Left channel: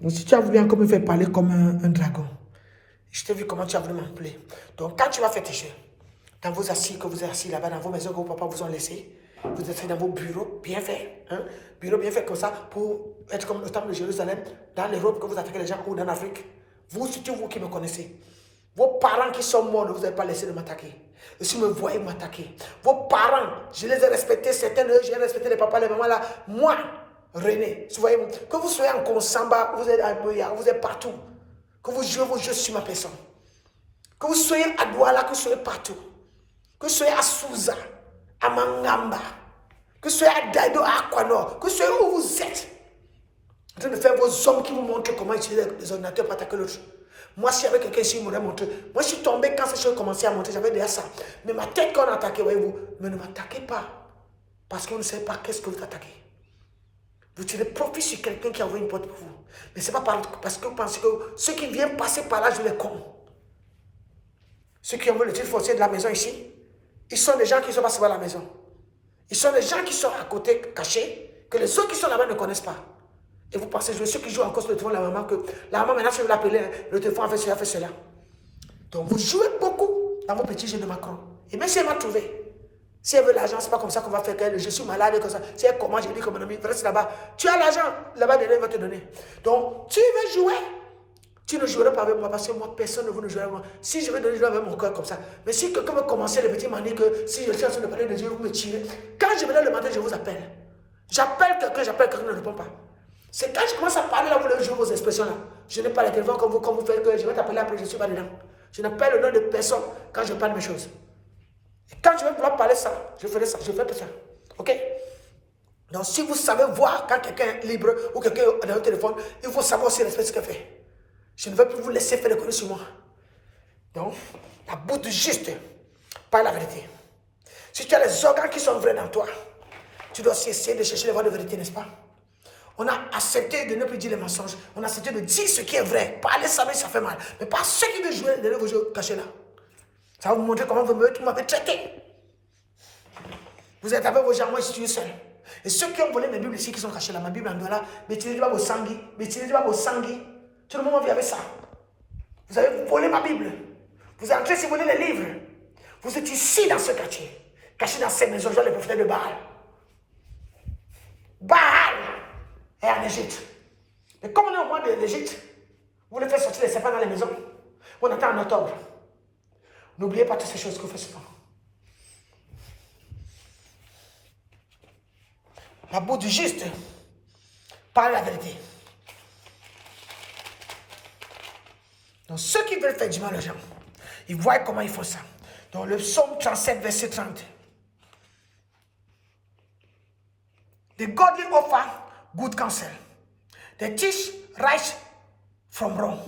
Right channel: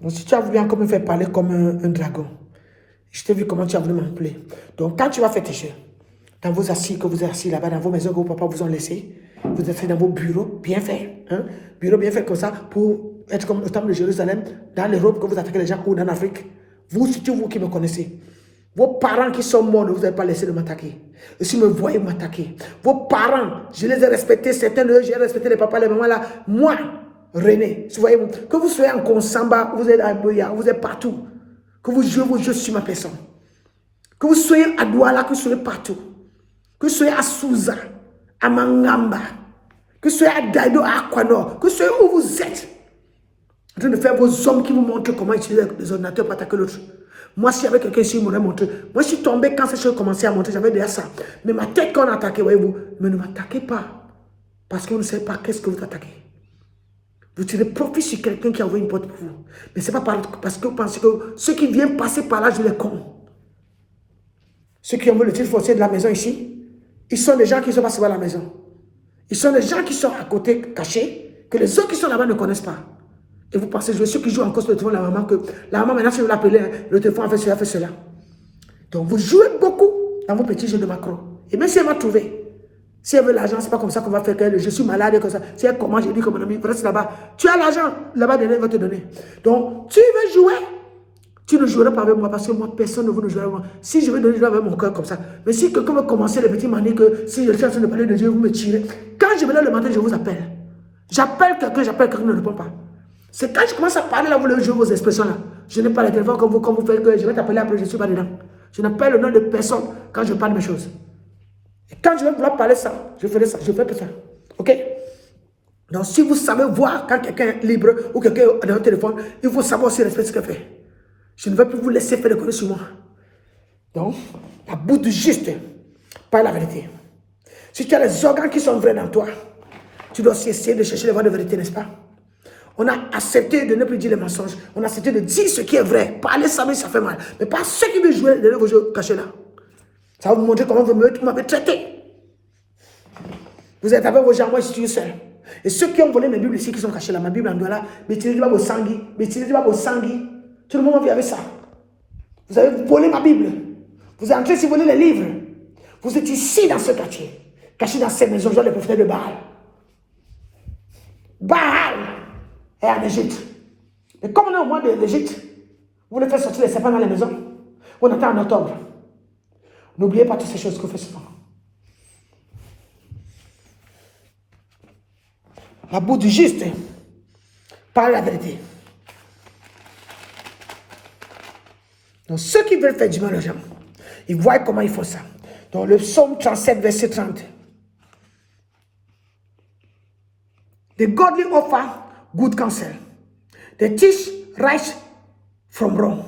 Donc, si tu as voulu encore me faire parler comme un dragon, je t'ai vu comment tu as voulu m'appeler. Donc, quand tu vas faire tes jeux, dans vos assis, que vous êtes assis là-bas, dans vos maisons que vos papas vous ont laissées, vous êtes assis dans vos bureaux, bien fait, hein? Bureaux bien fait comme ça, pour être comme au temple de Jérusalem, dans l'Europe, que vous attaquez les gens, ou en Afrique. Vous, surtout vous qui me connaissez. Vos parents qui sont morts, ne vous avez pas laissé de m'attaquer. Et si vous me voyez m'attaquer, vos parents, je les ai respectés, certains d'eux, j'ai respecté les papas, les mamans là. Moi, René, si vous voyez, que vous soyez en Konsamba, vous êtes à Boya, vous êtes partout. Que vous jouez vos jeux sur ma personne. Que vous soyez à Douala, que vous soyez partout. Que vous soyez à Souza, à Mangamba, que vous soyez à Daido, à Aquanor, que vous soyez où vous êtes. En train de faire vos hommes qui vous montrent comment utiliser les ordinateurs pour attaquer l'autre. Moi, si j'avais quelqu'un ici, il m'aurait montré. Moi, je suis tombé quand ces choses commençaient à monter, j'avais déjà ça. Mais ma tête, quand on attaquait, voyez-vous, mais ne m'attaquez pas. Parce que vous ne savez pas qu'est-ce que vous attaquez. Vous tirez profit sur quelqu'un qui a ouvert une porte pour vous. Mais ce n'est pas parce que vous pensez que ceux qui viennent passer par là, je les compte. Ceux qui ont vu le titre foncier de la maison ici, ils sont des gens qui ne sont pas sur la maison. Ils sont des gens qui sont à côté, cachés, que les autres qui sont là-bas ne connaissent pas. Et vous pensez, je ceux qui jouent en cause le téléphone de la maman, que la maman, maintenant, si vous l'appelez, le téléphone a fait cela. Donc, vous jouez beaucoup dans vos petits jeux de macro. Et même si elle va trouver, si elle veut l'argent, ce n'est pas comme ça qu'on va faire que je suis malade et comme ça. Si elle commence, j'ai dit que mon ami, reste là-bas. Tu as l'argent, là-bas, elle va te donner. Donc, tu veux jouer, tu ne joueras pas avec moi parce que moi, personne ne veut nous jouer avec moi. Si je veux donner, je vais avec mon cœur comme ça. Mais si quelqu'un veut commencer les petits manies que si je suis en train de parler de Dieu, vous me tirez. Quand je viens le matin, je vous appelle. J'appelle quelqu'un ne répond pas. C'est quand je commence à parler là, vous le jouez vos expressions là. Je n'ai pas le téléphone comme vous faites que je vais t'appeler après, je ne suis pas dedans. Je n'ai pas le nom de personne quand je parle mes choses. Et quand je vais vouloir parler ça, je ferai ça, je fais tout ça. Ok? Donc si vous savez voir quand quelqu'un est libre ou quelqu'un est dans le téléphone, il faut savoir aussi respecter ce qu'il fait. Je ne vais plus vous laisser faire des conneries sur moi. Donc, la bouche du juste parle la vérité. Si tu as les organes qui sont vrais dans toi, tu dois aussi essayer de chercher les voies de vérité, n'est-ce pas? On a accepté de ne plus dire les mensonges. On a accepté de dire ce qui est vrai. Parler ça, mais ça fait mal. Mais pas ceux qui veulent jouer de vos jeux cachés là. Ça va vous montrer comment vous m'avez traité. Vous êtes avec vos gens, moi je suis seul. Et ceux qui ont volé mes Bibles ici, qui sont cachés là, ma Bible en dollar, mais tirez pas vos sanguis, tout le monde vit avec ça. Vous avez volé ma Bible. Vous êtes en train de voler les livres. Vous êtes ici dans ce quartier, caché dans ces maisons, genre les prophètes de Baal. Baal est en Égypte. Et comme on est au mois de l'Égypte, vous voulez faire sortir les serpents dans les maisons. On est en octobre. N'oubliez pas toutes ces choses que vous faites souvent. La bouche du juste parle la vérité. Donc ceux qui veulent faire du mal aux gens, ils voient comment ils font ça. Dans le psaume 37, verset 30. The godly offer good counsel. They teach right from wrong.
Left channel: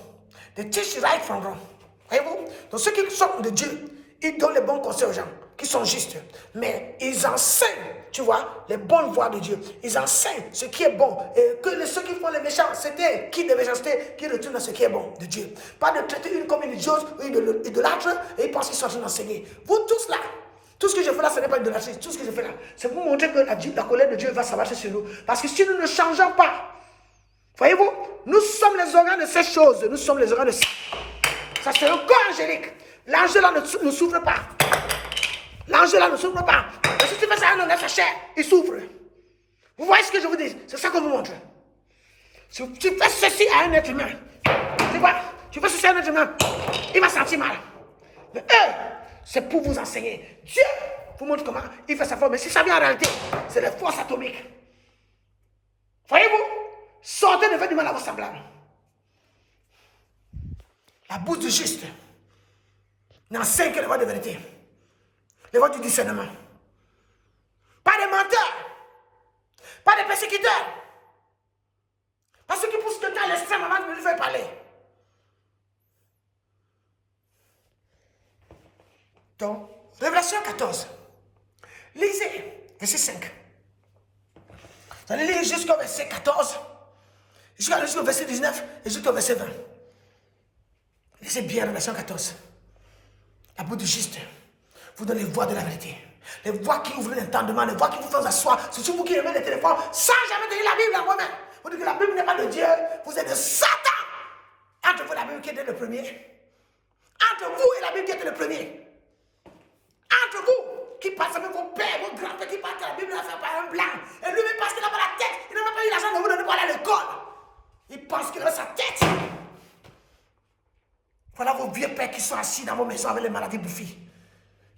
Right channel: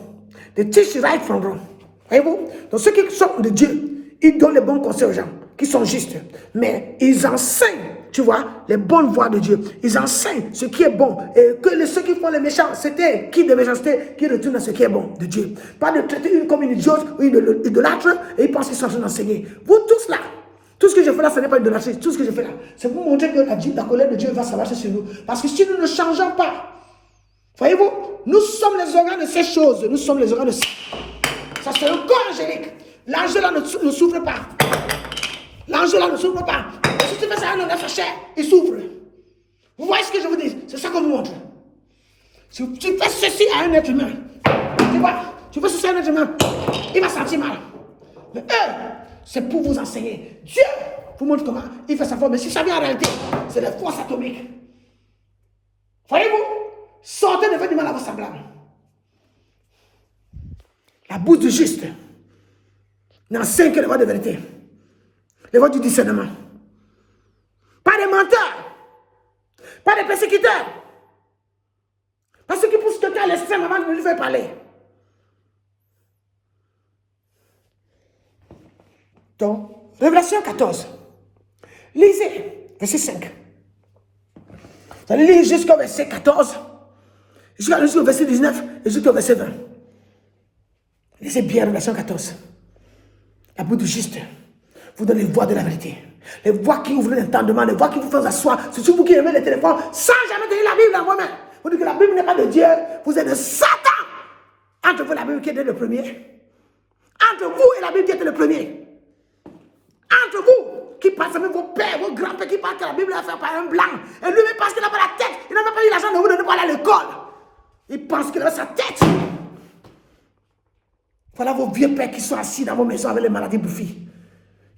They teach right from wrong. Voyez-vous? Donc ceux qui sont de Dieu, ils donnent les bons conseils aux gens, qui sont justes. Mais ils enseignent, tu vois, les bonnes voies de Dieu. Ils enseignent ce qui est bon. Et que ceux qui font les méchants, c'était qui de méchanceté, qui retournent à ce qui est bon de Dieu. Pas de traiter une comme une idiote ou une idolâtre, et ils pensent qu'ils sont en train d'enseigner. Vous tous là, tout ce que je fais là, ce n'est pas idolâtrie. Tout ce que je fais là, c'est pour vous montrer que la colère de Dieu va s'abattre sur nous. Parce que si nous ne changeons pas, voyez-vous, nous sommes les organes de ces choses. Nous sommes les organes de ça. Ça, c'est le corps angélique. L'ange là ne souffre pas. L'ange là ne souffre pas. Mais si tu fais ça à un homme chair, il souffre. Vous voyez ce que je vous dis? C'est ça que je vous montre. Si tu fais ceci à un être humain, tu fais ceci à un être humain, il va sentir mal. Mais eux, c'est pour vous enseigner. Dieu vous montre comment il fait sa forme. Mais si ça vient en réalité, c'est les forces atomiques. Voyez-vous? Sortez de faire du mal à vos semblables. La bouche du juste n'enseigne que les voies de vérité. Les voies du discernement. Pas des menteurs. Pas des persécuteurs. Pas ceux qui poussent quelqu'un à l'extrême avant de lui faire parler. Donc, Révélation 14. Lisez, verset 5. Vous allez lire jusqu'au verset 14, jusqu'au verset 19 et jusqu'au verset 20. Lisez bien Révélation 14. La bouche du juste vous donne les voies de la vérité. Les voies qui ouvrent l'entendement, les voies qui vous font asseoir. C'est sur vous qui aimez les téléphones sans jamais donner la Bible à moi-même. Vous dites que la Bible n'est pas de Dieu. Vous êtes de Satan. Entre vous, la Bible qui était le premier. Entre vous et la Bible qui était le premier. Entre vous, qui pensez même vos pères, vos grands-pères, qui pensent que la Bible est faite par un blanc. Et lui-même pense qu'il n'a pas la tête. Il n'a même pas eu l'argent de vous donner pour aller à l'école. Il pense qu'il a sa tête. Voilà vos vieux pères qui sont assis dans vos maisons avec les maladies bouffies.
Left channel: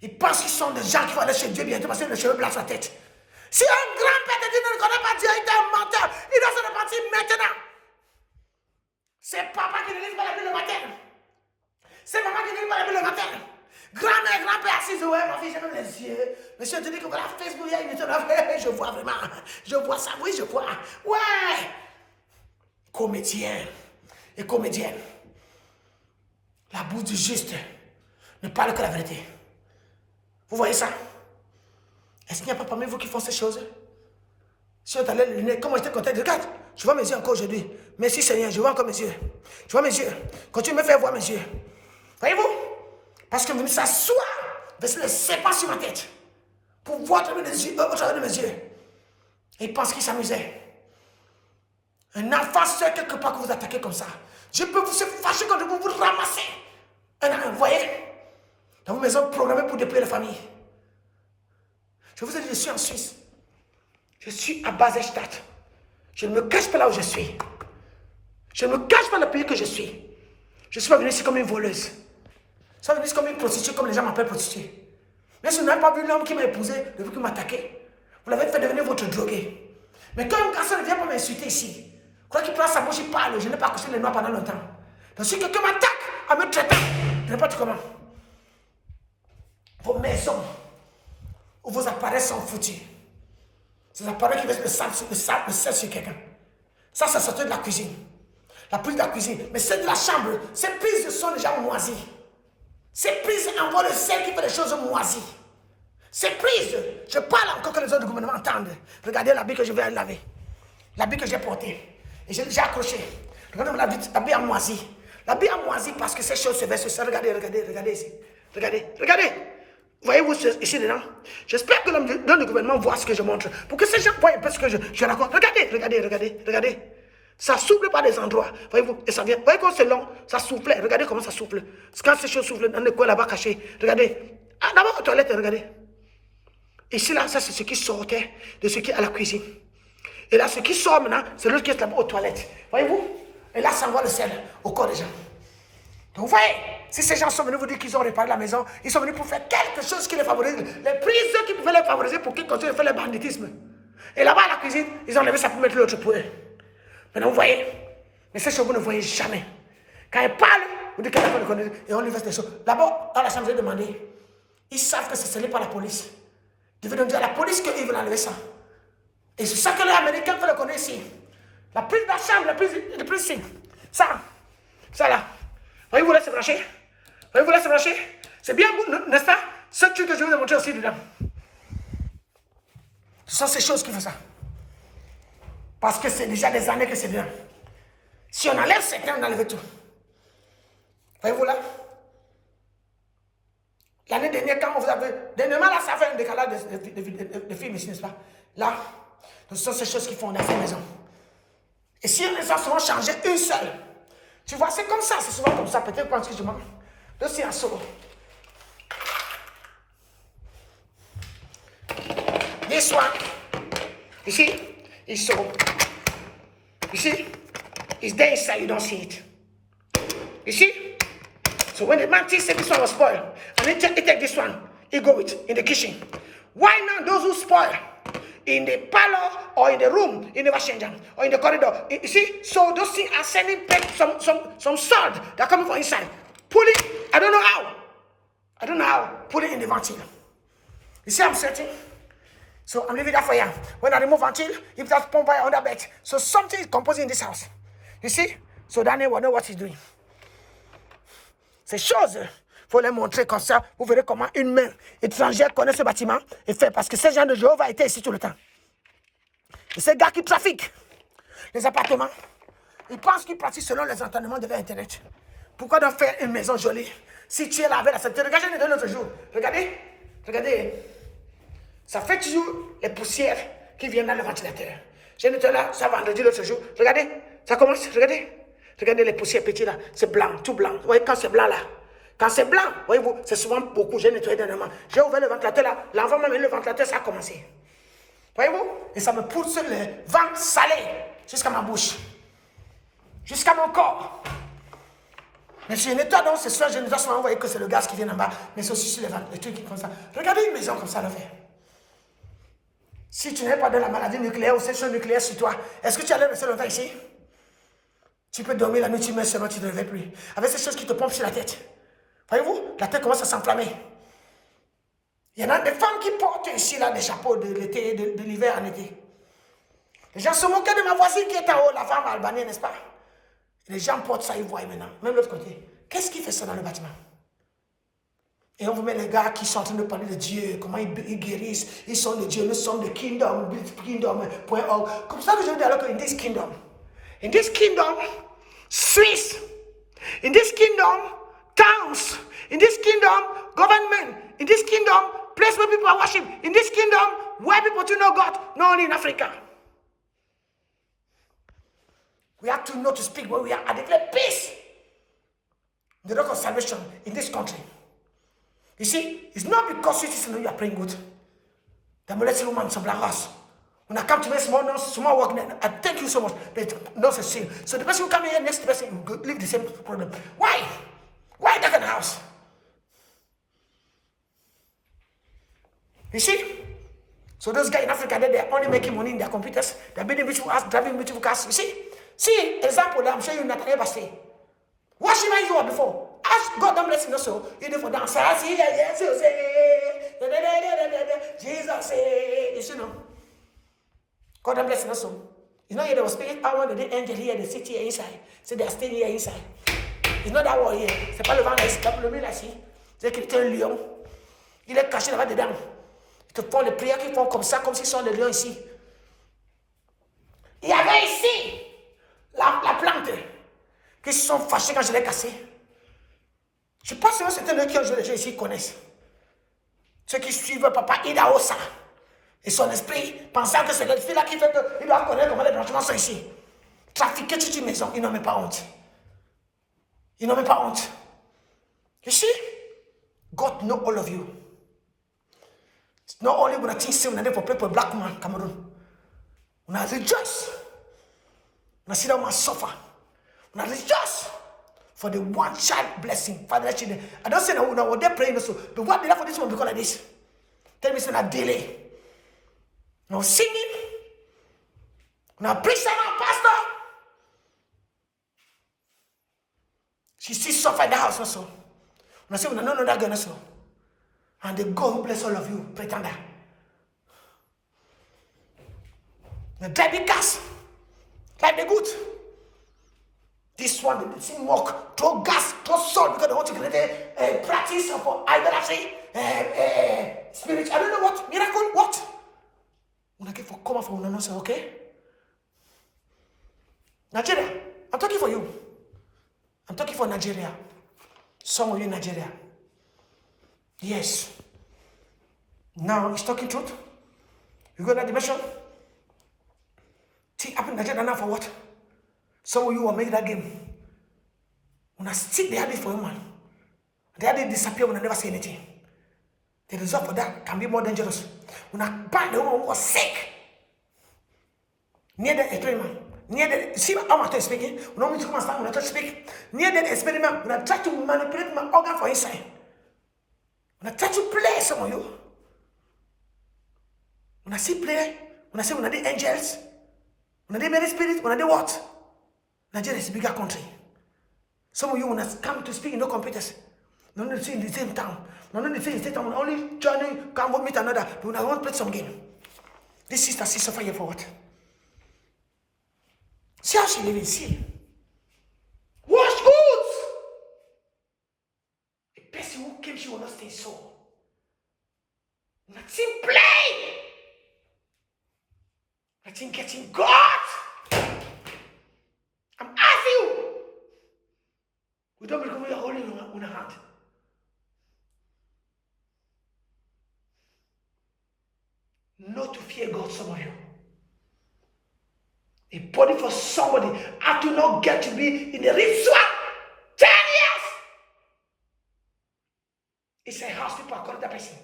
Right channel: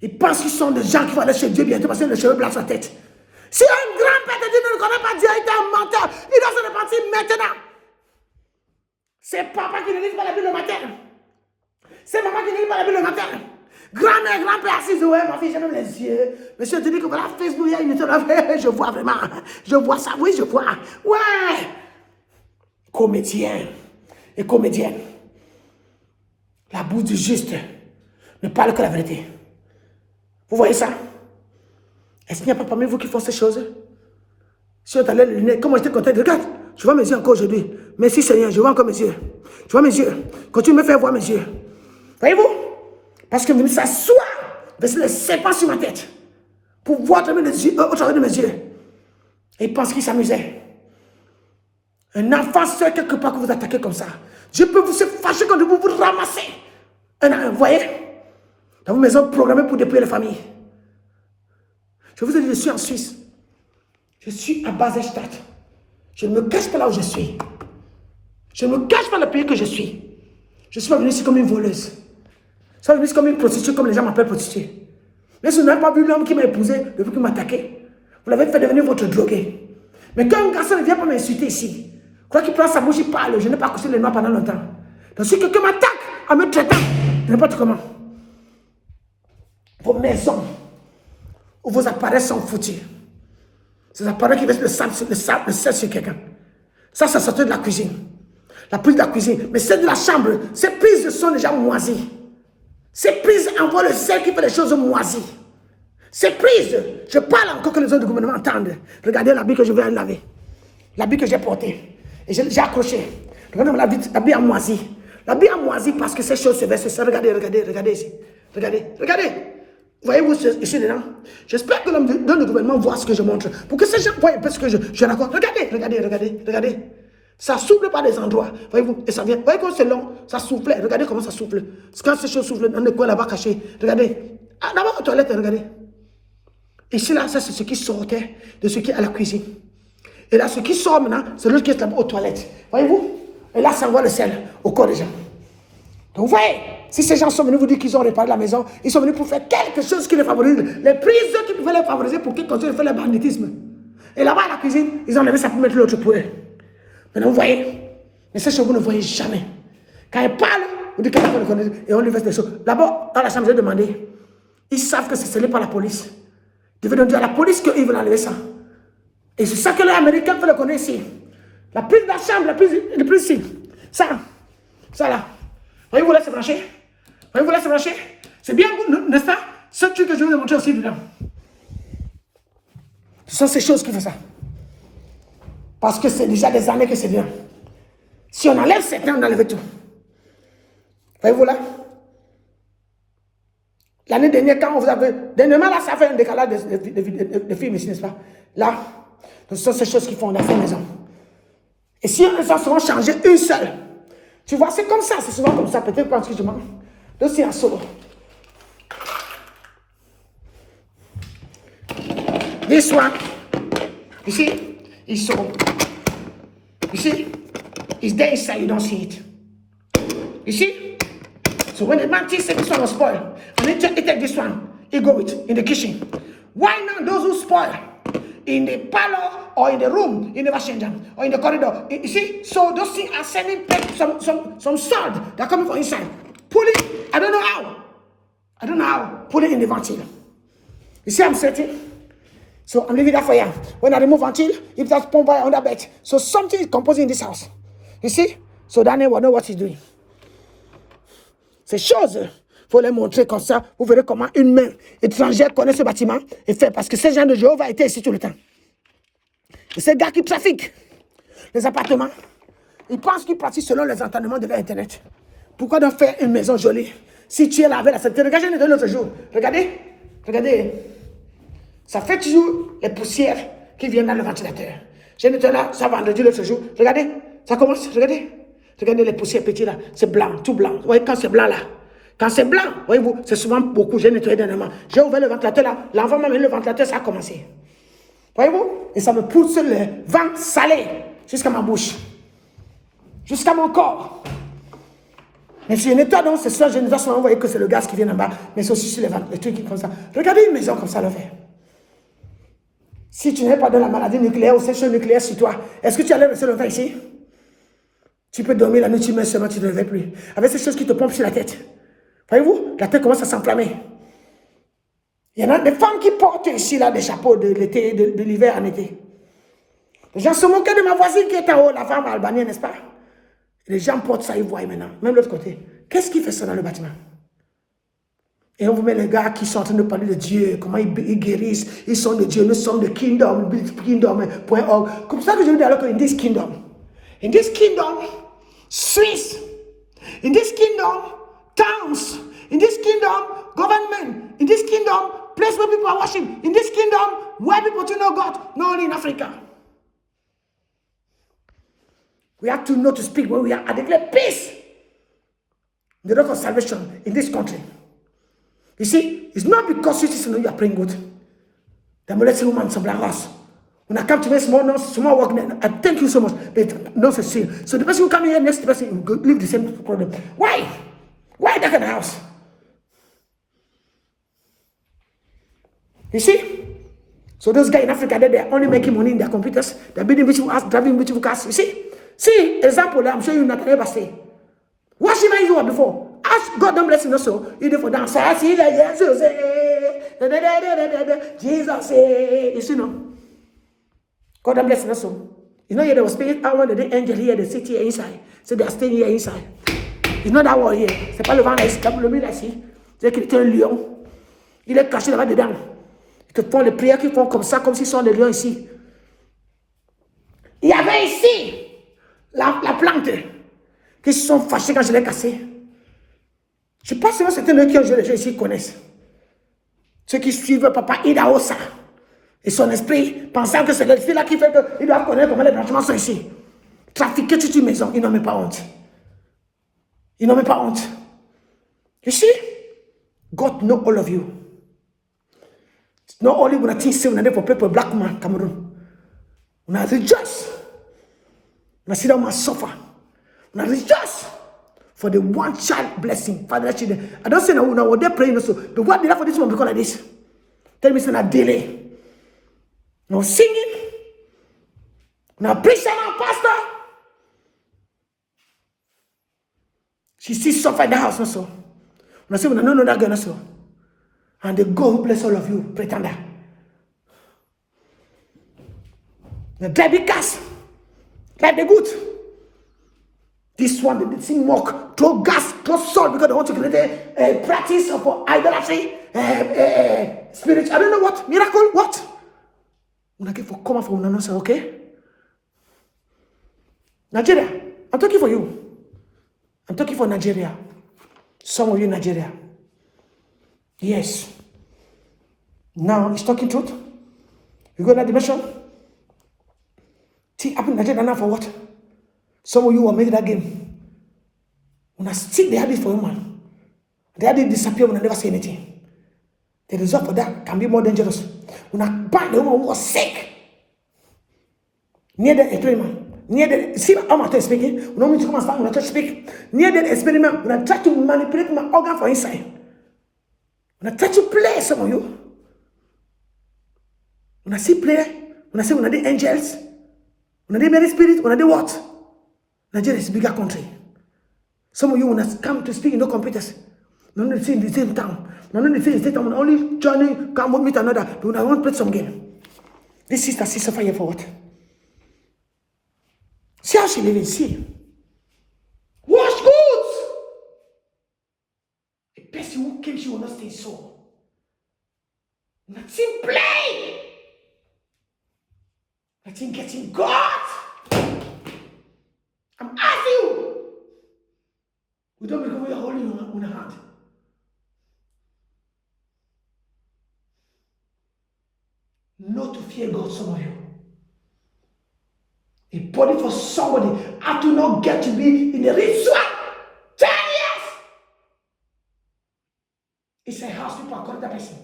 Ils pensent qu'ils sont des gens qui vont aller chez Dieu bientôt parce qu'ils ont le cheveu blanc sur la tête. Si un grand-père de Dieu ne connaît pas Dieu, il est un menteur. Il doit se repentir maintenant. C'est papa qui ne lit pas la Bible le matin. C'est maman qui ne lit pas la Bible le matin. Grand-mère, grand-père assis, ouais, ma fille, j'ai même les yeux. Monsieur te dit que voilà, Facebook, il y a une étude. Je vois vraiment. Je vois ça, oui, je vois. Ouais. Comédien et comédienne. La bouche du juste ne parle que la vérité. Vous voyez ça? Est-ce qu'il n'y a pas parmi vous qui font ces choses? Si on t'allait les lunettes, comment j'étais content? Regarde, je vois mes yeux encore aujourd'hui. Merci Seigneur, je vois encore mes yeux. Je vois mes yeux. Continue de me faire voir mes yeux. Voyez-vous? Parce que je me s'assoit, verser le serpent sur ma tête. Pour voir au travers de mes yeux. Et il pense qu'il s'amusait. Un enfant seul quelque part que vous attaquez comme ça. Je peux vous se fâcher quand vous vous ramassez. Vous voyez? Dans vos maisons programmées pour dépouiller les familles. Je vous ai dit, je suis en Suisse. Je suis à Basel-Stadt. Je ne me cache pas là où je suis. Je ne me cache pas le pays que je suis. Je ne suis pas venu ici comme une voleuse. Je suis pas venu ici comme une prostituée, comme les gens m'appellent prostituée. Mais si vous n'avez pas vu l'homme qui m'a épousé depuis qu'il m'a attaqué, vous l'avez fait devenir votre drogué. Mais quand un garçon ne vient pas m'insulter ici, quoi qu'il prend sa bouche, il parle. Je n'ai pas couché les noirs pendant longtemps. Donc si quelqu'un m'attaque en me traitant, n'importe comment, vos maisons où vos appareils sont foutus. Ces appareils qui versent le sel sur quelqu'un. Ça sortait de la cuisine. La prise de la cuisine. Mais celle de la chambre, ces prises sont déjà moisies. Ces prises envoient le sel qui fait les choses moisies. Ces prises, je parle encore que les autres du gouvernement entendent. Regardez l'habit que je vais laver. L'habit que j'ai porté. Et j'ai accroché. Regardez l'habit a moisi. L'habit a moisi parce que ces choses se versent. Regardez ici. Regardez. Voyez-vous ici dedans? J'espère que l'homme du gouvernement voit ce que je montre. Pour que ces gens voient un peu ce que je raconte. Regardez. Ça souffle par des endroits. Voyez-vous? Et ça vient. Voyez comment c'est long? Ça souffle. Regardez comment ça souffle. Quand ces choses soufflent dans le coin là-bas caché. Regardez. D'abord aux toilettes, regardez. Ici là, ça c'est ce qui sortait de ce qui est à la cuisine. Et là, ce qui sort maintenant, c'est l'autre qui est là-bas aux toilettes. Voyez-vous? Et là, ça envoie le sel au corps des gens. Donc vous voyez, si ces gens sont venus vous dire qu'ils ont réparé la maison, ils sont venus pour faire quelque chose qui les favorise. Les prises qui pouvaient les favoriser pour qu'ils continuent de faire le banditisme. Et là-bas à la cuisine, ils ont enlevé ça pour mettre l'autre pour eux. Maintenant vous voyez, mais ces choses vous ne voyez jamais. Quand ils parlent, vous dites qu'elle n'a pas le connaître et on lui verse des choses. D'abord, dans la chambre, j'ai demandé, ils savent que c'est scellé par la police. Ils devaient donc dire à la police qu'ils veulent enlever ça. Et c'est ça que les Américains veulent le connaître ici. La prise de la chambre, la prise ici. Ça là. Voyez-vous là, c'est branché. C'est bien, n'est-ce pas? Ce truc que je vais vous montrer aussi dedans. Ce sont ces choses qui font ça. Parce que c'est déjà des années que c'est dedans. Si on enlève cette temps, on enlève tout. Voyez-vous là? L'année dernière, quand vous avez... Dernièrement, là, ça fait un décalage de films ici, n'est-ce pas? Là, ce sont ces choses qui font dans ces maisons. Et si on les a souvent changé une seule, tu vois, c'est comme ça, c'est souvent comme ça. Peut-être quand je mens. Donc, c'est un solo. This one, you see, is so. You see, it's there inside, you don't see it. You see? So when the man thinks that this one was spoiled, and then he take this one, he go with in the kitchen. Why not those who spoil in the parlor or in the room, in the washing or in the corridor? You see, so those things are sending some salt that coming from inside. Put it, I don't know how. Put it in the ventile. You see, I'm setting. So I'm leaving that for you. When I remove ventile, if that's pump by under bed. So something is composing in this house. You see? So Daniel will know what he's doing. Ces choses, il faut les montrer comme ça. Vous verrez comment une main étrangère connaît ce bâtiment et fait. Parce que ces gens de Jéhovah étaient ici tout le temps. Et ces gars qui trafiquent les appartements, ils pensent qu'ils partent selon les entendements de l'Internet. Pourquoi donc faire une maison jolie si tu es là avec la santé? Regardez, je l'ai donné l'autre jour. Regardez. Ça fait toujours les poussières qui viennent dans le ventilateur. J'ai nettoyé là, ça vendredi l'autre jour. Regardez, ça commence, regardez. Regardez les poussières petites là, c'est blanc, tout blanc. Vous voyez, quand c'est blanc là, quand c'est blanc, voyez-vous, c'est souvent beaucoup. J'ai nettoyé dernièrement. J'ai ouvert le ventilateur là, l'enfant m'a mis le ventilateur, ça a commencé. Voyez-vous? Et ça me pousse le vent salé jusqu'à ma bouche, jusqu'à mon corps. Mais si je nettoie donc, c'est ça, je ne vais pas envoyer que c'est le gaz qui vient en bas, mais c'est aussi sur les trucs qui font ça. Regardez une maison comme ça le fait. Si tu n'es pas dans la maladie nucléaire ou sélection nucléaire sur toi, est-ce que tu allais rester longtemps ici? Tu peux dormir la nuit, tu mets seulement, tu ne te réveilles plus. Avec ces choses qui te pompent sur la tête. Voyez-vous? La tête commence à s'enflammer. Il y en a des femmes qui portent ici là, des chapeaux de l'été, de l'hiver en été. Les gens se moquent de ma voisine qui est en haut, la femme albanienne, n'est-ce pas? Les gens portent ça, ils voient maintenant. Même l'autre côté. Qu'est-ce qui fait ça dans le bâtiment? Et on vous met les gars qui sont en train de parler de Dieu, comment ils guérissent, ils sont de Dieu, nous sommes de kingdom.org. Comme ça que je veux dire alors que in this kingdom, Swiss, in this kingdom, towns, in this kingdom, government, in this kingdom, place where people are worship, in this kingdom, where people do know God, not only in Africa. We have to know to speak when we are at the peace. The door for salvation in this country. You see, it's not because you are praying good. The molested woman is a black house. When I come to make small work, I thank you so much. But not a sin. So the person who come here, next person will live the same problem. Why? Why that kind of house? You see? So those guys in Africa, they're only making money in their computers. They're building beautiful houses, driving beautiful cars. You see? See, example, I'm showing you not ever say. What she made you were before? Ask God don't bless you also. You do for dance. I see that Jesus say. You see no? God don't bless you also. You know, there was spirit. I wanted the angel here, the city here inside. So they are staying here inside. It's not that one here. C'est pas le vent là ici. Le mur là ici. C'est qu'il est un lion. Il est caché là-bas dedans. Ils te font les prières qui font comme ça, comme s'ils sont les lions ici. Il y avait ici la plante qui se sont fâchés quand je l'ai cassée. Je pense que certains de qui ont joué les gens ici connaissent. Ceux qui suivent Papa Idaosa et son esprit, pensant que c'est l'esprit là qui fait qu'ils doivent connaître comment les bâtiments sont ici. Trafiquer toute une maison, ils n'ont même pas honte. Ils n'ont même pas honte. You see? God know all of you. It's not only when I think say when I for people black man Cameroon. When I rejoice. When I see them suffer. When I rejoice for the one child blessing, Father, children. I don't say now they're praying also, but what did I for this one because like this? Tell me it's not delay. No singing, no preaching, no pastor. She still suffer in the house also. When I say when I don't know that girl also. And the God who bless all of you, pretender. The Debbie cast, like the good. This one, they see mock, throw gas, throw salt because they want to create a practice of idolatry, spirit. I don't know what, miracle, what? When I get for come from one another, okay? Nigeria, I'm talking for you. I'm talking for Nigeria. Some of you in Nigeria. Yes. Now, he's talking truth. You go to that dimension. See, happened in Nigeria now for what? Some of you will make that game. When I stick the habit for a woman, the habit disappear when I never say anything. The result for that can be more dangerous. When I bind the woman who was sick, near the experiment, near the see how I'm speaking, when I come and start when I try to speak, near the experiment, when I try to manipulate my organ for inside, when I try to play some of you, when I see play, when I say when I did angels, when I did many spirits, when I did what? Nigeria is a bigger country. Some of you when I come to speak in no computers, no need to say in the same town. No need to say in the same town. Only joining, come with meet another. But when I want to play some game. This sister suffer here for what? See how she living. See. Wash goods. The person who came, she will not stay so. Nothing play. Nothing getting God. I'm asking you. We don't believe we are holding on a hand. Not to fear God, some of you. A body for somebody. I do not get to be in the ritual. 10 years. It's a house people are calling that person.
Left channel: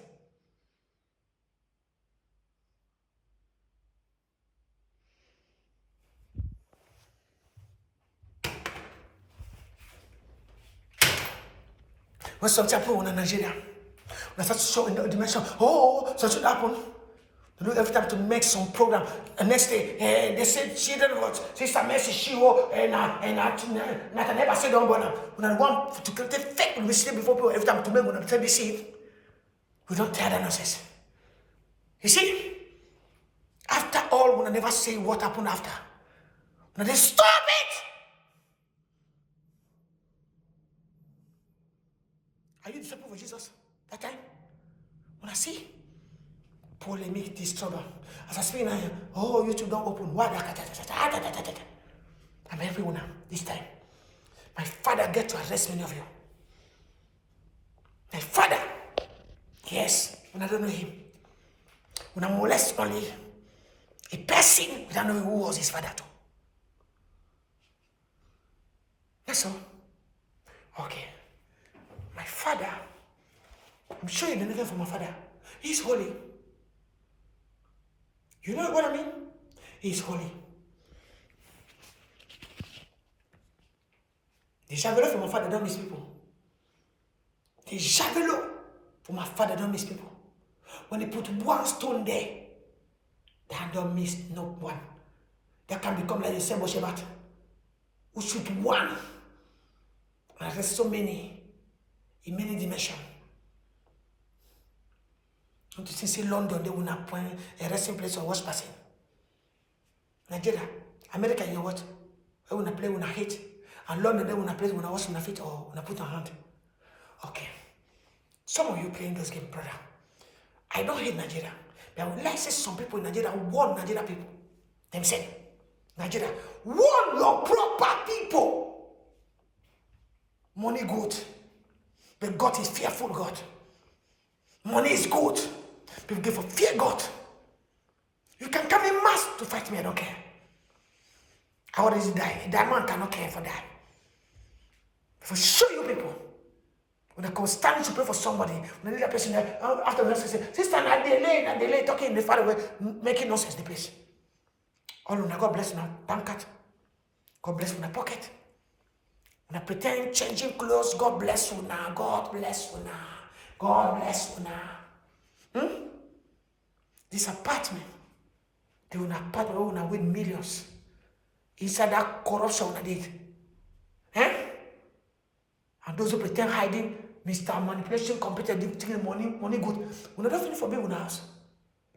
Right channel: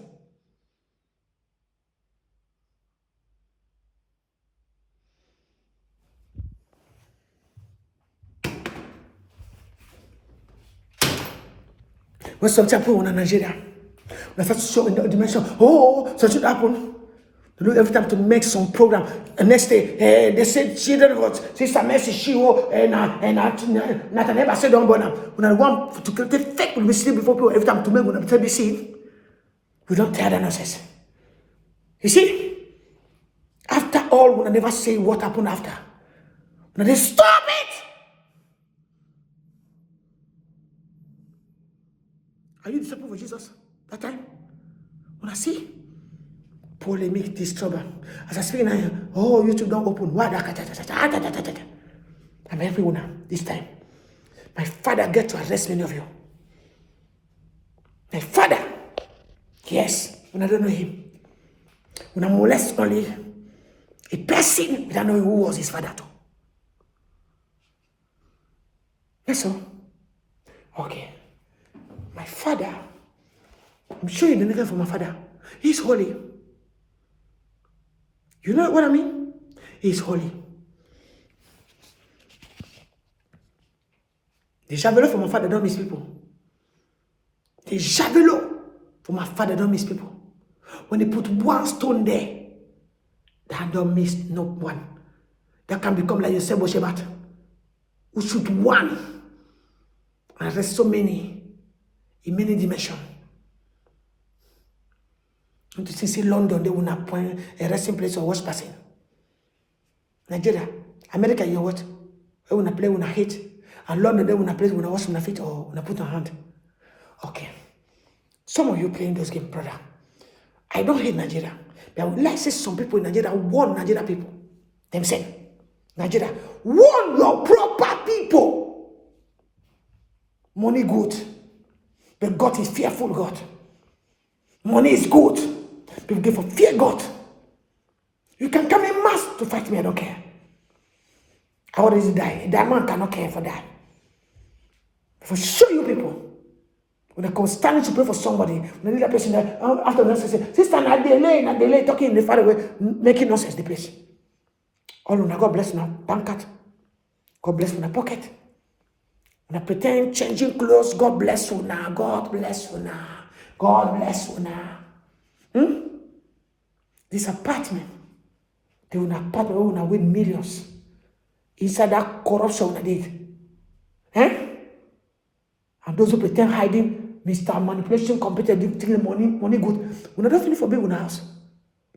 When sometimes people in Nigeria, when I start to show in the dimension, so it should happen. They look every time to make some program. And next day, they say children got Sister Mercy, and Nathaniel said, don't burn them. When I want to create fake publicity before people every time to make when they see, we don't tell the nonsense. You see, after all, when I never say what happened after, when they stop it. Are you disciple for Jesus that time? When I see polemic, this trouble. As I speak now, YouTube don't open. Why? I'm everyone now, this time. My father get to arrest many of you. My father, yes, when I don't know him. When I molest only a person, I don't know who was his father too. Yes, sir. Okay. My father, I'm sure you didn't get from my father. He's holy. You know what I mean? He's holy. The javelot from my father don't miss people. The javelot from my father don't miss people. When they put one stone there, that don't miss no one. That can become like Yosef Boshebat, who shoot one. And there's so many, in many dimensions. And to see London, they will not point a resting place or watch person. Nigeria, America, you know what? They will not play when I hit. And London, they will not play when I wash my feet or when I put on hand. Okay. Some of you playing those games, brother. I don't hate Nigeria. But I would like to see some people in Nigeria warn Nigeria people. Themselves. Nigeria, warn your proper people. Money good. But God is fearful God. Money is good. People give for fear God. You can come in mass to fight me, I don't care. I already die. That man cannot care for that. For sure you people. When I come standing to pray for somebody, when the person there, after the say, sister, not delay, talking in the far away, making nonsense the place. All of God bless now, bank card. God bless you in pocket. When I pretend changing clothes, God bless you now, God bless you now, God bless you now. This apartment, they will apartment where we win millions. Inside that corruption we did. And those who pretend hiding, Mr. Manipulation, competent, taking money good. When I don't finish for being in the house.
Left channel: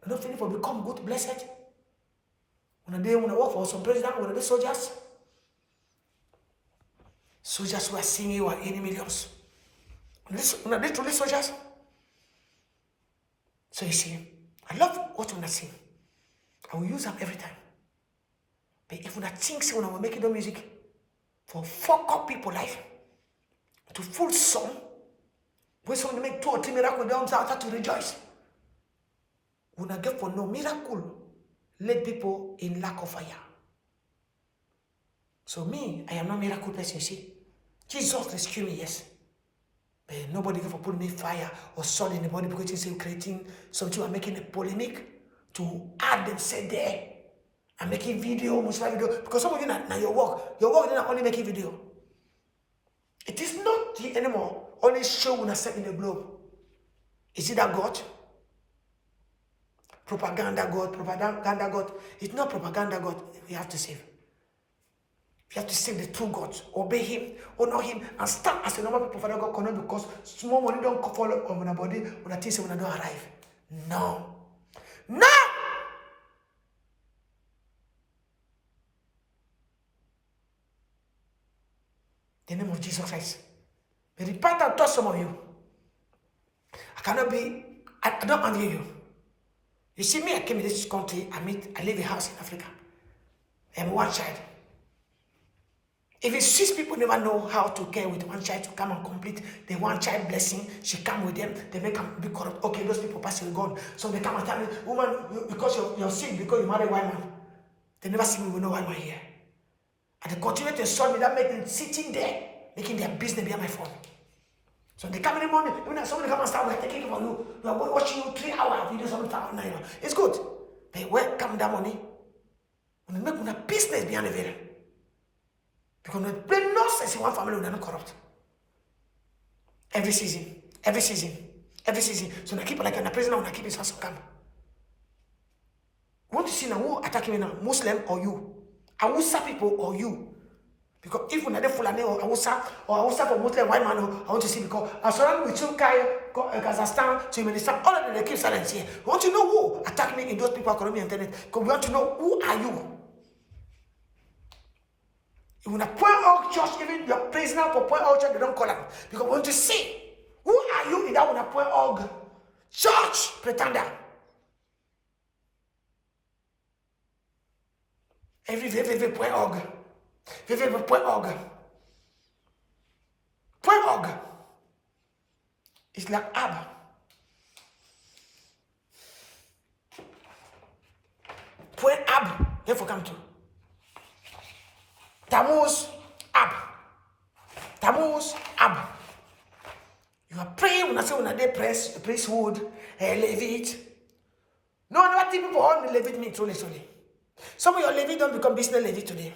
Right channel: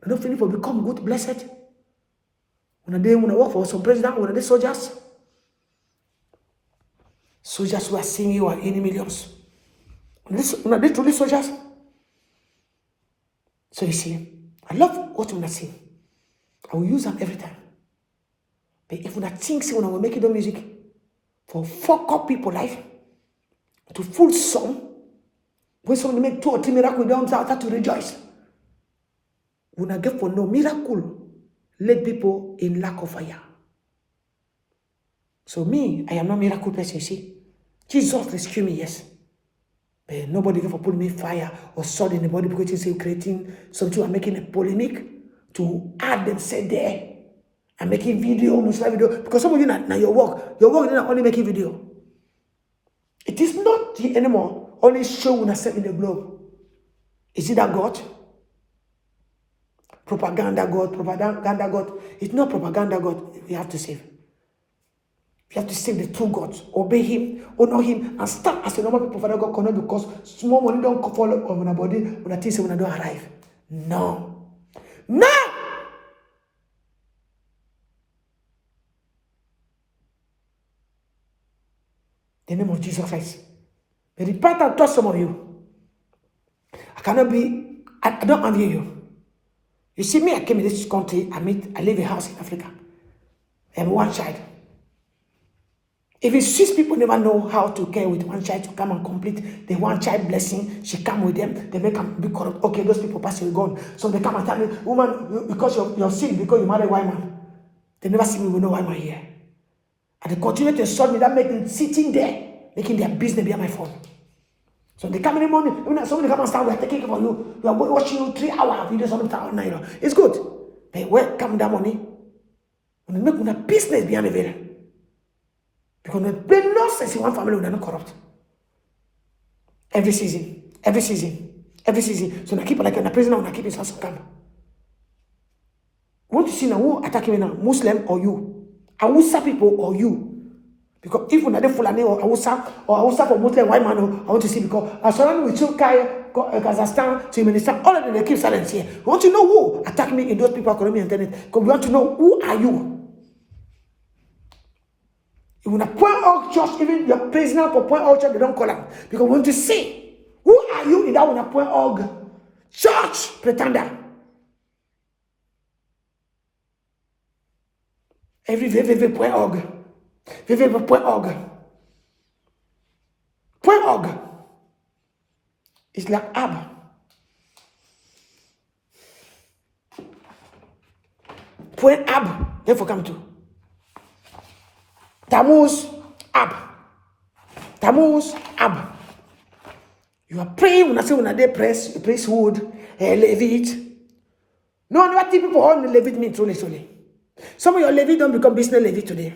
When I don't finish for become good, blessed. When I work for some president, when I did soldiers. Soldiers who are seeing you are any millions. When I did truly soldiers. So you see, I love what when I sing. I will use them every time. But if when I think, when I will make the music for fuck up people life, to full song, when someone make 2 or 3 miracles, they don't start to rejoice. When I get for no miracle, let people in lack of fire. So me, I am not miracle person, you see. Jesus rescued me, yes. But nobody can put me fire or sword in the body because he's creating something and making a polemic to add themselves there. And making video, Muslim video. Because some of you now your work is not only making video. It is not anymore only show when I set in the globe. Is it that God? Propaganda God. It's not propaganda God. We have to save. You have to save the true God. Obey him, honor him, and start as a normal people for God cannot because small money don't fall on our body when I think when I don't arrive. No. No! The name of Jesus Christ. But repent and touch some of you. I don't envy you. You see me, I came in this country, I live in a house in Africa. I'm one child. Even 6 people never know how to care with one child to come and complete the one child blessing. She come with them, they make them be corrupt. Okay, those people pass it gone. So they come and tell me, woman, because you're sick, because you marry a white man. They never see me, will know why I'm here. And they continue to insult me, that make them sitting there, making their business behind my phone. So they come in the morning, when somebody come and start, we're taking care of you. We are watching you 3-hour videos on the. It's good. But where come that money? When they make a business behind the veil. Because they play nonsense in one family when they're not corrupt. Every season. So I keep like in a prison, when I keep his house camp. Want to see now who attack me now, Muslim or you? Awusa people or you? Because if you're not Fulani or Awusa for Muslim white man, I want to see because I surrounded with Turkey, Kazakhstan, Turkmenistan, all of them they keep silence here. We want to know who attack me in those people economy and internet. Because we want to know who are you? If you want point out church, even your prisoner for point out church, they don't call them. Because we want to see who are you in that one point org church pretender. Every www.org. www.org. .org. It's like ab. .ab. Therefore come to. Tammuz ab. Tammuz ab. You are praying when I say when I day priesthood, Levite. No, never think people on the Levite mean truly. Some of your Levite don't become business Levite today.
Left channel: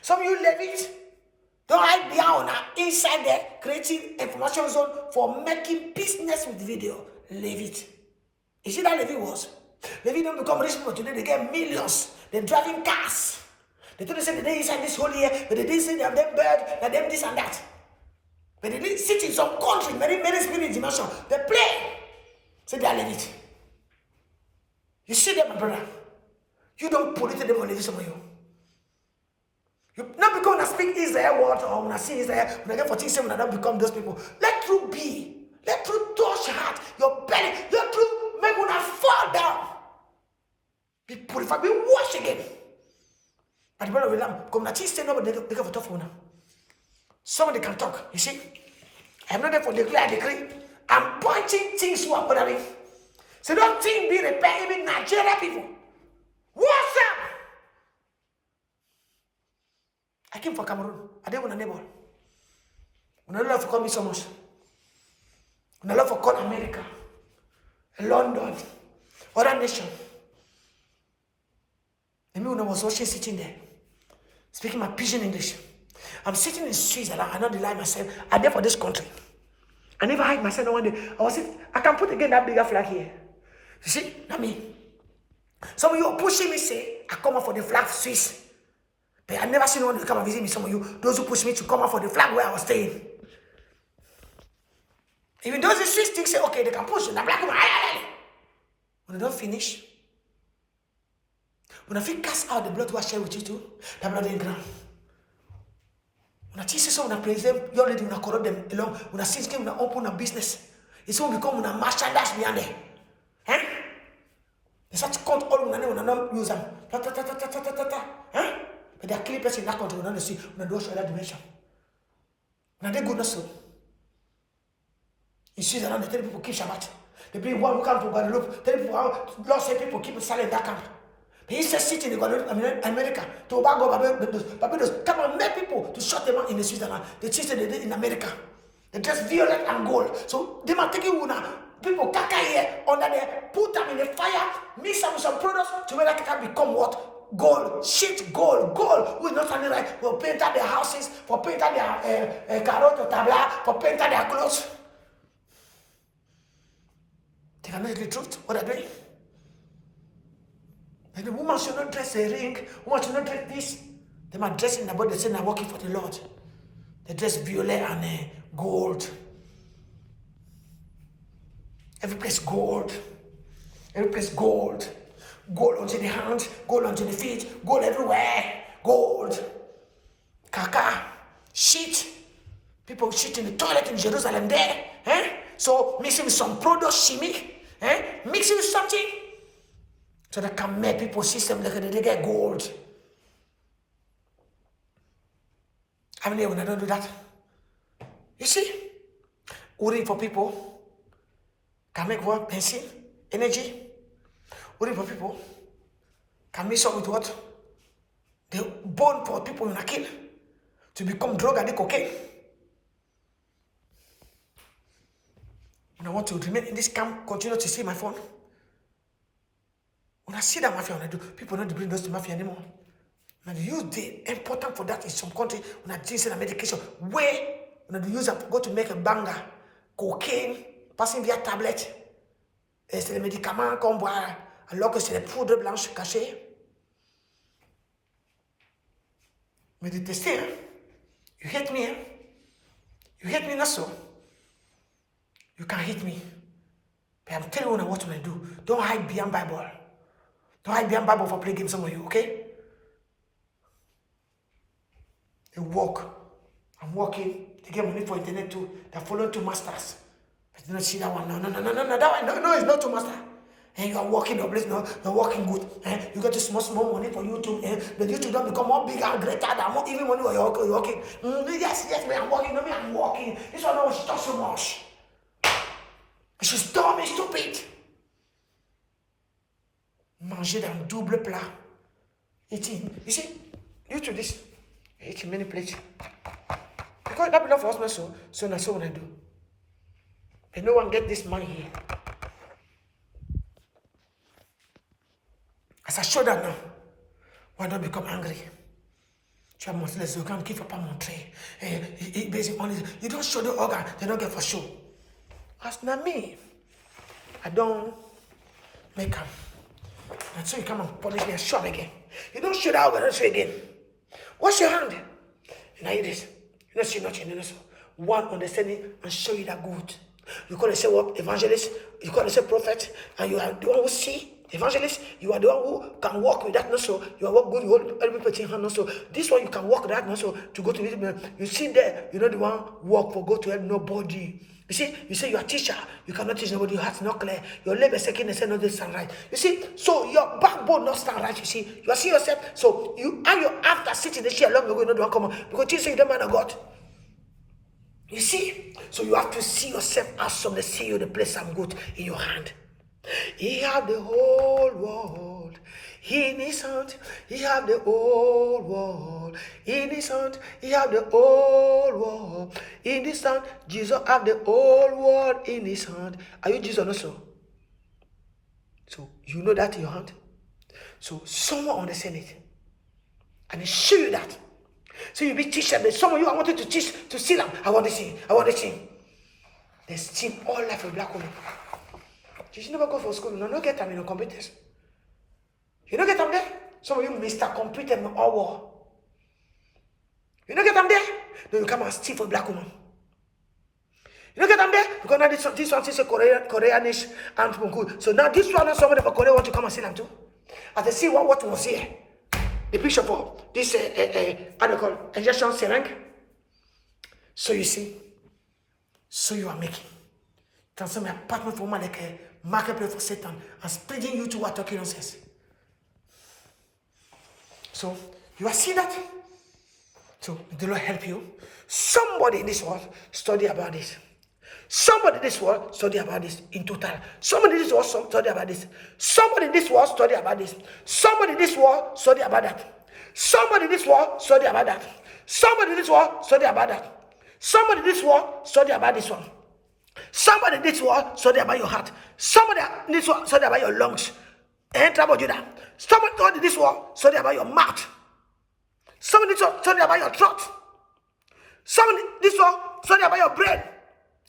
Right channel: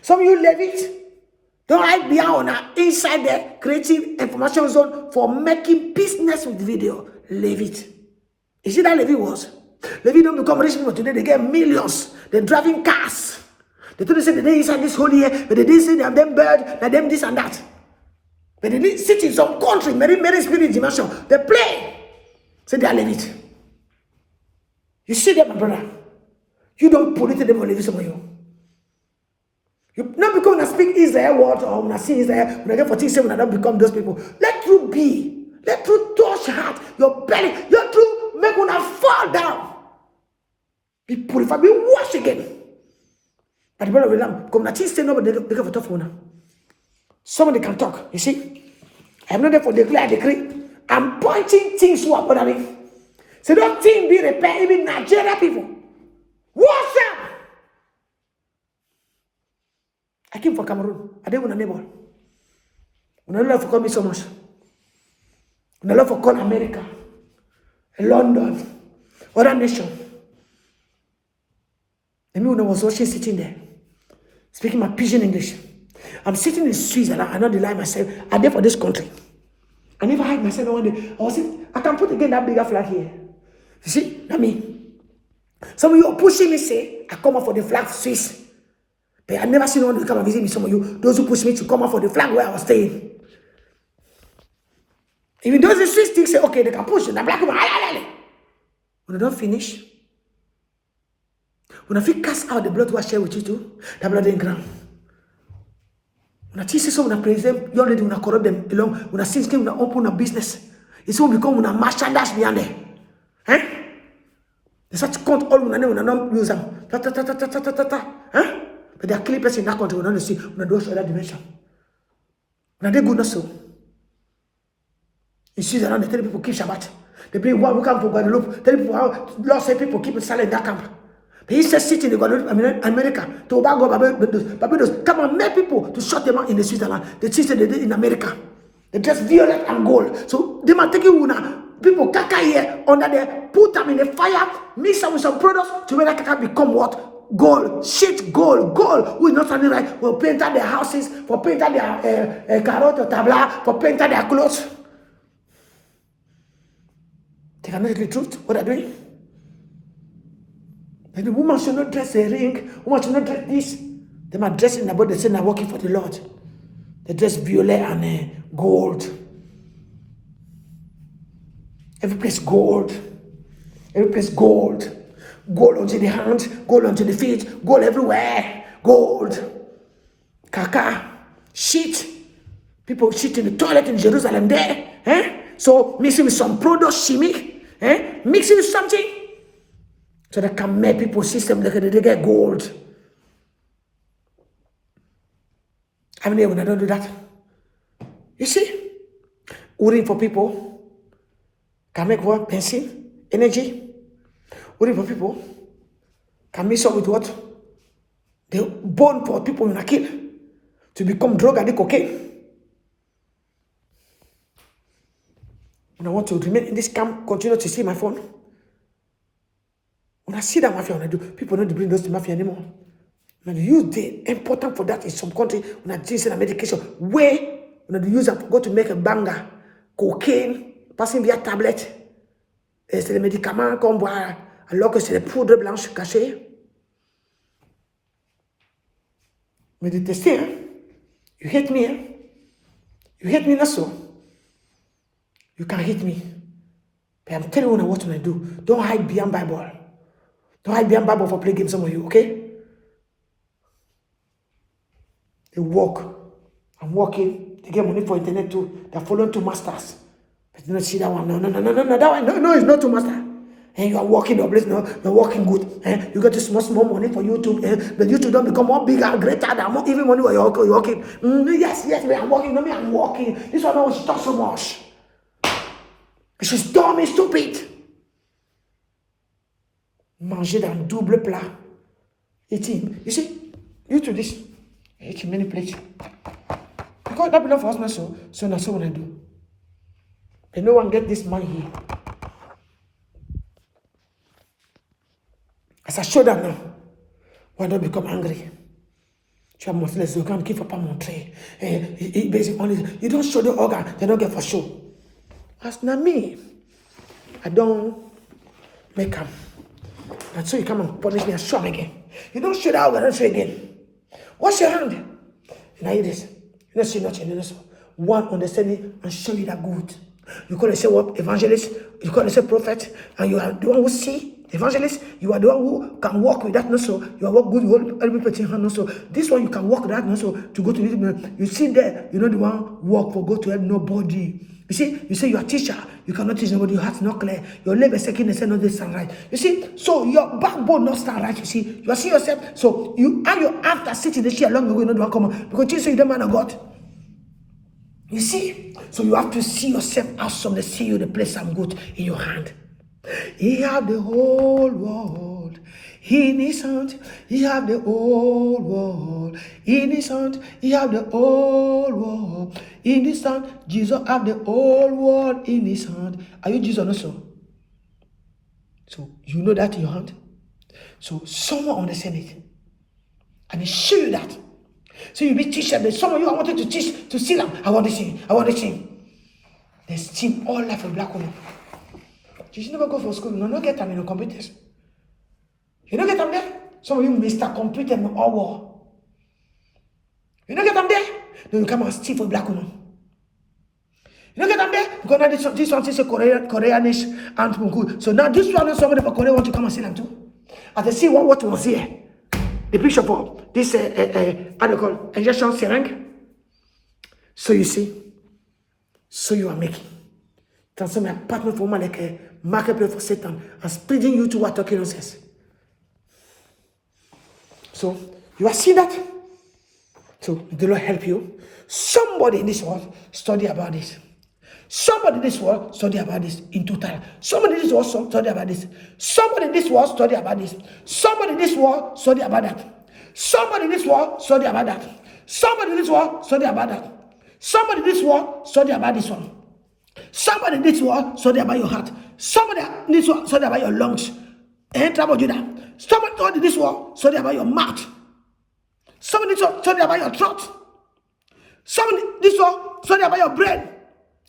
Some of you Levite don't hide behind inside there creating information zone for making business with video. Levite. You see that Levite was? Levite don't become rich people today. They get millions. They're driving cars. They told say they inside this whole year, but they didn't say they have them bird, they them this and that. But they didn't sit in some country, many spirit dimension. They play. Say they are Levite. You see them, my brother. You don't pollute them or leave some of you. Not because when I speak Israel word or when I see Israel, when I get 14, when I don't become those people. Let truth be. Let truth touch heart, your belly. Let truth make when I fall down. Be purified, be washed again. But the brother of Lamb, come not say nobody they have a tough one. Somebody can talk. You see? I'm not there for decree. I'm pointing things to what I mean. So that thing be repaired, even Nigeria people. What's up? I came for Cameroon. I didn't want a neighbor. When I love for coming so much. When I love for call America, London, other nation. And me when I was watching sitting there, speaking my pidgin English. I'm sitting in Switzerland. I not deny myself. I'm there for this country. I never hide myself no one day. I was saying, I can put again that bigger flag here. You see, that me. Some of you are pushing me, say, I come out for the flag Swiss. But I never seen no one to come and visit me. Some of you, those who push me to come out for the flag where I was staying. Even those in Swiss think say, okay, they can push you. The black people, when I don't finish, when I feel cast out the blood was share with you too, the blood in ground. When I teach you someone, I praise them, you already when I corrupt them along, when I see them, when I open a business, it's all become when I merchandise behind there. Eh? They start to count all when I don't use them. Huh? But they are killing person in that country when I see when I don't show that dimension. When they good so. In Switzerland, they tell people keep Shabbat. They bring one who come from Guadeloupe, tell people how lost people keep silent in that camp. But he says sitting in Guadeloupe, America, Tobago, Barbados, come and make people to shut them out in the Switzerland. The system they did in America. They dress violet and gold. So they might take you now. People kaka here under there, put them in the fire, mix them with some products to make that kaka become what? Gold, shit, gold. Who is not only right for painting their houses, for painting their carrot or tabla, for painting their clothes. They cannot tell the truth. What are they doing? Maybe women should not dress a ring, women should not dress this. They might dress in the body, they say they're working for the Lord. They dress violet and gold. Every place gold. Every place gold. Gold onto the hands, gold onto the feet, gold everywhere. Gold. Kaka. Shit. People shit in the toilet in Jerusalem there. So mixing with some product, shimmy. Mixing with something. So they can make people system, they get gold. I mean, when I don't do that. You see? Worrying for people. Can make what? Pencil, energy. Worrying for people. Can mix up with what? They're born for people you kill to become drug addict, cocaine. And I want to remain in this camp, continue to see my phone. When I see that mafia, when I do, people don't bring those to mafia anymore. When you use the important for that in some country, when I use a medication, where when I use it, go to make a banger, cocaine, passing via tablet, c'est les médicaments qu'on boit, alors que c'est les poudres blanches cachées. Mais détester, hein? You hate me, hein? You hate me not so. You can hate me. But I'm telling you now what to do. Don't hide behind Bible. Don't hide behind Bible for playing games, some of you, okay? They walk. I'm walking. They get money for internet too. They're following two masters. But you don't see that one. No, that one. No, it's not two master. And you are walking the place, no, you're walking good. You get to small money for YouTube. But YouTube don't become more bigger, greater than more, even money when you're walking. Yes, I'm walking. No, I'm walking. This one don't talk so much. She's dumb and stupid. Manger dans double plat. Eating. You see, you do this. Eating many plates. Because that belongs for us, so that's what I do. But no one get this money here. As I show them now, why don't become angry? Tu as montré les organes qu'il ne faut pas montrer. Basically, you don't show the organ, they don't get for show. As not me, I don't make them. And so you come and punish me and show me again. You don't show the organ, don't show again. Wash your hand. You know this. You don't see nothing. You know so. One understanding and show you that good. You call yourself what? Evangelist. You call yourself prophet. And you are the one who see. Evangelist, you are the one who can walk with that also. You are work good, you hold every person hand also. This one you can walk with that also to go to this. You sit there, you know the one walk for go to help nobody. You see, you say you are a teacher, you cannot teach nobody, your heart's not clear. Your labor second and say not this stand right. You see, so your backbone not stand right, you see. You are seeing yourself, so you and your after sitting the chair long ago, you know the one come because Jesus is the man of God. You see, so you have to see yourself as some they see you the place some good in your hand. He have the whole world in his hand. He have the whole world in his hand. He have the whole world in his hand. Jesus have the whole world in his hand. Are you Jesus also? So you know that in your hand. So someone understand it, and they show you that. So you be teaching. There's some of you I wanted to teach to see them. I want to see. I want to see. There's team all life of black women. You should never go for school. You don't get them in the computers. You don't get them there. Some of you Mr. Computer in all war. You don't get them there. Then you come and steal for black women. You don't get them there because now this one is a Koreanish and good. So now this one is somebody for Korea want to come and see them too. As they see what was here, the picture for this injection syringe. So you see, so you are making. Transform my apartment for woman like a marketplace for Satan and spreading you to what talking nonsense. So you are seeing that. So the Lord help you. Somebody in this world study about this. Somebody in this world study about this in total. Somebody in this world study about this. Somebody in this world study about this. Somebody in this world study about that. Somebody in this world study about that. Somebody in this world study about that. Somebody in this world study about this one. Somebody in this world study about your heart. Somebody in this world study about your lungs. And trouble you that. Somebody in this world study about your mouth. Somebody in this world study about your throat. Somebody in this world study about your brain.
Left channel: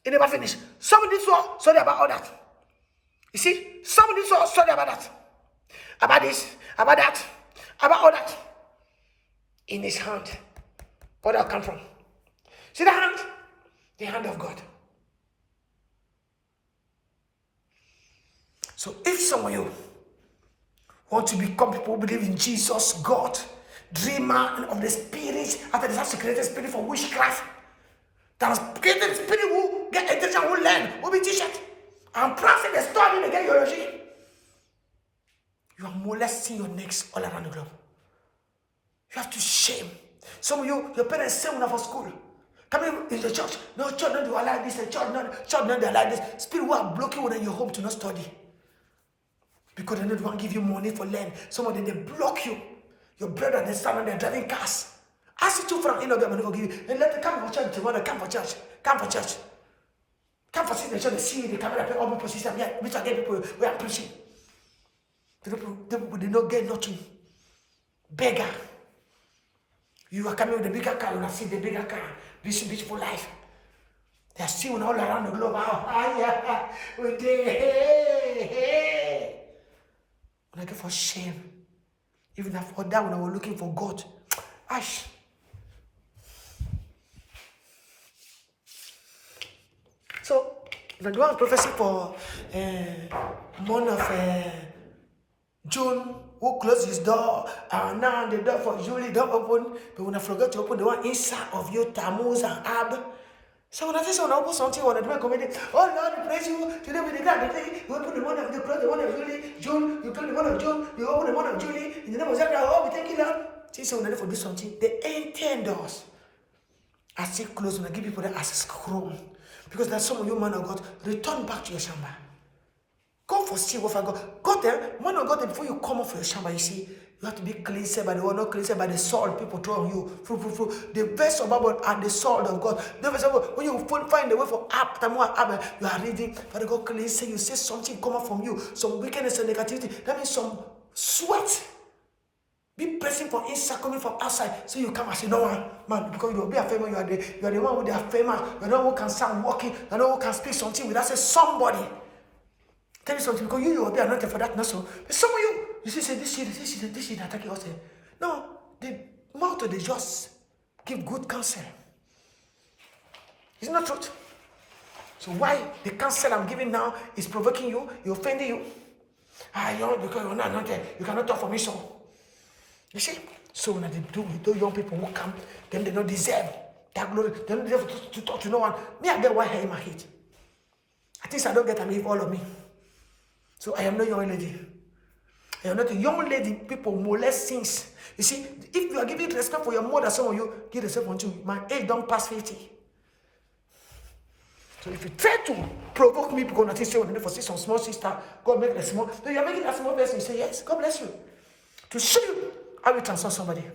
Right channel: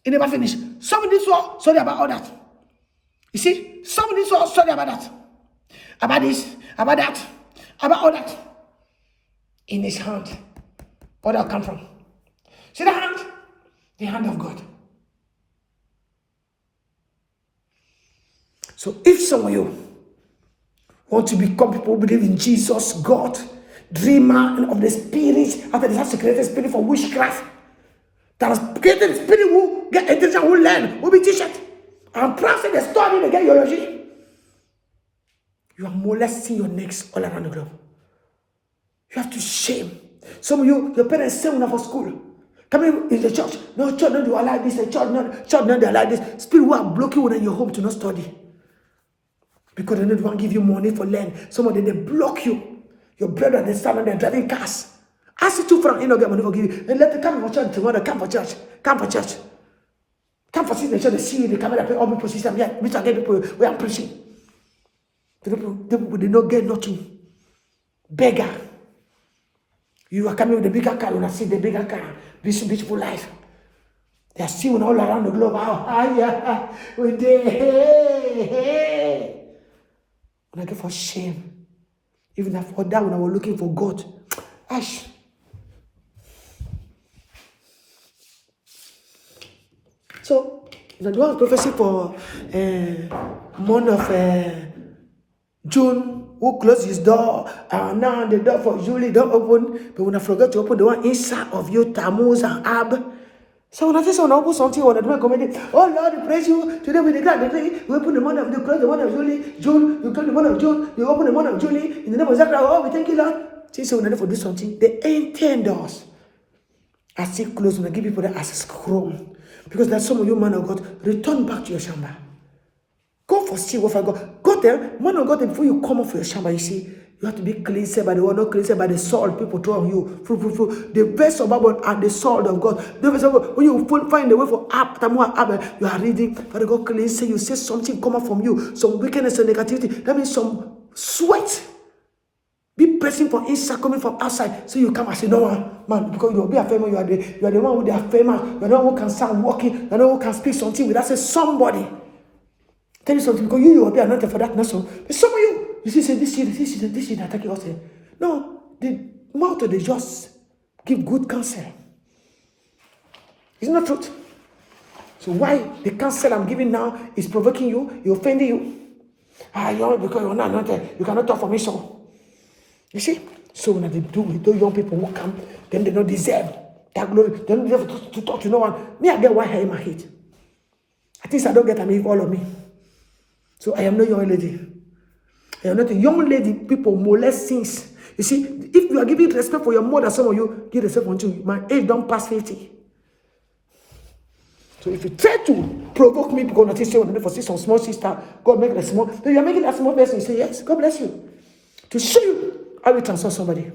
It never finish. Somebody in this world study about all that. You see? Somebody in this world study about that. About this, about that, about all that. In his hand. Where that come from? See the hand? The hand of God. So if some of you want to become people who believe in Jesus, God, dreamer and of the spirit, after they have to create a spirit for witchcraft, that has created a spirit who get intelligent, who learn, who be teachers, and prophet, they study, they get theology. You are molesting your necks all around the globe. You have to shame. Some of you, your parents say when for school. Coming in the church, no church don't do like this, the church not do like this. Spirit who are blocking you in your home to not study. Because they don't want to give you money for learn. Some of them, they block you. Your brother, they stand and they're driving cars. Ask you 2 francs, you know, get money for giving. And let them come for church tomorrow. Come for church. Come for church. Come for sit in the church. They see you in the camera. All people see them. Yeah, which are the people where I'm preaching. The people they not get nothing. Beggar. You are coming with the bigger car. You want to see the bigger car. This beautiful life. They are seeing all around the globe. Yeah. We did. Hey. When I get for shame. Even for that, when I was looking for God. Ash. So, the one prophecy for month of June, who closed his door, now the door for Julie don't open, but when I forgot to open the one inside of you, Tammuz and Ab. So when I say someone open something, when I do my comedy, oh Lord, we praise you, today we declare the day, we open the month of, you close the month of June, you close the month of June, you open the month of Julie, in the name of Zechariah, oh, we thank you, Lord. Since when I do something, they ain't 10 doors. I still close when I give people that access Chrome. Because there's some of you, man of God, return back to your shamba. Go for see what I got. Go there, man of God, before you come up for your shamba, you see, you have to be cleansed by the word, not cleansed by the salt people throw on you. The verse of Bible and the salt of God. The verse of, when you find the way for you are reading, Father God cleanse you say something come up from you, some wickedness and negativity. That means some sweat. Be pressing from inside, coming from outside. So you come and say, no man, because you will be a famous, you are the one who are famous, you are the one who can sound walking, you are the one who can speak something without say somebody. Tell you something, because you will be anointed for that nation. But some of you see, say this shit attack you also. No, the mouth of the just give good counsel. It's not truth. So why the counsel I'm giving now is provoking you, offending you. Because you're not anointed, you cannot talk for me so. You see? So when they do with those young people who come, then they don't deserve that glory. They don't deserve to talk to no one. Me, I get one hair in my head. I think I don't get them all of me. So I am no young lady. I am not a young lady. People molest things. You see, if you are giving respect for your mother, some of you give respect for you. My age don't pass 50. So if you try to provoke me because nothing say when for see some small sister, God make a small, then you are making that small person. You say, yes, God bless you. To show you how we transform somebody.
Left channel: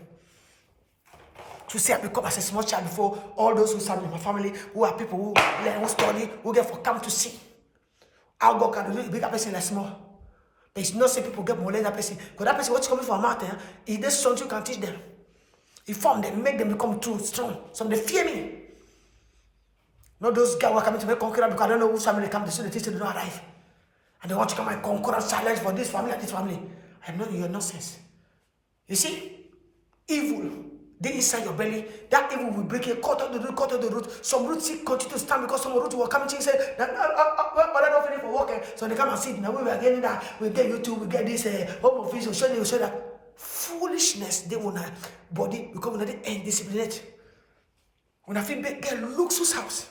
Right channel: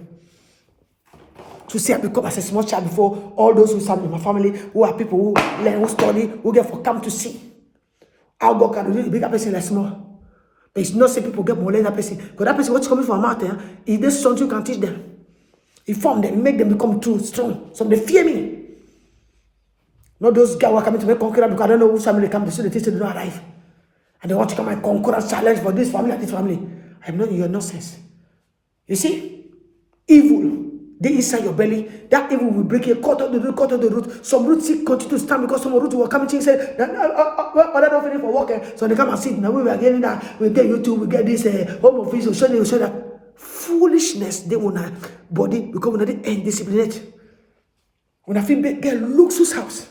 To see I become as a small child before all those who serve in my family, who are people who learn, who study, who get for come to see. How God can do a bigger person like small. But it's not say people get more than that person. Because that person, what's coming from out there, is this something you can teach them. Inform them, make them become too strong. So they fear me. Not those guys who are coming to make conqueror because I don't know whose family they come, so they teach them to not arrive. And they want to come and conquer and challenge for this family and this family. I'm not in your nonsense. You see, evil, they inside your belly, that evil will break you, cut out the root. Some roots continue to stand because some roots will come and say, I don't finish for working. So they come and sit. Now we are getting that, we get YouTube, we get this home office, we show that. Foolishness, they want a body because when they ain't disciplined. When I feel get luxuous house,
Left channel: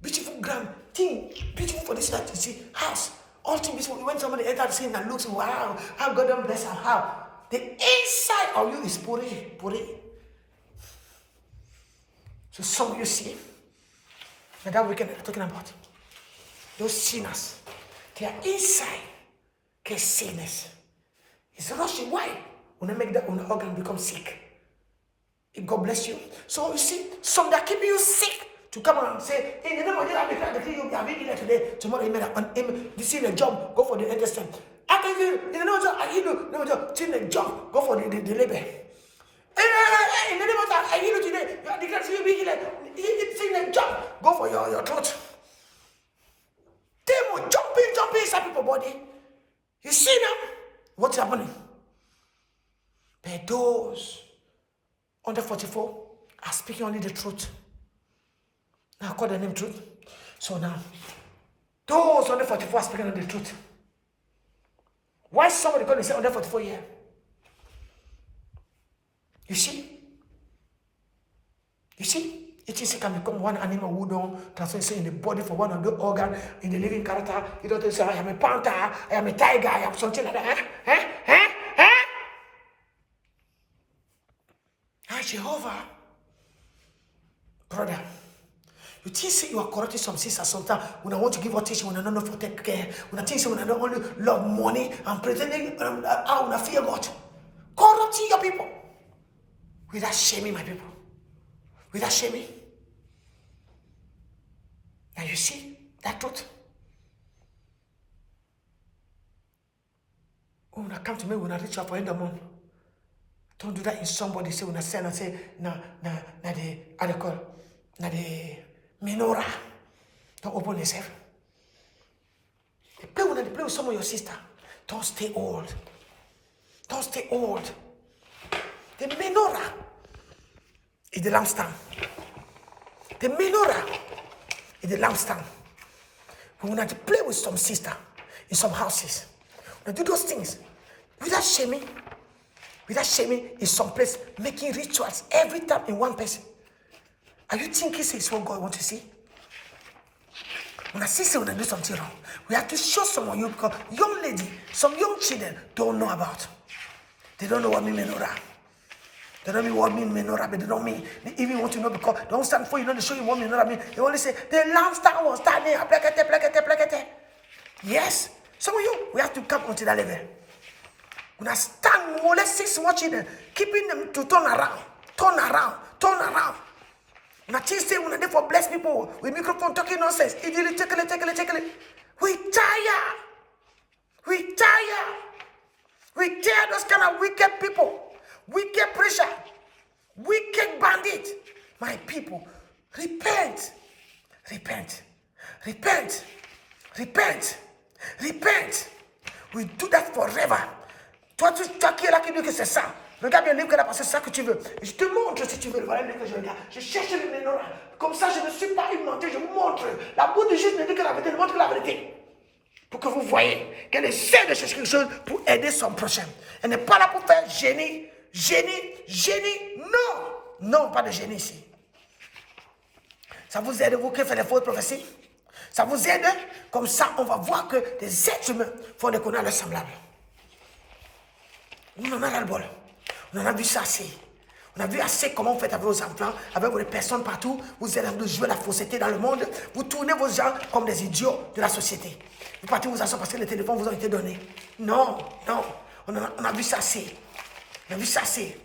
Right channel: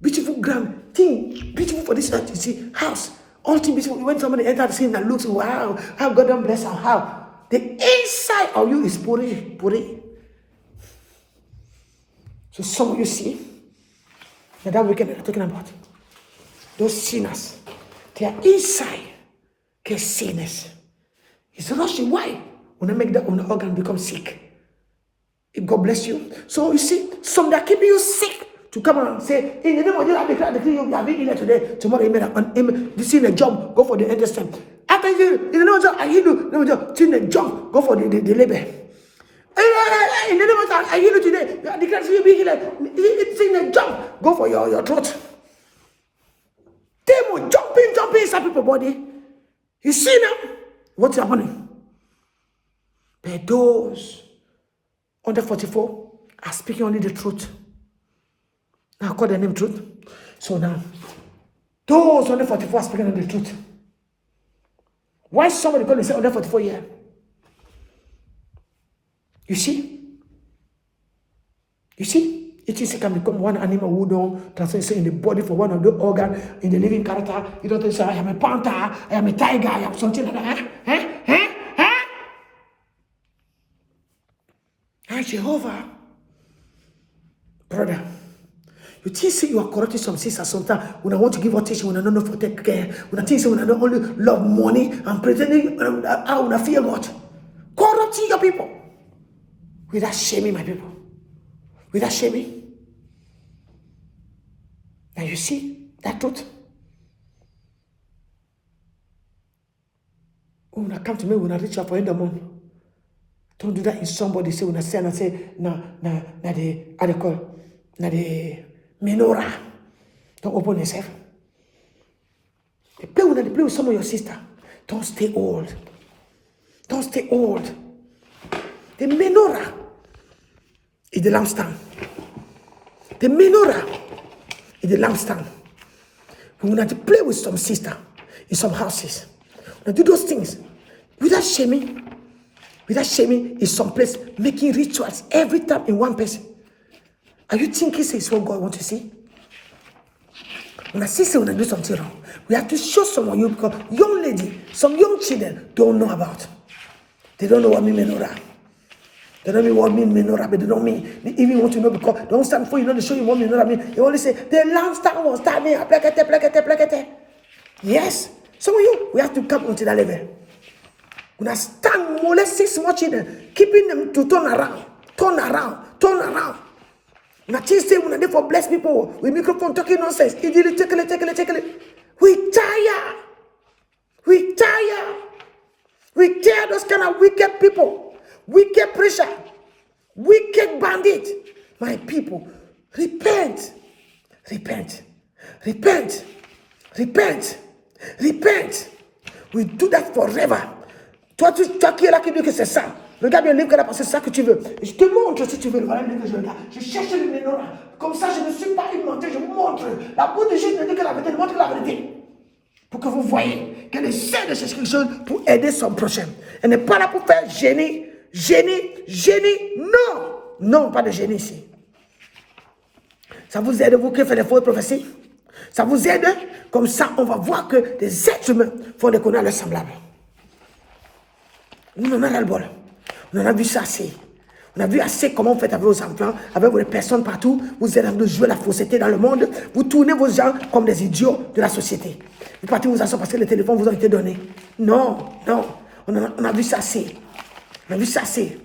beautiful grand thing, beautiful for this you see, house. All things beautiful. When somebody enters the scene that looks, wow, how God bless them, how. The inside of you is puri. So some of you see, that weekend I'm talking about, those sinners, their inside get sickness. It's rushing. Why? When I make that organ become sick. God bless you. So you see, some that keep you sick to come and say, in the name of Jesus, I declare you have been here today. Tomorrow you made you see the job, go for the intestine. After you, in the name of Jesus, I heal you. No, see the job, go for the labor. In the name of Jesus, I heal you today. I declare you be healed. It's in the job, go for your throat. Demon jumping inside people's body. You see now what's happening? But those under 44 are speaking only the truth. Now call their name truth. So now, those under 44 are speaking only the truth. Why somebody call themselves under 44 years? You see? It is can become one animal who don't transfer in the body for one of the organ in the living character. You don't say, I am a panther, I am a tiger, I am something like that. Jehovah, brother, you think say you are correcting some sisters sometimes when I want to give her teaching, when I don't know for take care, when I think say when I don't only love money and pretending how I fear God. Corrupting your people. Without shaming, my people. Without shaming. And you see that truth? When I come to me, when I reach out for in the morning, don't do that in somebody say, when I say, and I say, na the, how they call, na the menorah. Don't open yourself. They play with some of your sister. Don't stay old. Don't stay old. The menorah is the lampstand. The menorah is the lampstand. We want to play with some sister in some houses. We do those things without shaming. Without shaming in some place, making rituals every time in one person. Are you thinking it's what God wants to see? When I see when I do something wrong, we have to show someone you because young lady, some young children don't know about. They don't know what mean menorah. They don't know what mean menorah, but they don't mean. They even want to know because they don't stand for you know they show you what menorah mean. They only say the lampstand was standing, plakete. Yes. Some of you, we have to come onto that level. When I stand more or less 6 more children, keeping them to turn around. Nothing say when I for bless people with microphone talking nonsense. Take it. We tire. We tire those kind of wicked people, wicked preacher, wicked bandit. My people, repent. We do that forever. Toi qui es là qui dit que c'est ça. Regarde bien le livre qu'elle a passé, c'est ça que tu veux. Et je te montre si tu veux. Voilà le livre que je regarde. Je cherche le menorah. Comme ça, je ne suis pas inventé. Je vous montre. La bouche de Jésus me dit que la vérité, elle montre la vérité. Pour que vous voyez qu'elle essaie de chercher quelque chose pour aider son prochain. Elle n'est pas là pour faire génie. Non, pas de génie ici. Ça vous aide, vous qui faites les fausses prophéties. Ça vous aide. Comme ça, on va voir que des êtres humains font des conneries à leurs semblables. Nous, on en a le bol. On en a vu ça assez. On a vu assez comment vous faites avec vos enfants, avec vos personnes partout. Vous êtes en train de jouer la fausseté dans le monde. Vous tournez vos gens comme des idiots de la société. Vous partez vous asseoir parce que les téléphones vous ont été donnés. Non. On a vu ça assez. On a vu ça assez.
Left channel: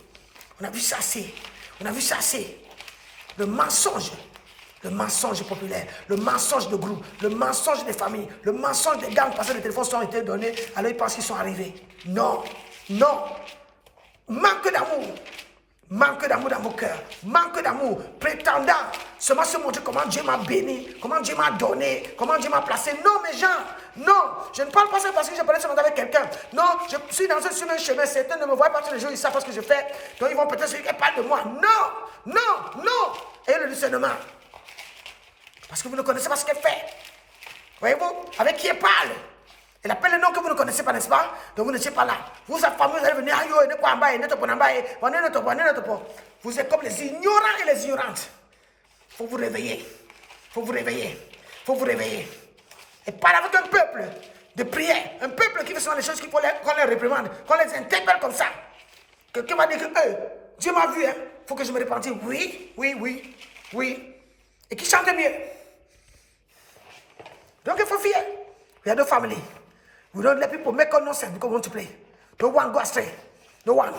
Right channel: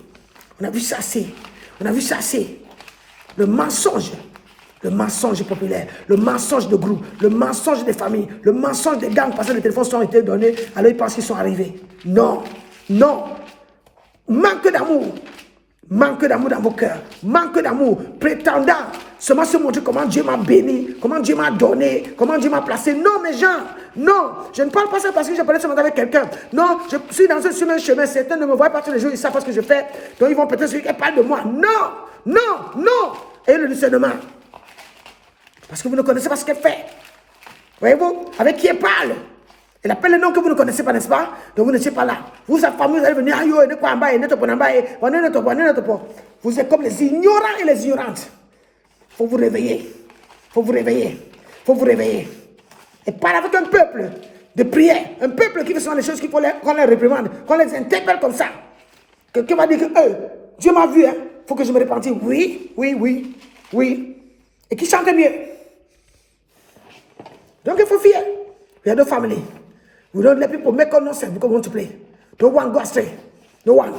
Le mensonge populaire, le mensonge de groupe, le mensonge des familles, le mensonge des gangs parce que les téléphones sont été donnés, alors ils pensent qu'ils sont arrivés. Non. Manque d'amour dans vos cœurs, manque d'amour, prétendant seulement se montrer comment Dieu m'a béni, comment Dieu m'a donné, comment Dieu m'a placé. Non, mes gens, non, je ne parle pas ça parce que je parlais ce matin avec quelqu'un. Non, je suis dans un chemin, certains ne me voient pas tous les jours, ils savent pas ce que je fais, donc ils vont peut-être se dire qu'elle parle de moi. Non, et le discernement. Parce que vous ne connaissez pas ce qu'elle fait. Voyez-vous, avec qui elle parle. Elle appelle le nom que vous ne connaissez pas, n'est-ce pas? Donc vous n'étiez pas là. Vous, sa famille, vous allez venir, vous êtes comme les ignorants et les ignorantes. Il faut vous réveiller. Et parle avec un peuple de prière. Un peuple qui fait souvent les choses qu'on les réprimande, qu'on les interpelle comme ça. Quelqu'un va dire que Dieu m'a vu, il faut que je me repentisse. Oui. Et qui chante mieux. Donc il faut fier. We are the family. We don't let people make nonsense because we want to play. Don't want go astray. No one.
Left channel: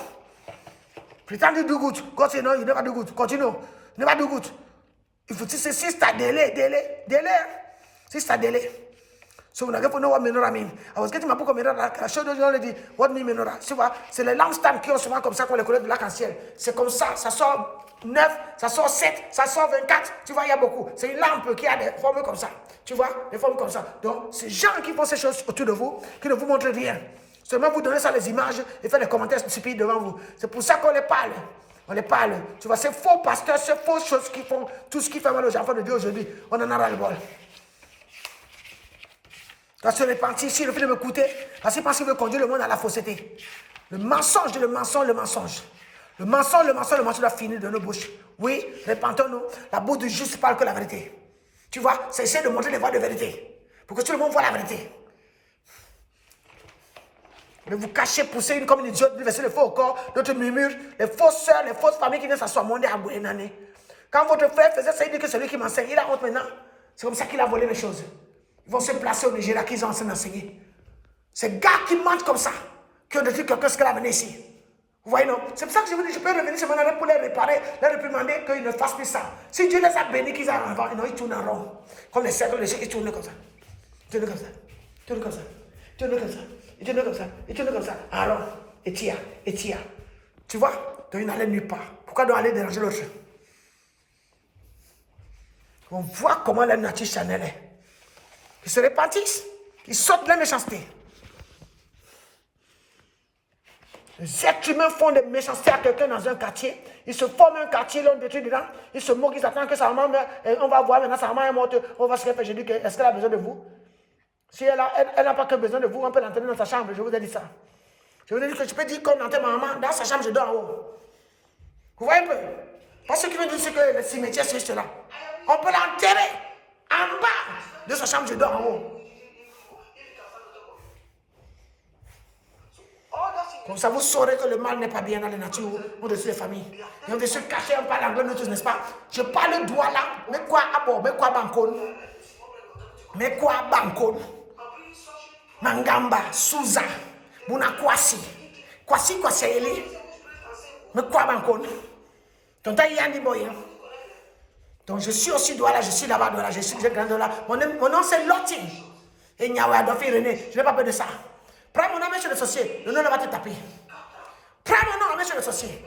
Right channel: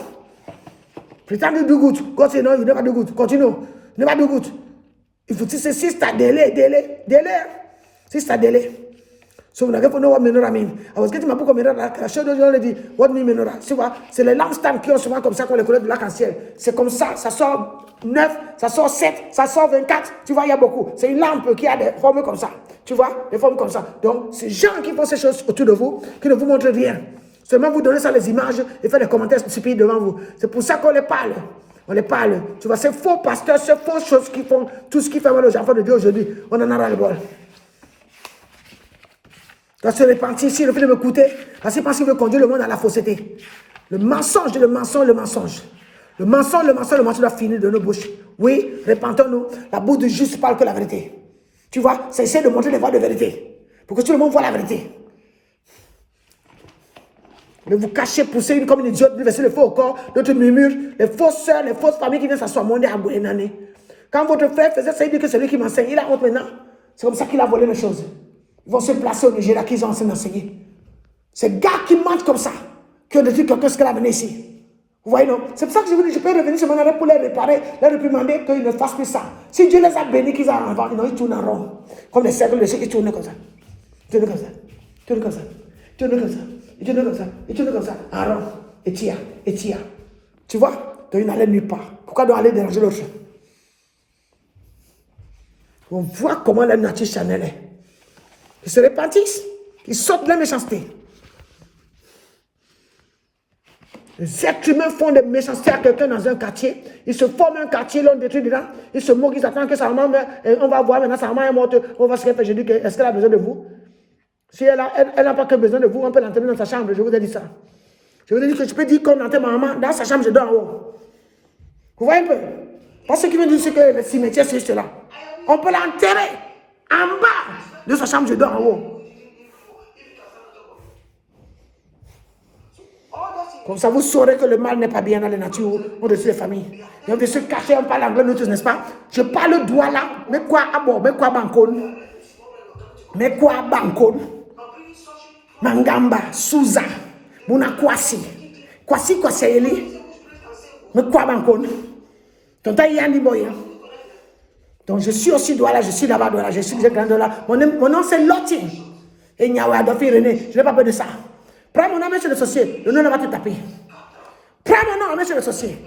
Pretend you do good. God say no, you never do good. Continue. Never do good. If you say sister, delay. Sister, delay. So when I get to know what menorah mean, I was getting my book of menorah. I showed you already what mean menorah. C'est les lampstands qui ont souvent comme ça qu'on les connaît de l'arc-en-ciel. C'est comme ça sort 9, ça sort 7, ça sort 24. Tu vois, il y a beaucoup. C'est une lampe qui a des formes comme ça. Tu vois, des formes comme ça. Donc, ces gens qui font ces choses autour de vous, qui ne vous montrent rien. Seulement vous donnez ça les images et faites des commentaires stupides devant vous. C'est pour ça qu'on les parle. On les parle. Tu vois, ces faux pasteurs, ces fausses choses qui font tout ce qui fait mal aux enfants de Dieu aujourd'hui, on en aura le bol. Quand se repentir ici, le fait de m'écouter, parce qu'il pense qu'il veut conduire le monde à la fausseté. Le mensonge doit finir de nos bouches. Oui, répentons-nous. La bouche du juste parle que la vérité. Tu vois, c'est essayer de montrer les voies de vérité. Pour que tout le monde voit la vérité. Mais vous cachez, poussez une comme une idiote, vous versez le feu au corps, d'autres murmurent, les fausses sœurs, les fausses familles qui viennent s'asseoir au monde à Bouénané. Quand votre frère faisait ça, il dit que c'est lui qui m'enseigne. Il a honte maintenant. C'est comme ça qu'il a volé les choses. Ils vont se placer au Nigeria, qu'ils ont enseigné. Ces gars qui mentent comme ça, qui ont dit quelqu'un ce qu'elle a mené ici. Vous voyez, non? C'est pour ça que je vous dis, je peux revenir sur mon arrêt pour les réparer, les réprimander, qu'ils ne fassent plus ça. Si Dieu les a bénis, qu'ils aient avant, ils tournent en rond. Comme les cercles de ceux qui tournent comme ça. Ils tournent comme ça. Ils tournent comme ça. Ils tournent comme ça. Ils tournent comme ça. Ils tournent comme ça. En rond. Et tire. Et tire. Tu vois? Donc ils n'allaient nulle part. Pourquoi doit aller déranger l'autre? On voit comment la nature charnelle est. Ils se répandissent. Ils sortent de la méchanceté. Les êtres humains font des méchancetés à quelqu'un dans un quartier. Ils se forment un quartier, l'on détruit dedans. Ils se moquent, ils attendent que sa maman meure. On va voir maintenant, sa maman est morte. On va se faire. Je dis, est-ce qu'elle a besoin de vous? Si elle n'a pas que besoin de vous, on peut l'enterrer dans sa chambre. Je vous ai dit ça. Je vous ai dit que je peux dire qu'on enterre ma maman dans sa chambre, je dors en haut. Vous voyez un peu? Parce que ce qui veut dire, c'est que le cimetière, c'est juste là. On peut l'enterrer en bas de sa chambre, je dors en haut. Comme ça, vous saurez que le mal n'est pas bien dans la nature au-dessus des familles. Et on veut se cacher, on parle anglais, nous tous, n'est-ce pas? Je parle doigt là, mais quoi abo, mais quoi bankon? Mais quoi bankon? Mangamba, Souza, Muna Kwasi. Kwasi Kwasayeli. Mais quoi bankon? Donc, donc, je suis aussi doigt là, je suis là-bas, je suis grand là. Mon nom c'est Loti. Et Niawe Adolphe René, je n'ai pas peur de ça. Prends mon nom, monsieur le sorcier, le nom va te taper. Prends mon nom, monsieur le sorcier.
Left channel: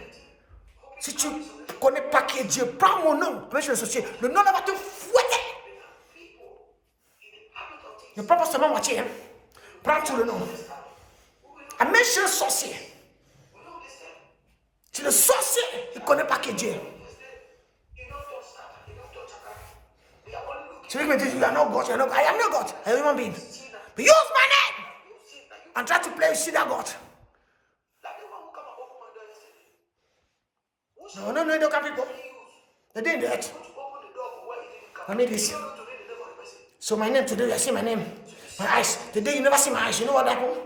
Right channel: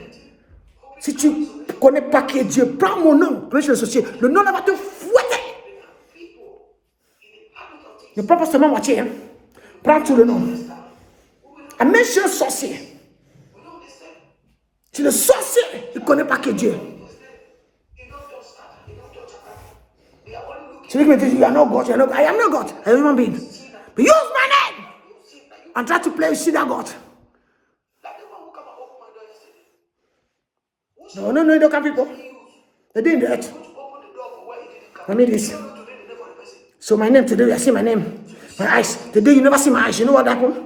Si tu ne connais pas qui est Dieu, prends mon nom, monsieur le sorcier, le nom va te fouetter. Ne prends pas seulement moitié, hein. Prends tout le nom. Ah, monsieur le sorcier. Si le sorcier, il ne connaît pas qui est Dieu. Celui qui me dit, you are not God, I am not God, I am a human being. But use my name and try to play with that God. No, you don't come people. They didn't do it. I mean this. So my name today, you see my name. My eyes. Today you never see my eyes. You know what happened?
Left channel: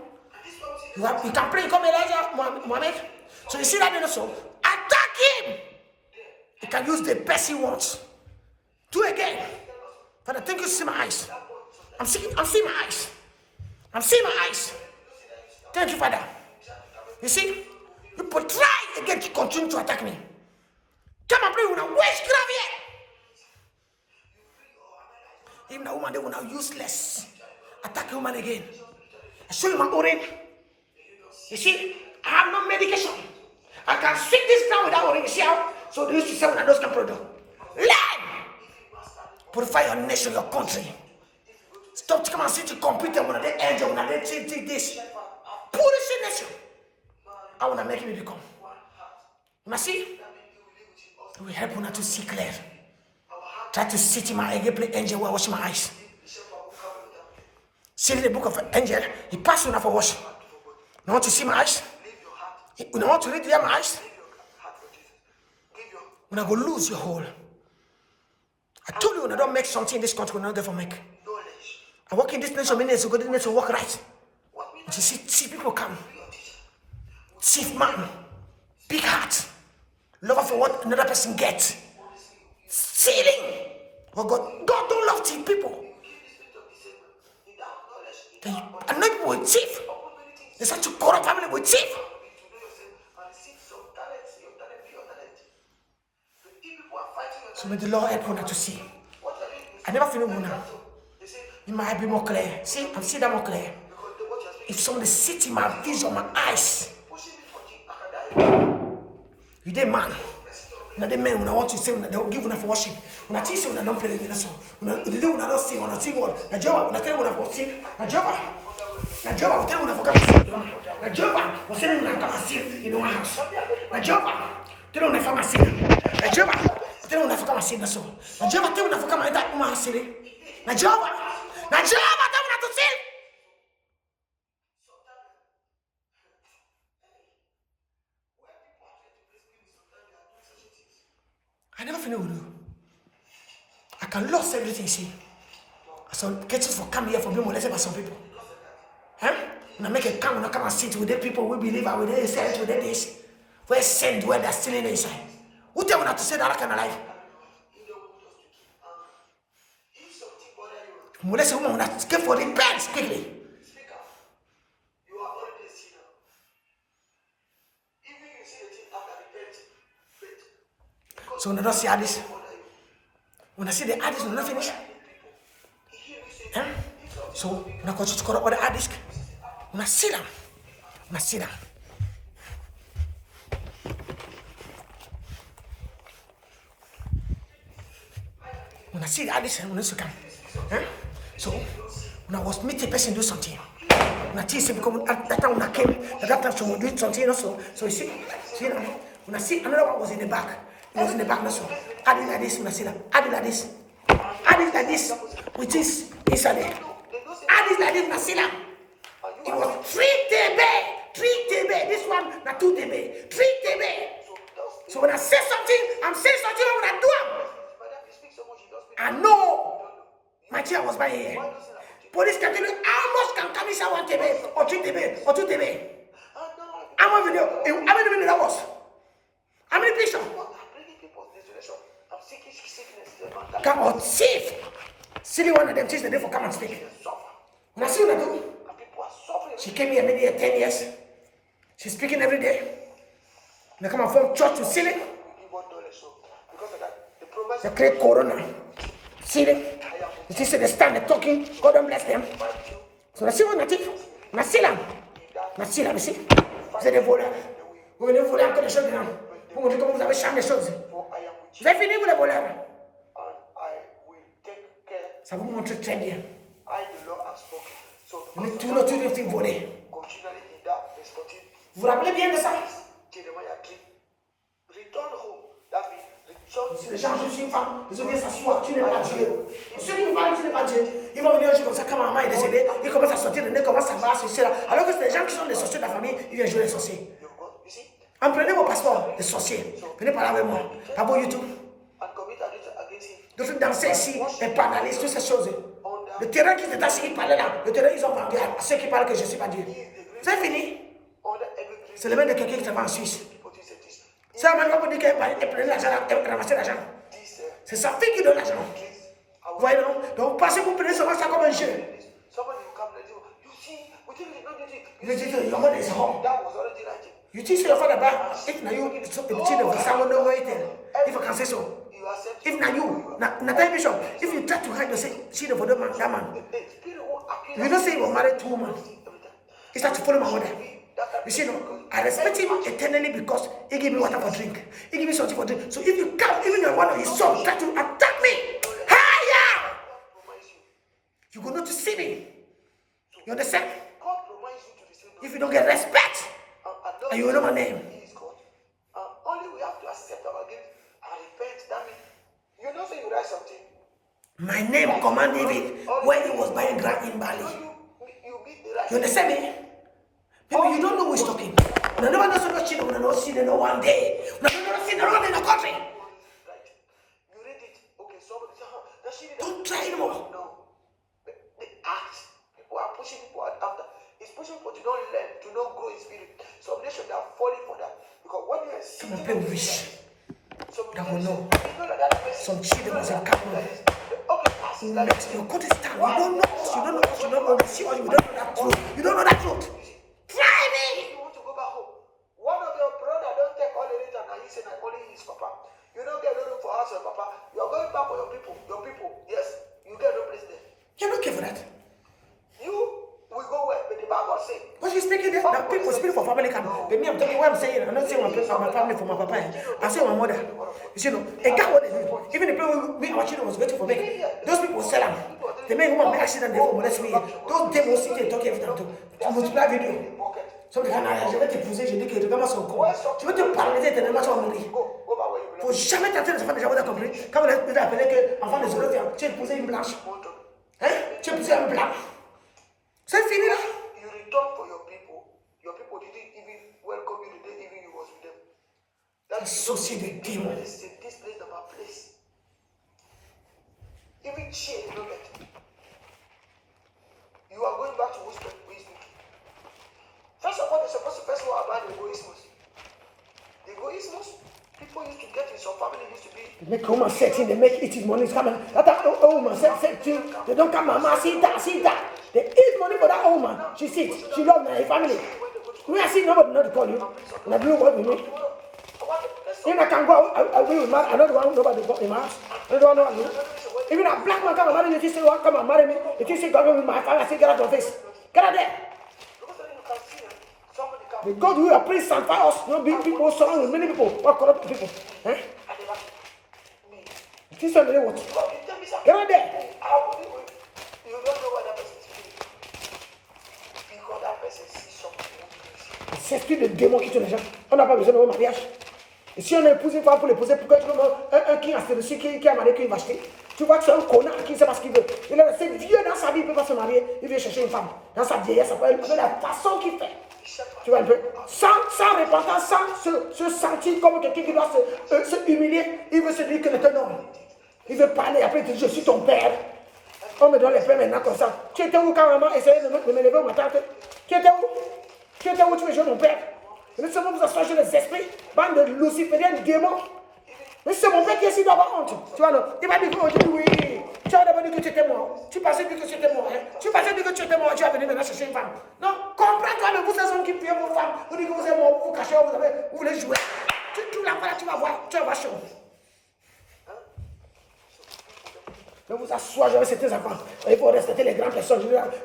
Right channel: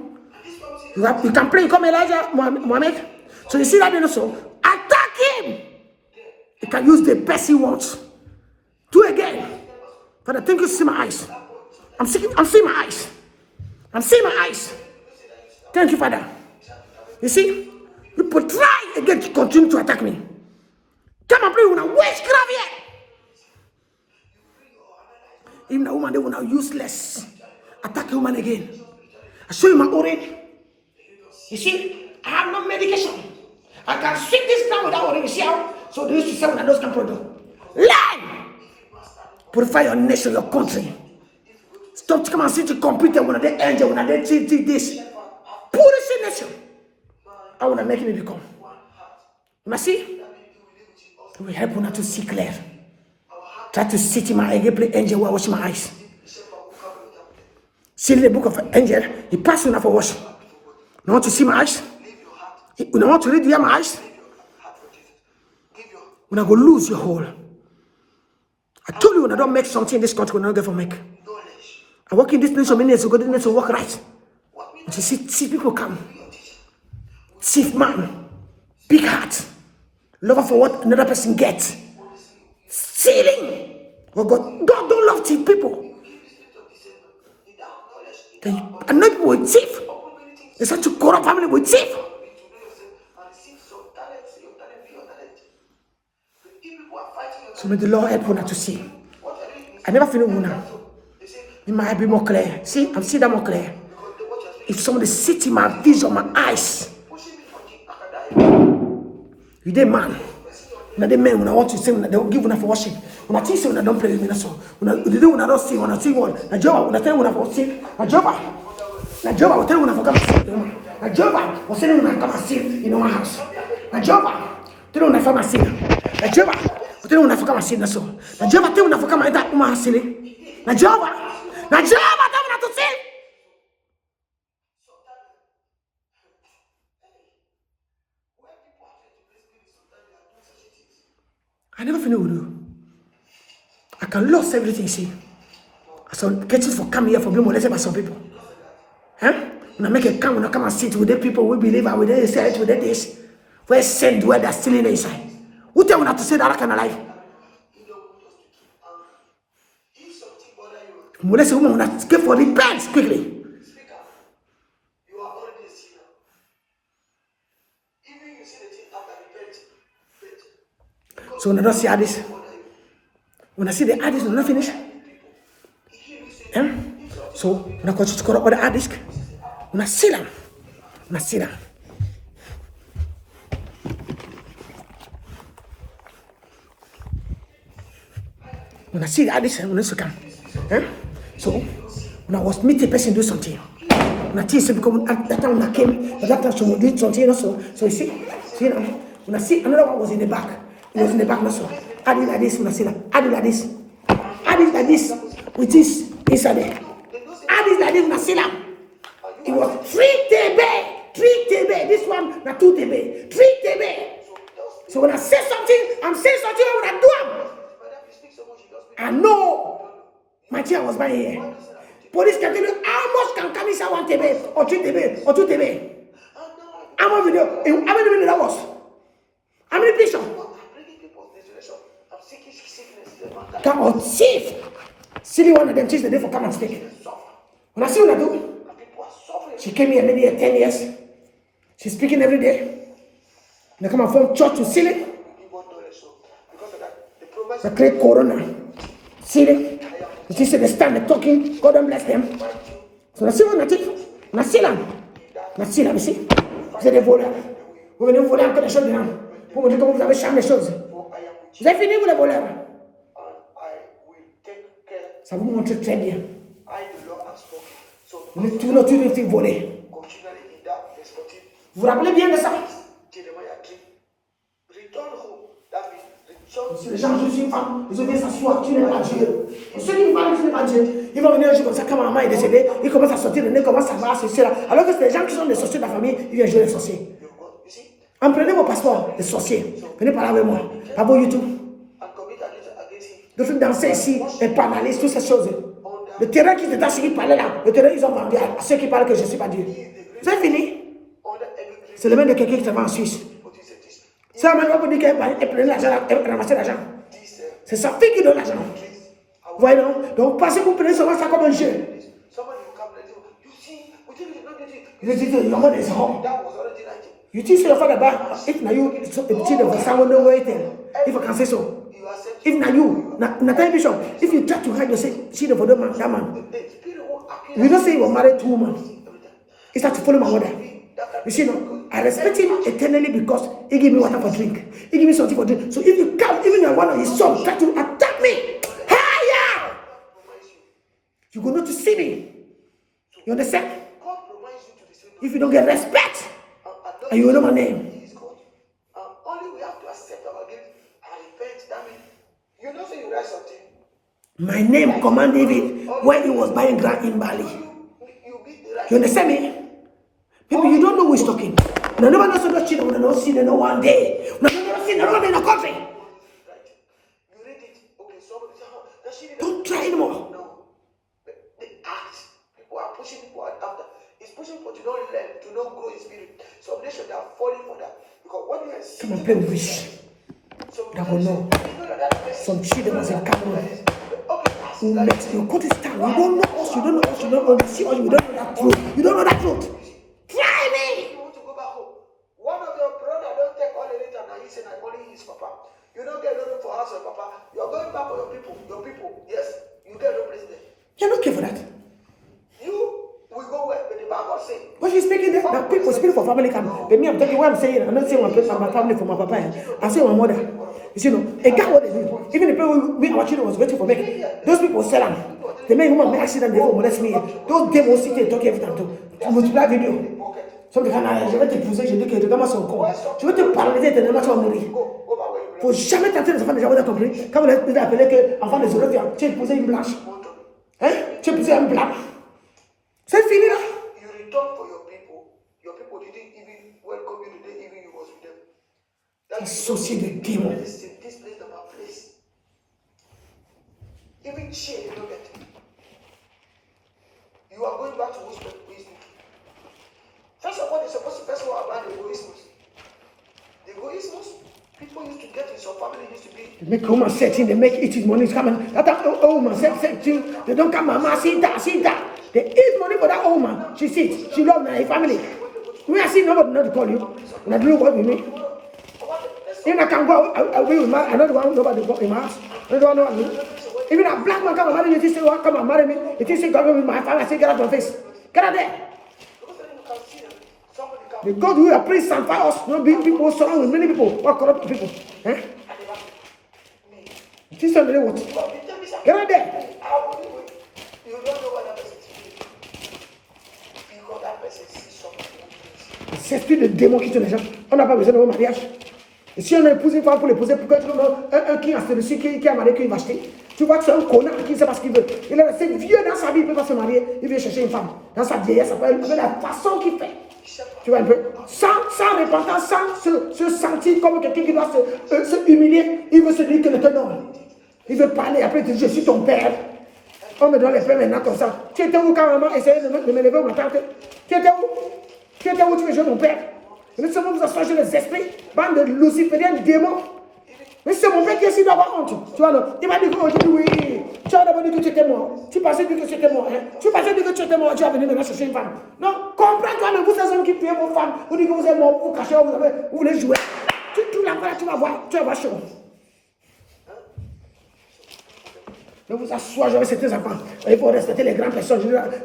You can play, come Elijah Muhammad. So you see that also? Attack him. You can use the best he wants. Do it again. Father, thank you to see my eyes. I'm seeing my eyes. I'm seeing my eyes. Thank you, Father. You see? People try again to continue to attack me. Come and play with a witchcraft here. Even a woman, they will now useless. Attack a woman again. I show you my orange. You see? I have no medication. I can sweep this ground without orange. You see how? So they used to say when I don't can produce. Learn! Purify your nation, your country. Stop to come and sit to computer when they angel, when they see this. Purify nation. I want to make me become. You see? It will help you to see clear. Try to sit in my eye, play angel while washing my eyes. See the book of angel, he passed enough for wash. You want to see my eyes? You want to read my eyes? When I go lose your whole. I told you when I don't make something in this country, when I don't get for make. I work in this nation many years ago, this nation work right. But you see people come. Thief man, big heart, lover for what another person gets. Stealing. Oh God don't love thief people. They annoy people with thief. They start to corrupt family with thief. So may the Lord help you to see. I never feel Una. It might be more clear. See, I'm seeing that more clear. If somebody sits in my vision, my eyes. You dey man. Now the men when I want to say when they will give una for worship. When I think say when I don't play with me, so when I don't sing, when I sing one, na Jehovah, when I tell when I for sing, na Jehovah will tell when I for come and sing. Na Jehovah will tell when I come and sing in my house. Na Jehovah tell when I for sing. Na Jehovah will tell when I for come and sing. So na Jehovah tell when I for come and enter my house. Na Jehovah tell when I to sing. I never feel with you. I can lose everything, see. So getting for coming here for being molested by some people. Huh? When I make a come, when I come and sit with the people we believe and with the say with this, where send where they're still in the inside. Who tell me not to say that kind of life? Molest a woman that get for repent quickly. So when I don't see Addis, when I see the Addis, when I finish, so when I continue to corrupt with the Addis, when I see them, when I see them. When I see the Addis, when I come, so when I was meeting a person do something, when I see because that time when I came, that time she would do something also. So you see now, when I see another one was in the back, it was in the back also. Addis like this, when I see that, Addis like this, with this inside there. Addis like this, when I see that, it was 3 TB, this one, not 2 TB, 3 TB. So when I say something, I'm saying something, what I do. I know my chair was by here. Police can tell you how much can come inside 1 TB or 3 TB or 2 TB. How much video? How many video that was? How many pictures? Come on, safe. Silly one of them changed the day for come and speak. When I see what I do, she came here maybe 10 years. She's speaking every day. They come from church to silly. They create corona. Silly. You see they stand, they're talking. God don't bless them. So I see what I do. I see them. You see. C'est des voleurs. Vous venez voler encore des choses dedans. Pour me dire comment vous avez charmé les choses. Vous avez fini, vous les voleurs. Ça vous montre très bien. Tout le temps, vous voler. Vous vous rappelez bien de ça? Si les gens, je suis une femme, ils ont bien s'asseoir, tu n'es pas Dieu. Ceux qui vous parlent, tu n'es pas Dieu. Ils vont venir un jour comme ça, quand maman est décédée, ils commencent à sortir de nez, commencent à voir ceci là. Alors que c'est les gens qui sont des sorciers de la famille, ils viennent jouer les sorciers. Prenez vos passeports, les sorciers. Venez parler avec moi. Pas beau YouTube. De faire danser ici, et parler, toutes ces choses. Le terrain qui était assis, qui parlait là, le terrain, ils ont vendu à ceux qui parlent que je ne suis pas Dieu. C'est fini. C'est le même de quelqu'un qui travaille en Suisse. Ça m'a pas dit qu'elle prenait l'argent, elle ramassait l'argent. C'est sa fille qui donne l'argent. Voyez non? Donc pensez que vous prenez seulement ça comme un jeu. You think your mother is home. You think your father back? If now you children for someone no waiting. If I can say so. If now you, Nathan Bishop, if you try to hide your children for that man, you don't say you were married to a woman. It's not to follow my mother. You see, no, I respect him eternally because he gave me water for drink. He gave me something for drink. So if you come, even your one of his son try to attack me, higher, you're going to see me. You understand? If you don't get respect, and you will know my name. My name, Command David, when he was buying ground in Bali. You understand me? People, you don't know who is talking. No, never know so children will not see them one day. No, never see them around in the country. Don't try anymore. The act, people are pushing people after. It's pushing people to not learn, to not grow in spirit. Some nations are falling for that. Because what you are come and play with wish. That will know. Some children was in Cameroon. Who makes you cut his tongue. You don't know us, you don't know us, you don't know us, you don't know that truth. You don't know that truth. Try me! You want to go back home. One of your brother don't take all the data and he said that only his papa. You don't get a little for house your papa. You're going back for your people. Yes, you get no place there. You're not care for that. You will go where the Bible say. What she's speaking there, the people speak for family come. But me, I'm talking what I'm saying. I'm not saying my family for my papa. I'm saying my mother. You know, a guy what they do. Even the people we our children was waiting for me. Those people sell them. They make woman make accident, they won't molest me. Those demons sit there talking every time to multiply video. Some can je vais te pousser, je dis que tu commences son corps. Je vais te paralyser, tu ne vas pas mourir. Faut jamais tenter de se faire des gens compris. Quand vous l'avez appelé que enfant de zéro, tu as épousé une blanche. Hein? Tu as épousé un blanc. C'est fini là. You return for your people. Your people didn't even welcome you the day even you was with them. Associé de démons. This place is my place. Even share they don't get. You are going back to wisdom. First of all, they're supposed to person who are bad, they go Ismus. They go Ismus. People used to get in some family used to be. They make woman setting, they make eating money coming. That old man setting, they don't come, mama, sit that. They eat money for that old man. She sits, she loves my family. We are seeing nobody not to call you. And I do what we mean. Even I can go away with my, I don't want nobody to go in my house. I don't want no. Even a black man come and marry me, if he say, well, come and marry me, if he say, come with my family, I say, get out of your face. Get out there. The God who have praised and fire us, no big people, surround with many people, what corrupt people. Eh? It is somebody what? Get out there. C'est plus de démons qui tuent les gens. On n'a pas besoin de un mariage. Et si on a épousé une femme pour l'épouser, pourquoi tu veux un qui a fait dessus, qui a marié, qui va acheter? Tu vois que c'est un connard qui ne sait pas ce qu'il veut. Il a resté vieux dans sa vie, il ne peut pas se marier, il vient chercher une femme. Dans sa vieillesse, avec la façon qu'il fait. Tu vois un peu? Sans repentance, sans se sentir comme quelqu'un qui doit se humilier, il veut se dire que le ton homme. Il veut parler, après il dit, je suis ton père. On me donne les pères maintenant comme ça. Tu étais où quand maman essayait de m'élever ma tante? Tu étais où? Tu étais où tu veux jouer mon père? Laissez-moi vous asseoir sur les esprits, bande de lucifériens, démons. Mais c'est mon père qui est ici d'avoir honte. Tu vois, non? Il m'a dit que oui. Tu as d'abord dit que tu étais mort. Tu pensais dire que tu étais mort. Hein? Tu pensais dire que tu étais mort. Tu as venu maintenant chercher une femme. Non, comprends-toi, mais vous, ces hommes qui tuez vos femmes, vous dites que vous êtes mort, vous cachez, vous voulez jouer. Tu l'envoies là, tu vas voir chaud. Ne vous assois jamais sur tes enfants. Il faut respecter les grandes personnes.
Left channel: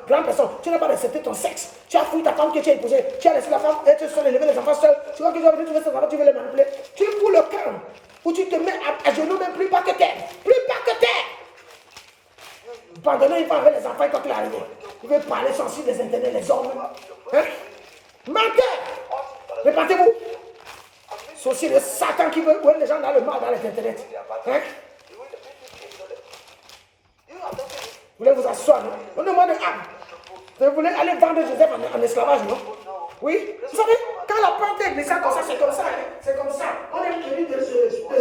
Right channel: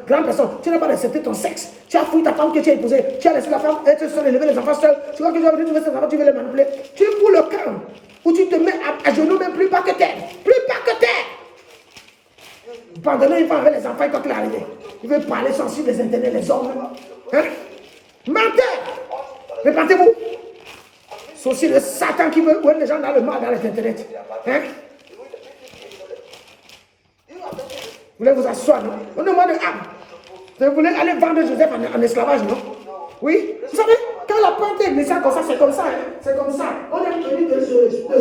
Grandes personnes, tu n'as pas respecté ton sexe. Tu as fouillé ta femme que tu as épousée. Tu as laissé la femme être seule, élever les enfants seuls. Tu vois que tu as venu tes enfants, tu veux les manipuler. Tu es pour le camp où tu te mets à genoux, même plus pas que terre. Plus pas que terre. Pendant il va avec les enfants quand il est arrivé. Il veut parler sensible des intérêts des hommes. Hein? Mentez. Répentez-vous. C'est aussi le Satan qui veut voir les gens dans le mal, dans les intérêts. Hein? Vous voulez vous asseoir, non? On demande âme. Vous voulez aller vendre Joseph en esclavage, non? Oui? Vous savez, quand la pente est glissée comme ça, c'est comme ça. Hein? C'est comme ça. On est venu de l'Égypte,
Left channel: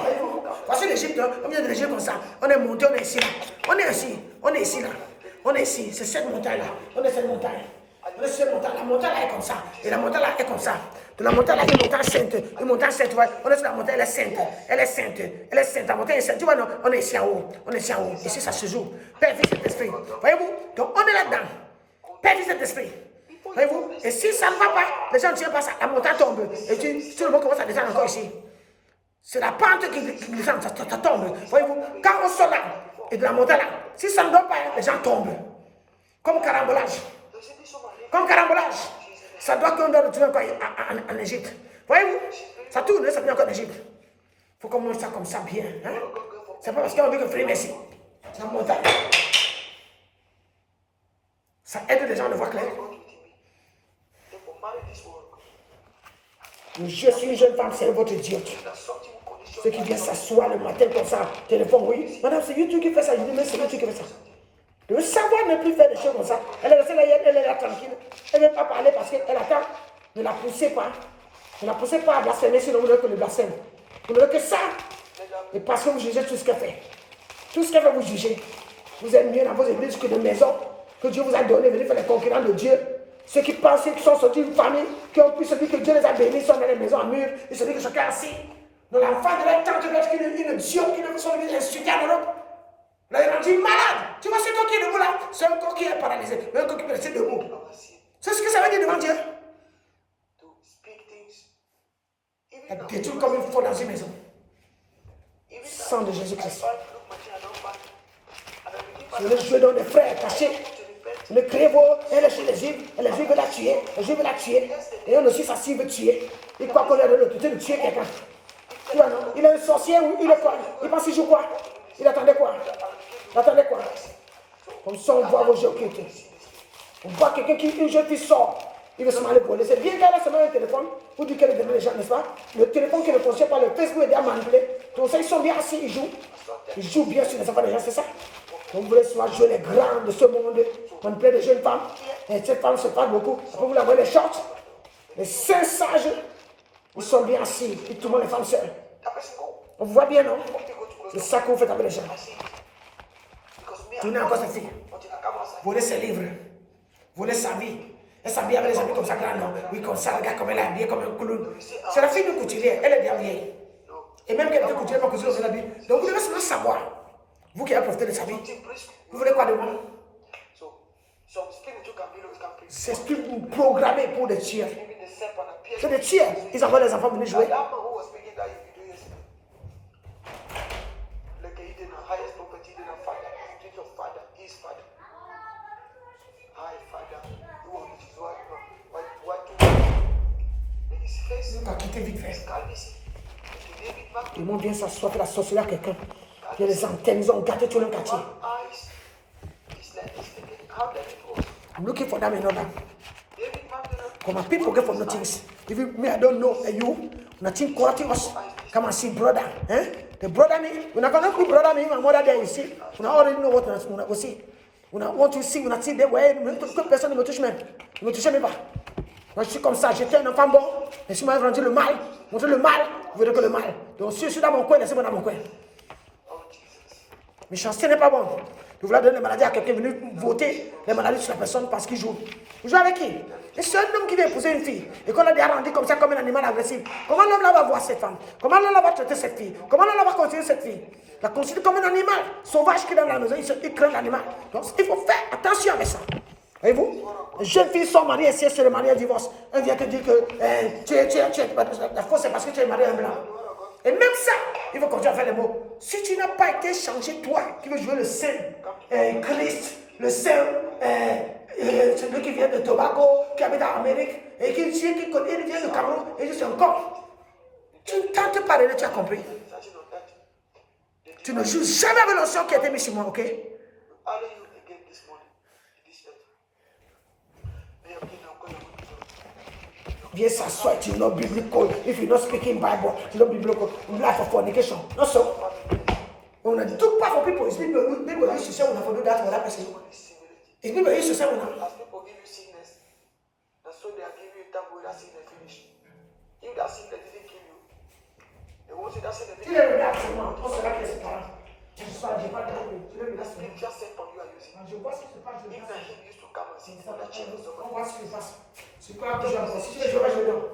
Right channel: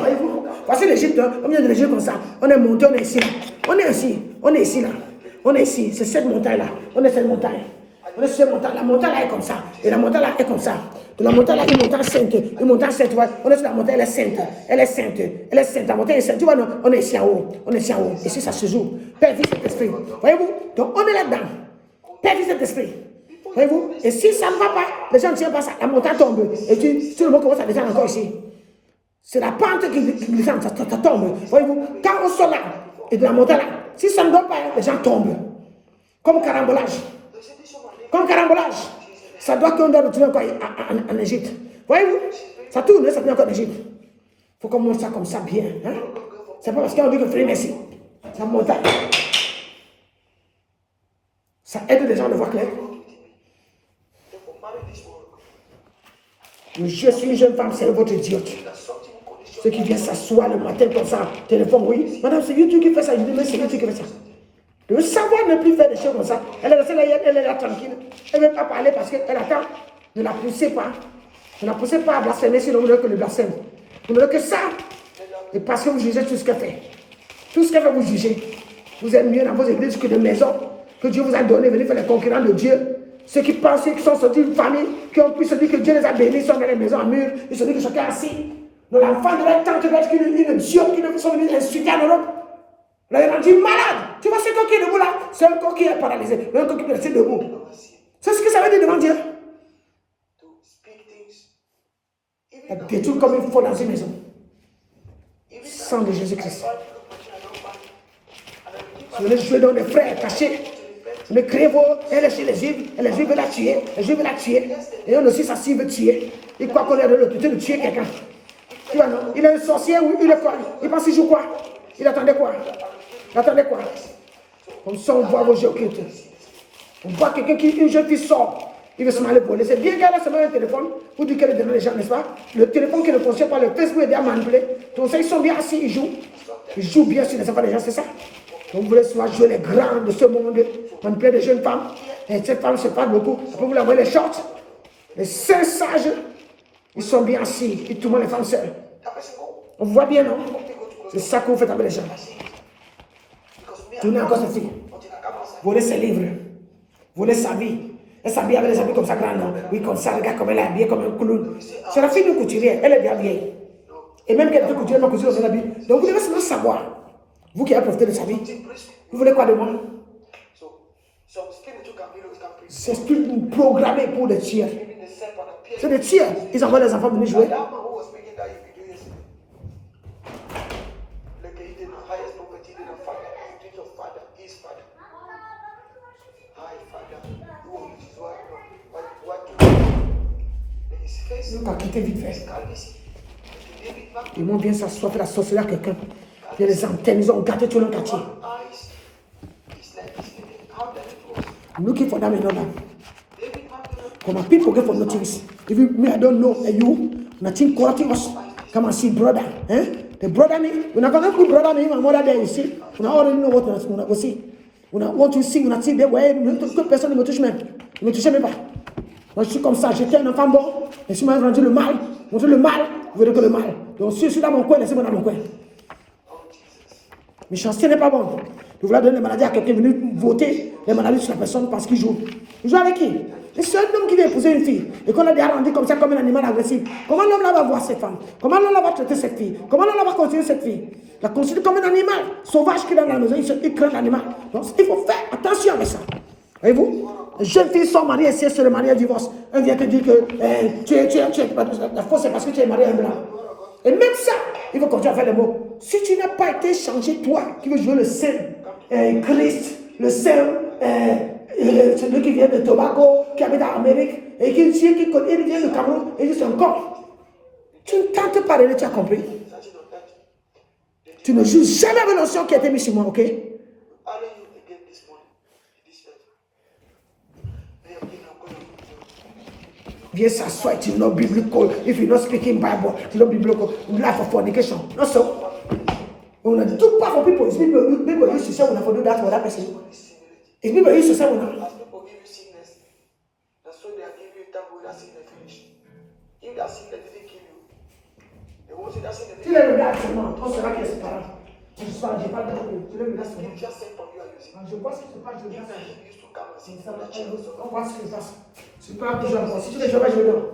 voyez-vous? Voici l'Égypte, hein? On vient de l'Égypte comme ça. On est monté, on est ici. On est ici. On est ici, là. On est ici. C'est cette montagne-là. On est cette montagne. On est sur cette montagne. La montagne là est comme ça. Et la montagne là est comme ça. De la montagne là, une montagne sainte. Une montagne sainte, tu vois. On est sur la montagne, elle est sainte. Elle est sainte. Elle est sainte. La montagne est sainte. Tu vois, non? On est ici en haut. On est ici en haut. Ici, ça se joue. Père, Fils, Saint-Esprit. Voyez-vous? Donc, on est là-dedans. Père, Fils, Saint-Esprit. Voyez-vous? Et si ça ne va pas, les gens ne tiennent pas ça. La montagne tombe. Et tu le monde commence à descendre encore ici. C'est la pente qui descend. Ça tombe. Voyez-vous? Quand on sort là, et de la montagne là, si ça ne donne pas, les gens tombent. Comme carambolage. Comme carambolage. Ça doit qu'on doit retourner encore en Égypte. Voyez-vous? Ça tourne, ça vient encore en Égypte. Il faut qu'on monte ça comme ça bien. Hein? C'est pas parce qu'on dit que frère, merci. Ça monte. Ça aide les gens à le voir clair. Je suis une jeune femme, c'est votre idiote. Ceux qui viennent s'asseoir le matin comme ça, téléphone, oui. Madame, c'est YouTube qui fait ça. Je dis, mais c'est YouTube qui fait ça. De savoir ne plus faire des choses comme ça. Elle est restée là, elle est là tranquille. Elle ne veut pas parler parce qu'elle attend. Ne la poussez pas. Ne la poussez pas à blasphémer si vous voulez que le blasphème. Vous ne voulez que ça. Et parce que vous jugez tout ce qu'elle fait. Tout ce qu'elle fait, vous jugez. Vous êtes mieux dans vos églises que de maisons que Dieu vous a donné. Venez faire les concurrents de Dieu. Ceux qui pensent qui sont sortis d'une famille, qui ont pu se dire que Dieu les a bénis, sont dans les maisons en mur. Ils se disent que chacun est assis. Donc l'enfant de la tante doit être une diop qui ne sont venus insulter en Europe. Là, il a dit malade. Tu vois ce corps qui est debout là? C'est un corps qui est paralysé. Mais un corps qui peut rester debout. C'est ce que ça veut dire devant Dieu. Elle détruit comme il faut dans une maison. Sang de Jésus-Christ. Je vais jouer dans les frères cachés. Le crévo, elle est chez les juifs. Et les juifs veulent la tuer. Les juifs veulent la tuer. Et on aussi, ça s'y veut tuer. Il croit qu'on est l'opportunité de tuer quelqu'un. Tu vois, il est un sorcier ou il est quoi? Il pense qu'il joue quoi? Il attendait quoi? Il attendait quoi? Comme ça, on voit vos jeux occultes. On voit quelqu'un qui, une jeune fille sort. Il veut se manipuler. C'est bien qu'elle a seulement un téléphone pour dire qu'elle est devant les gens, n'est-ce pas? Le téléphone qui ne fonctionne pas, le Facebook est bien manipulé. Donc ça, ils sont bien assis, ils jouent. Ils jouent bien sur les enfants des gens, c'est ça? Donc vous voulez souvent jouer les grands de ce monde, manipuler des jeunes femmes. Et cette femme se parle beaucoup. Après, vous la voyez les shorts. Les saints sages, ils sont bien assis. Ils tournent les femmes seules. On voit bien, non? C'est ça que vous faites avec les gens. Tournez encore cette fille. Voler ses livres. Voler sa vie. Elle s'habille avec les habits comme ça, grand, non? Oui, comme ça, regarde comme elle est habillée comme un clown. C'est la fille de couturier. Elle est bien vieille. Et même qu'elle était couturière, ma cousine, on s'est habillé. Donc vous devez seulement savoir. Vous qui avez profité de sa vie. Vous voulez quoi de moi? C'est plus programmé pour le tuer. C'est des tueurs. Ils envoient les enfants venir jouer. That man who was speaking that he do yesterday. Look, he did the highest property to the father. He did your father, his father. Hi, father. You will be what his face. On va quitter vite fait. Calvitie. David man. Ils vont bien s'asseoir, faire la sorcellerie à quelqu'un. Il y a des antennes, ils ont gâté tout le quartier. Eyes. It's like he's thinking, how did it go? Looking for them in order. David man. Come on, people get from nothing. If you, me, I don't know, you, nothing quality us. Come and see brother. Eh? The brother me, when I gonna put brother me, my mother there, you see. When I already know what I go see. When I want to see, when I see there, where personne ne me touche même. Ne me touche même pas. Moi, je suis comme ça, j'étais un enfant bon. Et si moi, j'ai rendu le mal, montrer le mal, vous verrez que le mal. Donc, si je suis dans mon coin, laissez-moi dans mon coin. Méchanceté n'est pas bon. Vous voulez donner les maladies à quelqu'un, venu voter les maladies sur la personne parce qu'il joue. Vous jouez avec qui? Et c'est un homme qui vient épouser une fille et qu'on a déjà rendu comme ça, comme un animal agressif. Comment l'homme là va voir cette femme? Comment l'homme là va traiter cette fille? Comment l'homme là va continuer cette fille? La considère comme un animal sauvage qui est dans la maison, il craint l'animal. Donc il faut faire attention avec ça. Voyez-vous? Les jeunes filles sont mariées et si elles se marient, elles divorcent. Elle vient te dire que la fausse c'est parce que tu es marié en blanc. Et même ça, il faut continuer à faire les mots. Si tu n'as pas été changé, toi, qui veux jouer le Saint Christ, le Saint, celui qui vient de Tobago, qui habite en Amérique, et qui connaît, il vient de Cameroun, et juste encore. Tu ne tentes pas de tu as compris. Tu ne joues jamais avec l'ancien qui a été mis sur moi, ok? Viens s'asseoir, tu know biblical. If you're not speaking Bible, you know biblical. Life of fornication. Not so. When I do part for people, it's people used to say when I do that for that person. It's people used to say when I. People give you sickness. That's so they are giving you time with that sickness finish. If that sickness didn't kill you, they won't say that sickness. Tu l'as regardé seulement, on sera qui est séparé. Tu ne sais pas, j'ai pas de tu l'as regardé seulement. Just sent from you are using. Je vois ce qui se passe, je regarde. He used to come and see. On voit ce qui se passe. C'est pas que je vois. Si tu les joues, je vais dehors.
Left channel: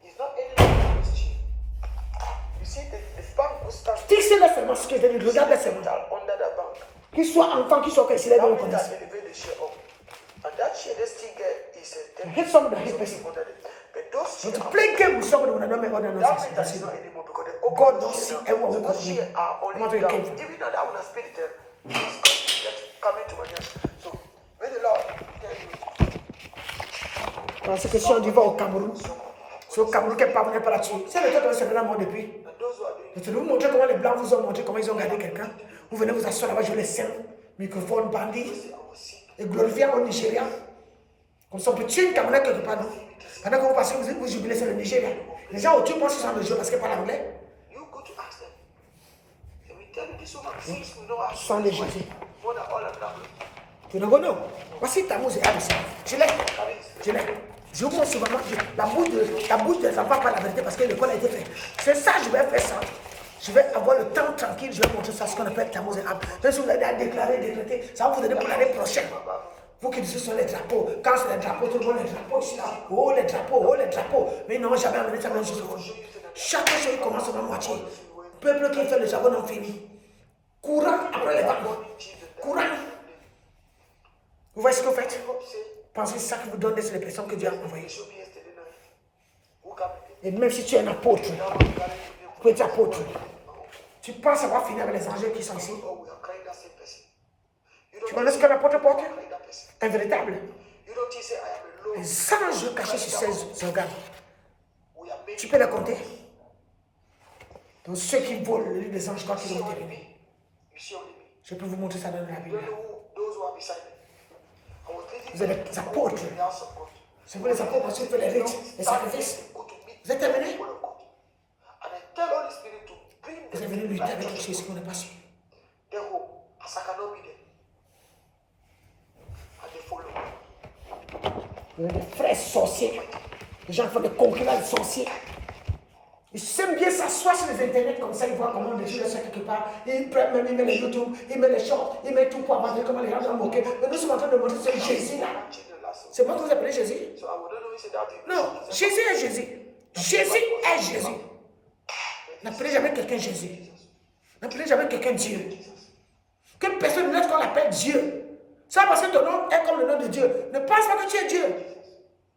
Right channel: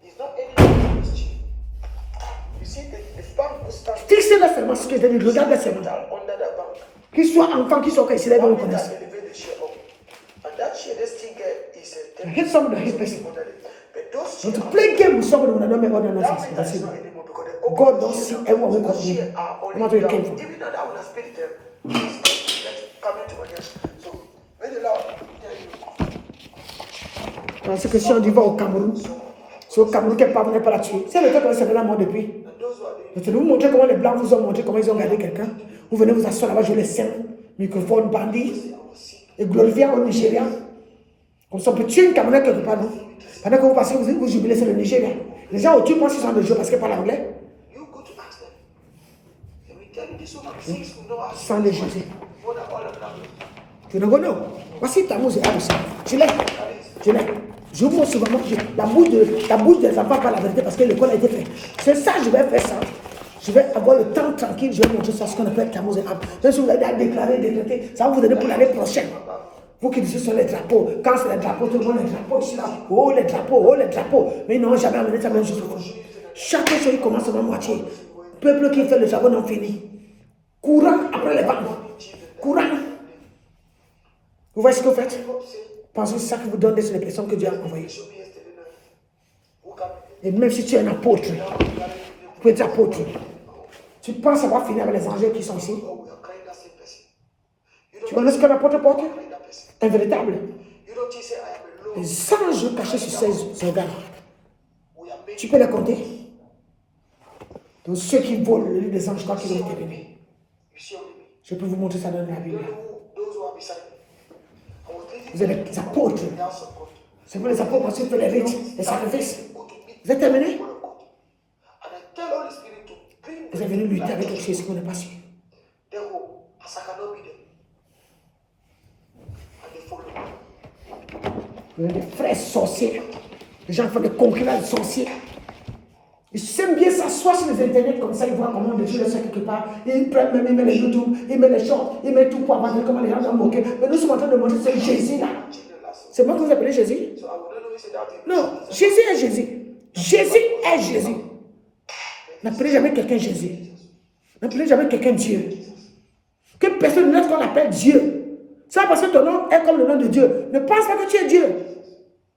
He's not anything to cheap. You see, the bank will start Fixez-le seulement ce que je dis, regarde-le seulement. under the bank. Qu'il soit enfant, qu'il soit quand il se lève, on commence. Elevate the share up. And that share they still get is a You hit somebody, hit person. but those And to play game with somebody when I don't make other nonsense. That's it. anymore because the God don't see everyone who comes to me. No matter where you came from. even though that would have spirit them, it's coming to my ears. So may the Lord tell you. Parce que si on dit va au Cameroun, c'est au Cameroun qu'elle parvenait pas là-dessus. C'est le temps qu'on s'est là moi depuis. Je vais vous montrer comment les Blancs vous ont montré comment ils ont gardé quelqu'un. Vous venez vous asseoir là-bas, jouer les saints, microphone, bandit, et glorifier au Nigeria. Comme ça, on peut tuer une Camerounais quelque part, non? Pendant que vous passez, vous jubilez, c'est le Nigeria. Les gens au-dessus pensent qu'ils sont de jeu parce qu'ils parlent anglais. You go to ask them. They will tell you this woman sees we know how Ils sont des Jésus. for the all of them. Je ne connais pas. Voici ta musique aussi. Je l'ai. Je l'ai. Je vous montre souvent, la bouche des enfants par la vérité parce que l'école a été faite. C'est ça, je vais faire ça. Je vais avoir le temps tranquille, je vais montrer ça, ce qu'on appelle Tammuz et Ab. Même si vous avez à déclarer, ça va vous aider pour l'année prochaine. Vous qui dites sur les drapeaux, quand c'est les drapeaux, tout le monde les drapeaux ici là. Oh les drapeaux. Mais ils n'ont jamais amené ça même juste au fond. Chaque chose qui commence à la moitié. Peuple qui fait les travaux non finis. Courant après les banques. Courant. Vous voyez ce que vous faites? Pensez que c'est ça qui vous donne des personnes que Dieu a envoyées. Et même si tu es un apôtre, tu peux être apôtre. Tu penses avoir fini avec les angels qui sont ici? Tu connais ce qu'un apôtre porte? Un véritable. Les anges cachés sur 16 organes. Tu peux les compter? Donc ceux qui volent le lit des anges, je crois qu'ils ont été bénis. Je peux vous montrer ça dans la Bible. Vous êtes des apôtres. C'est vous les apôtres parce que vous faites les rites, les sacrifices. Vous êtes terminés? Vous êtes venus lutter avec quelque chose qu'on n'a pas su. Vous êtes des frères sorciers. Les gens font des concurrents de sorciers. Ils aiment bien s'asseoir sur les internets comme ça, ils voient comment les gens le sont quelque part. Ils prennent même, ils mettent les YouTube, ils mettent les shorts, ils mettent tout pour avancer comment les gens vont moquer. Mais nous sommes en train de montrer ce Jésus là. C'est moi que vous appelez Jésus? Non, Jésus est Jésus. Jésus est Jésus. N'appelez jamais quelqu'un Jésus. N'appelez jamais quelqu'un Dieu. Que personne ne qu'on l'appelle Dieu. Ça parce que ton nom est comme le nom de Dieu. Ne pense pas que tu es Dieu.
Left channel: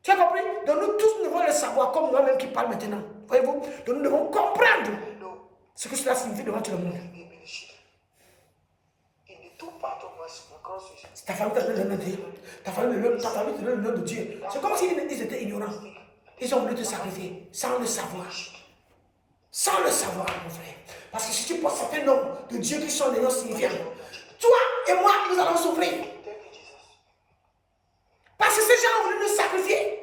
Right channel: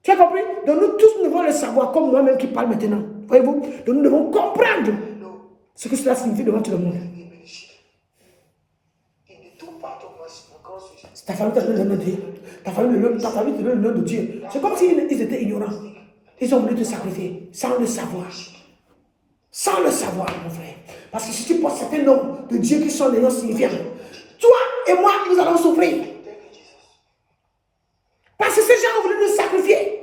Tu as compris? Donc nous tous, nous devons le savoir, comme moi-même qui parle maintenant. Voyez-vous? Donc nous devons comprendre ce que cela signifie devant tout le monde. Ta famille te donne le nom de Dieu. Ta famille te donne le nom de Dieu. C'est comme s'ils étaient ignorants. Ils ont voulu te sacrifier sans le savoir. Sans le savoir, mon frère. Parce que si tu portes certains noms de Dieu qui sont des noms signifiants, toi et moi, nous allons souffrir. Parce que ces gens ont voulu nous sacrifier.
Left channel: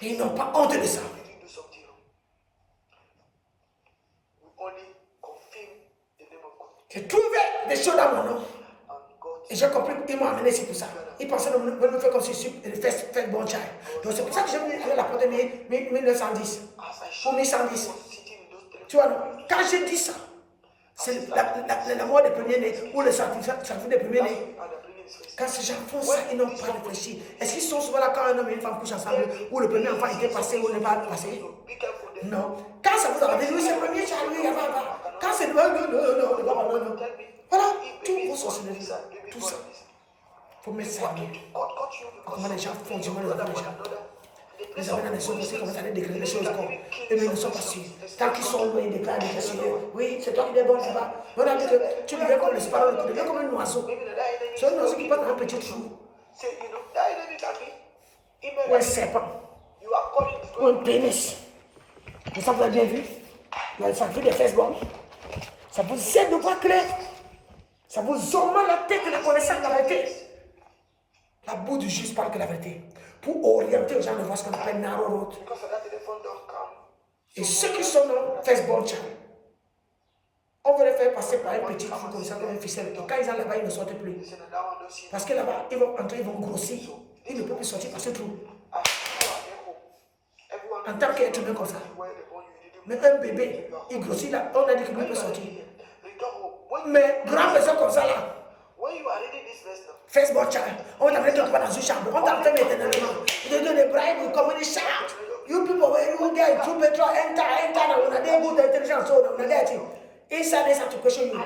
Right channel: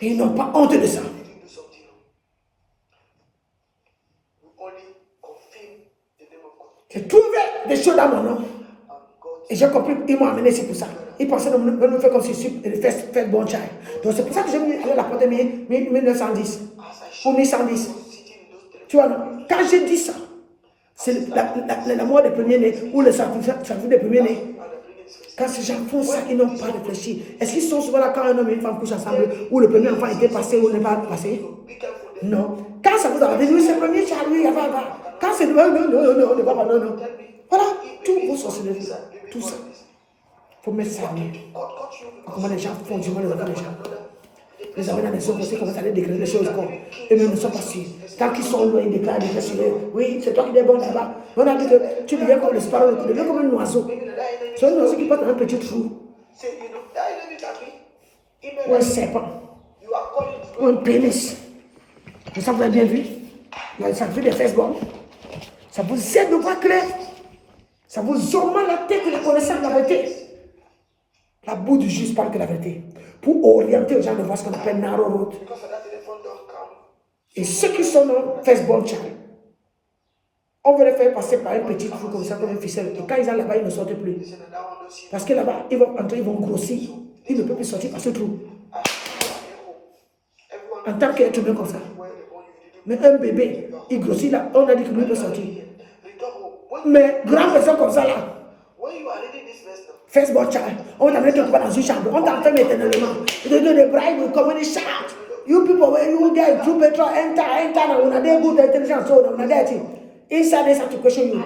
Et ils n'ont pas honte de ça. J'ai trouvé des choses dans mon nom. Et j'ai compris, ils m'ont amené, c'est pour ça. Ils pensaient de me faire comme si je fais bon child. Donc c'est pour ça que j'ai mis à la porte 1910 ou 1110. Tu vois, non? Quand j'ai dit ça, c'est la mort des premiers-nés ou le sacrifice des premiers-nés. Quand ces gens font ça, ils n'ont pas réfléchi. Est-ce qu'ils sont souvent là quand un homme et une femme couchent ensemble, où le premier enfant était passé ou n'est pas passé? Non. Quand ça vous a dit, oui, c'est le premier child, oui, quand c'est non. Voilà, tous vos sorcelleries, tout ça. Il faut mettre ça à mieux. Comment les gens font du mal les enfants des gens. Les enfants dans les zones, c'est commencent à déclarer des choses comme eux-mêmes ne sont pas sûrs. Tant qu'ils sont loin, ils déclarent des choses. Oui, c'est toi qui es bon là-bas. On a dit que tu deviens comme le sparrow, tu deviens comme un oiseau. C'est un oiseau qui passe dans un petit trou. Ou un serpent. Ou un pénis. Vous avez bien vu? Ça vous des fesses bonnes. Ça vous aide de voir clair. Ça vous augmente la tête de la connaissance de la vérité. La boue du juste parle que la vérité. Pour orienter les gens de voir ce qu'on appelle narrow road. Et ceux qui sont dans Facebook channel, on veut les faire passer par un petit trou comme ça, comme un ficelle. Et quand ils arrivent là-bas, ils ne sortent plus. Parce que là-bas, ils vont entrer, ils vont grossir. Ils ne peuvent plus sortir par ce trou. En tant qu'être humain comme ça. Mais un bébé, il grossit là, on a dit qu'il peut sortir. Mais grande personne comme ça là, Facebook child, on t'a mis quelque part dans une chambre, on t'a enfermé éternellement. Ils te donnent des bribes, comme on shout. You people, when you get through petrol, enter, on a des good intelligence, on a that. Inside this have to question you.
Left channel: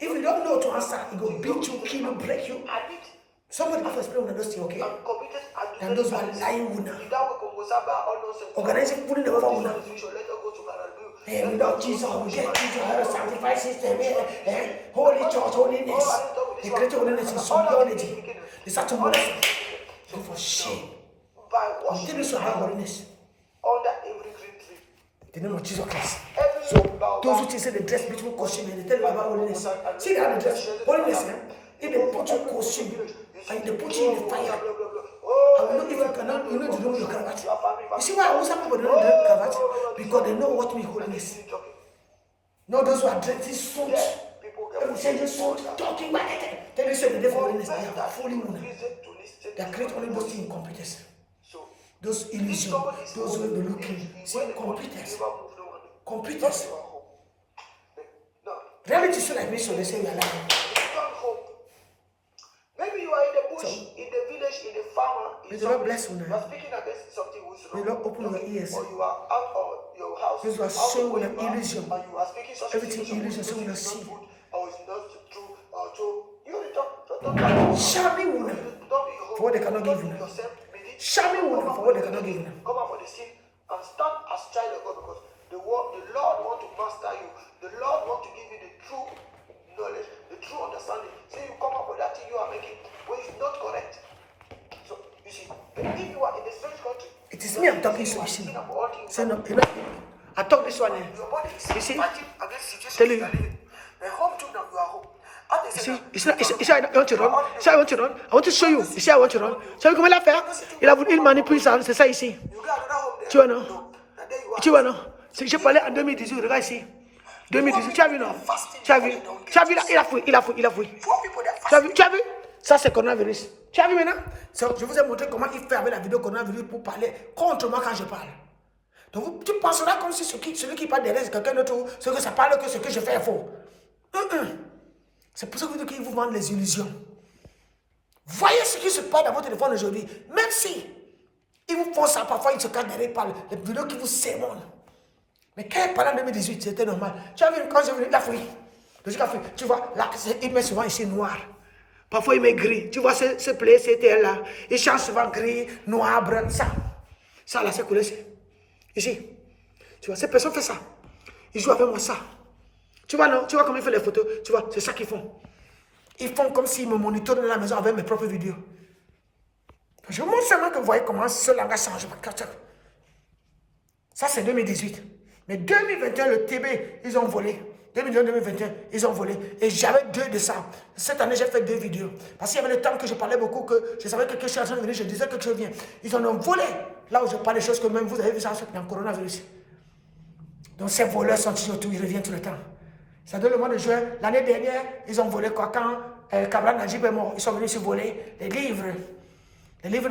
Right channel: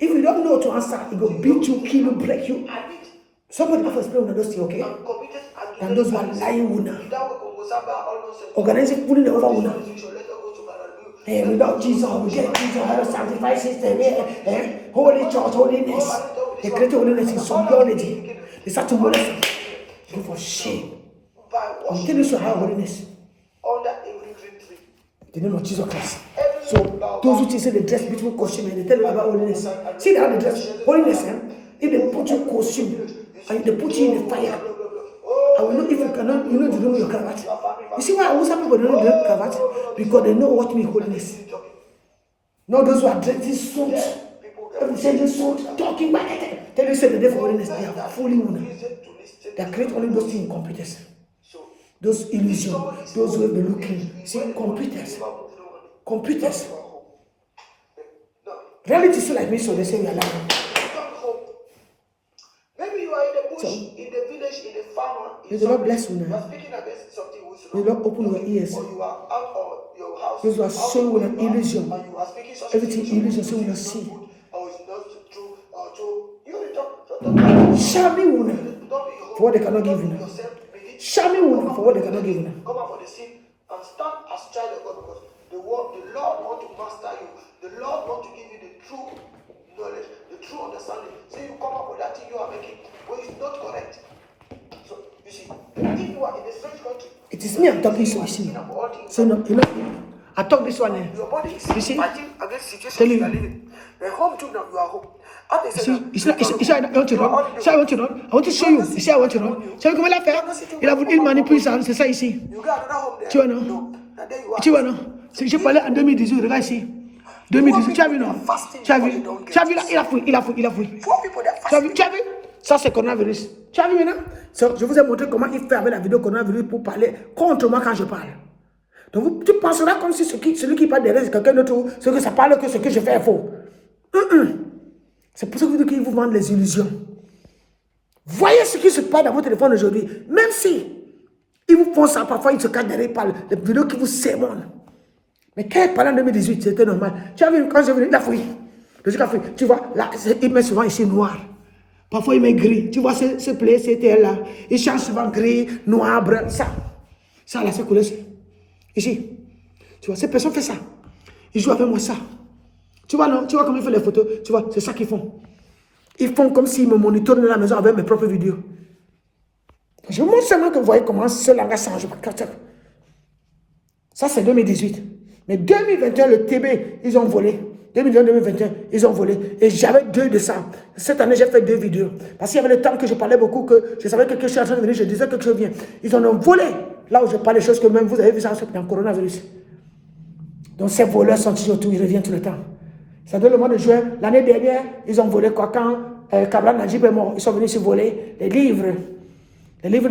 If you don't know to answer, it will beat you, kill you, break you. Somebody go for explain when those things, okay? And those who are lying women. Organizing pulling over women. Hey, without Jesus, we get Jesus, sacrifice system, holy church, holiness. They create holiness in some theology. They start to molest us. Look for shame. I'm telling you so how holiness. The name of Jesus Christ. So those who say they dress beautiful costume and they tell you about holiness. See how they dress holiness, if they put you costume and they put you in the fire, I will know if you cannot, you know to remove your cravat. You see why most people don't know the cravat? Because they know what means holiness. Not those who are dressing suit, everything suit, talking back at them. Tell you say the day for holiness, they are fooling women. They create only those things in computers. Those illusions, those who have been looking. See, computers. Reality is like me, so they say we are lying. Maybe you are in the bush, in the village, in the farm. May the Lord bless you now. May the Lord open your ears. Those who are showing with an illusion. Everything illusion, so we will see. Show me one for what they cannot give you. Show me one for what they cannot give you. Come out for the seed and stand as child of God because the Lord wants to master you. The Lord wants to give you the true knowledge, the true understanding. So you come up with that thing you are making, but it's not correct. So you see, if you are in a strange country, it is me I'm talking so you see. So no, you know, I talk this one. Your body is fighting against situations Tell you are living. The home too now, you are home. You see, I want to run. I want to run. I want to show you. You see, I want to run. So comment la faire? Il a voulu manipuler ça, c'est ça ici. Tu vois non? Tu vois non? Je parlais en 2018, regarde ici. 2018, tu as vu non? Tu as vu là, il a fouillé. Tu as vu? Ça c'est coronavirus. Tu as vu maintenant? Je vous ai montré comment il fait avec la vidéo coronavirus pour parler contre moi quand je parle. Donc tu penseras comme si celui qui parle derrière c'est quelqu'un d'autre, ce que ça parle que ce que je fais est faux. C'est pour ça que vous dites qu'ils vous vendent les illusions. Voyez ce qui se passe dans votre téléphone aujourd'hui. Même si ils vous font ça, parfois ils se cachent derrière par les vidéos qui vous sémonnent. Mais quand il parlait en 2018, c'était normal. Tu as vu, quand j'ai venu, il a fouillé. Tu vois, là, il met souvent ici noir. Parfois, il met gris. Tu vois ce play, c'était là. Il change souvent gris, noir, brun, ça. Ça, là, c'est coulé ici. Ici. Tu vois, ces personnes font ça. Ils jouent avec moi ça. Tu vois, non? Tu vois comment ils font les photos? Tu vois, c'est ça qu'ils font. Ils font comme s'ils me monitorent dans la maison avec mes propres vidéos. Je vous montre seulement que vous voyez comment ce langage change. Ça, c'est 2018. Mais 2021, le TB, ils ont volé. 2020-2021, ils ont volé. Et j'avais 2 de ça. Cette année, j'ai fait 2 vidéos. Parce qu'il y avait le temps que je parlais beaucoup, que je savais que quelque chose est en train de venir, je disais que quelque chose vient. Ils en ont volé. Là où je parle des choses que même vous avez vu ça dans le coronavirus. Donc ces voleurs sont toujours autour, ils reviennent tout le temps. Ça donne le mois de juin. L'année dernière, ils ont volé quoi? Quand Kabla Najib est mort, ils sont venus se voler les livres. Les livres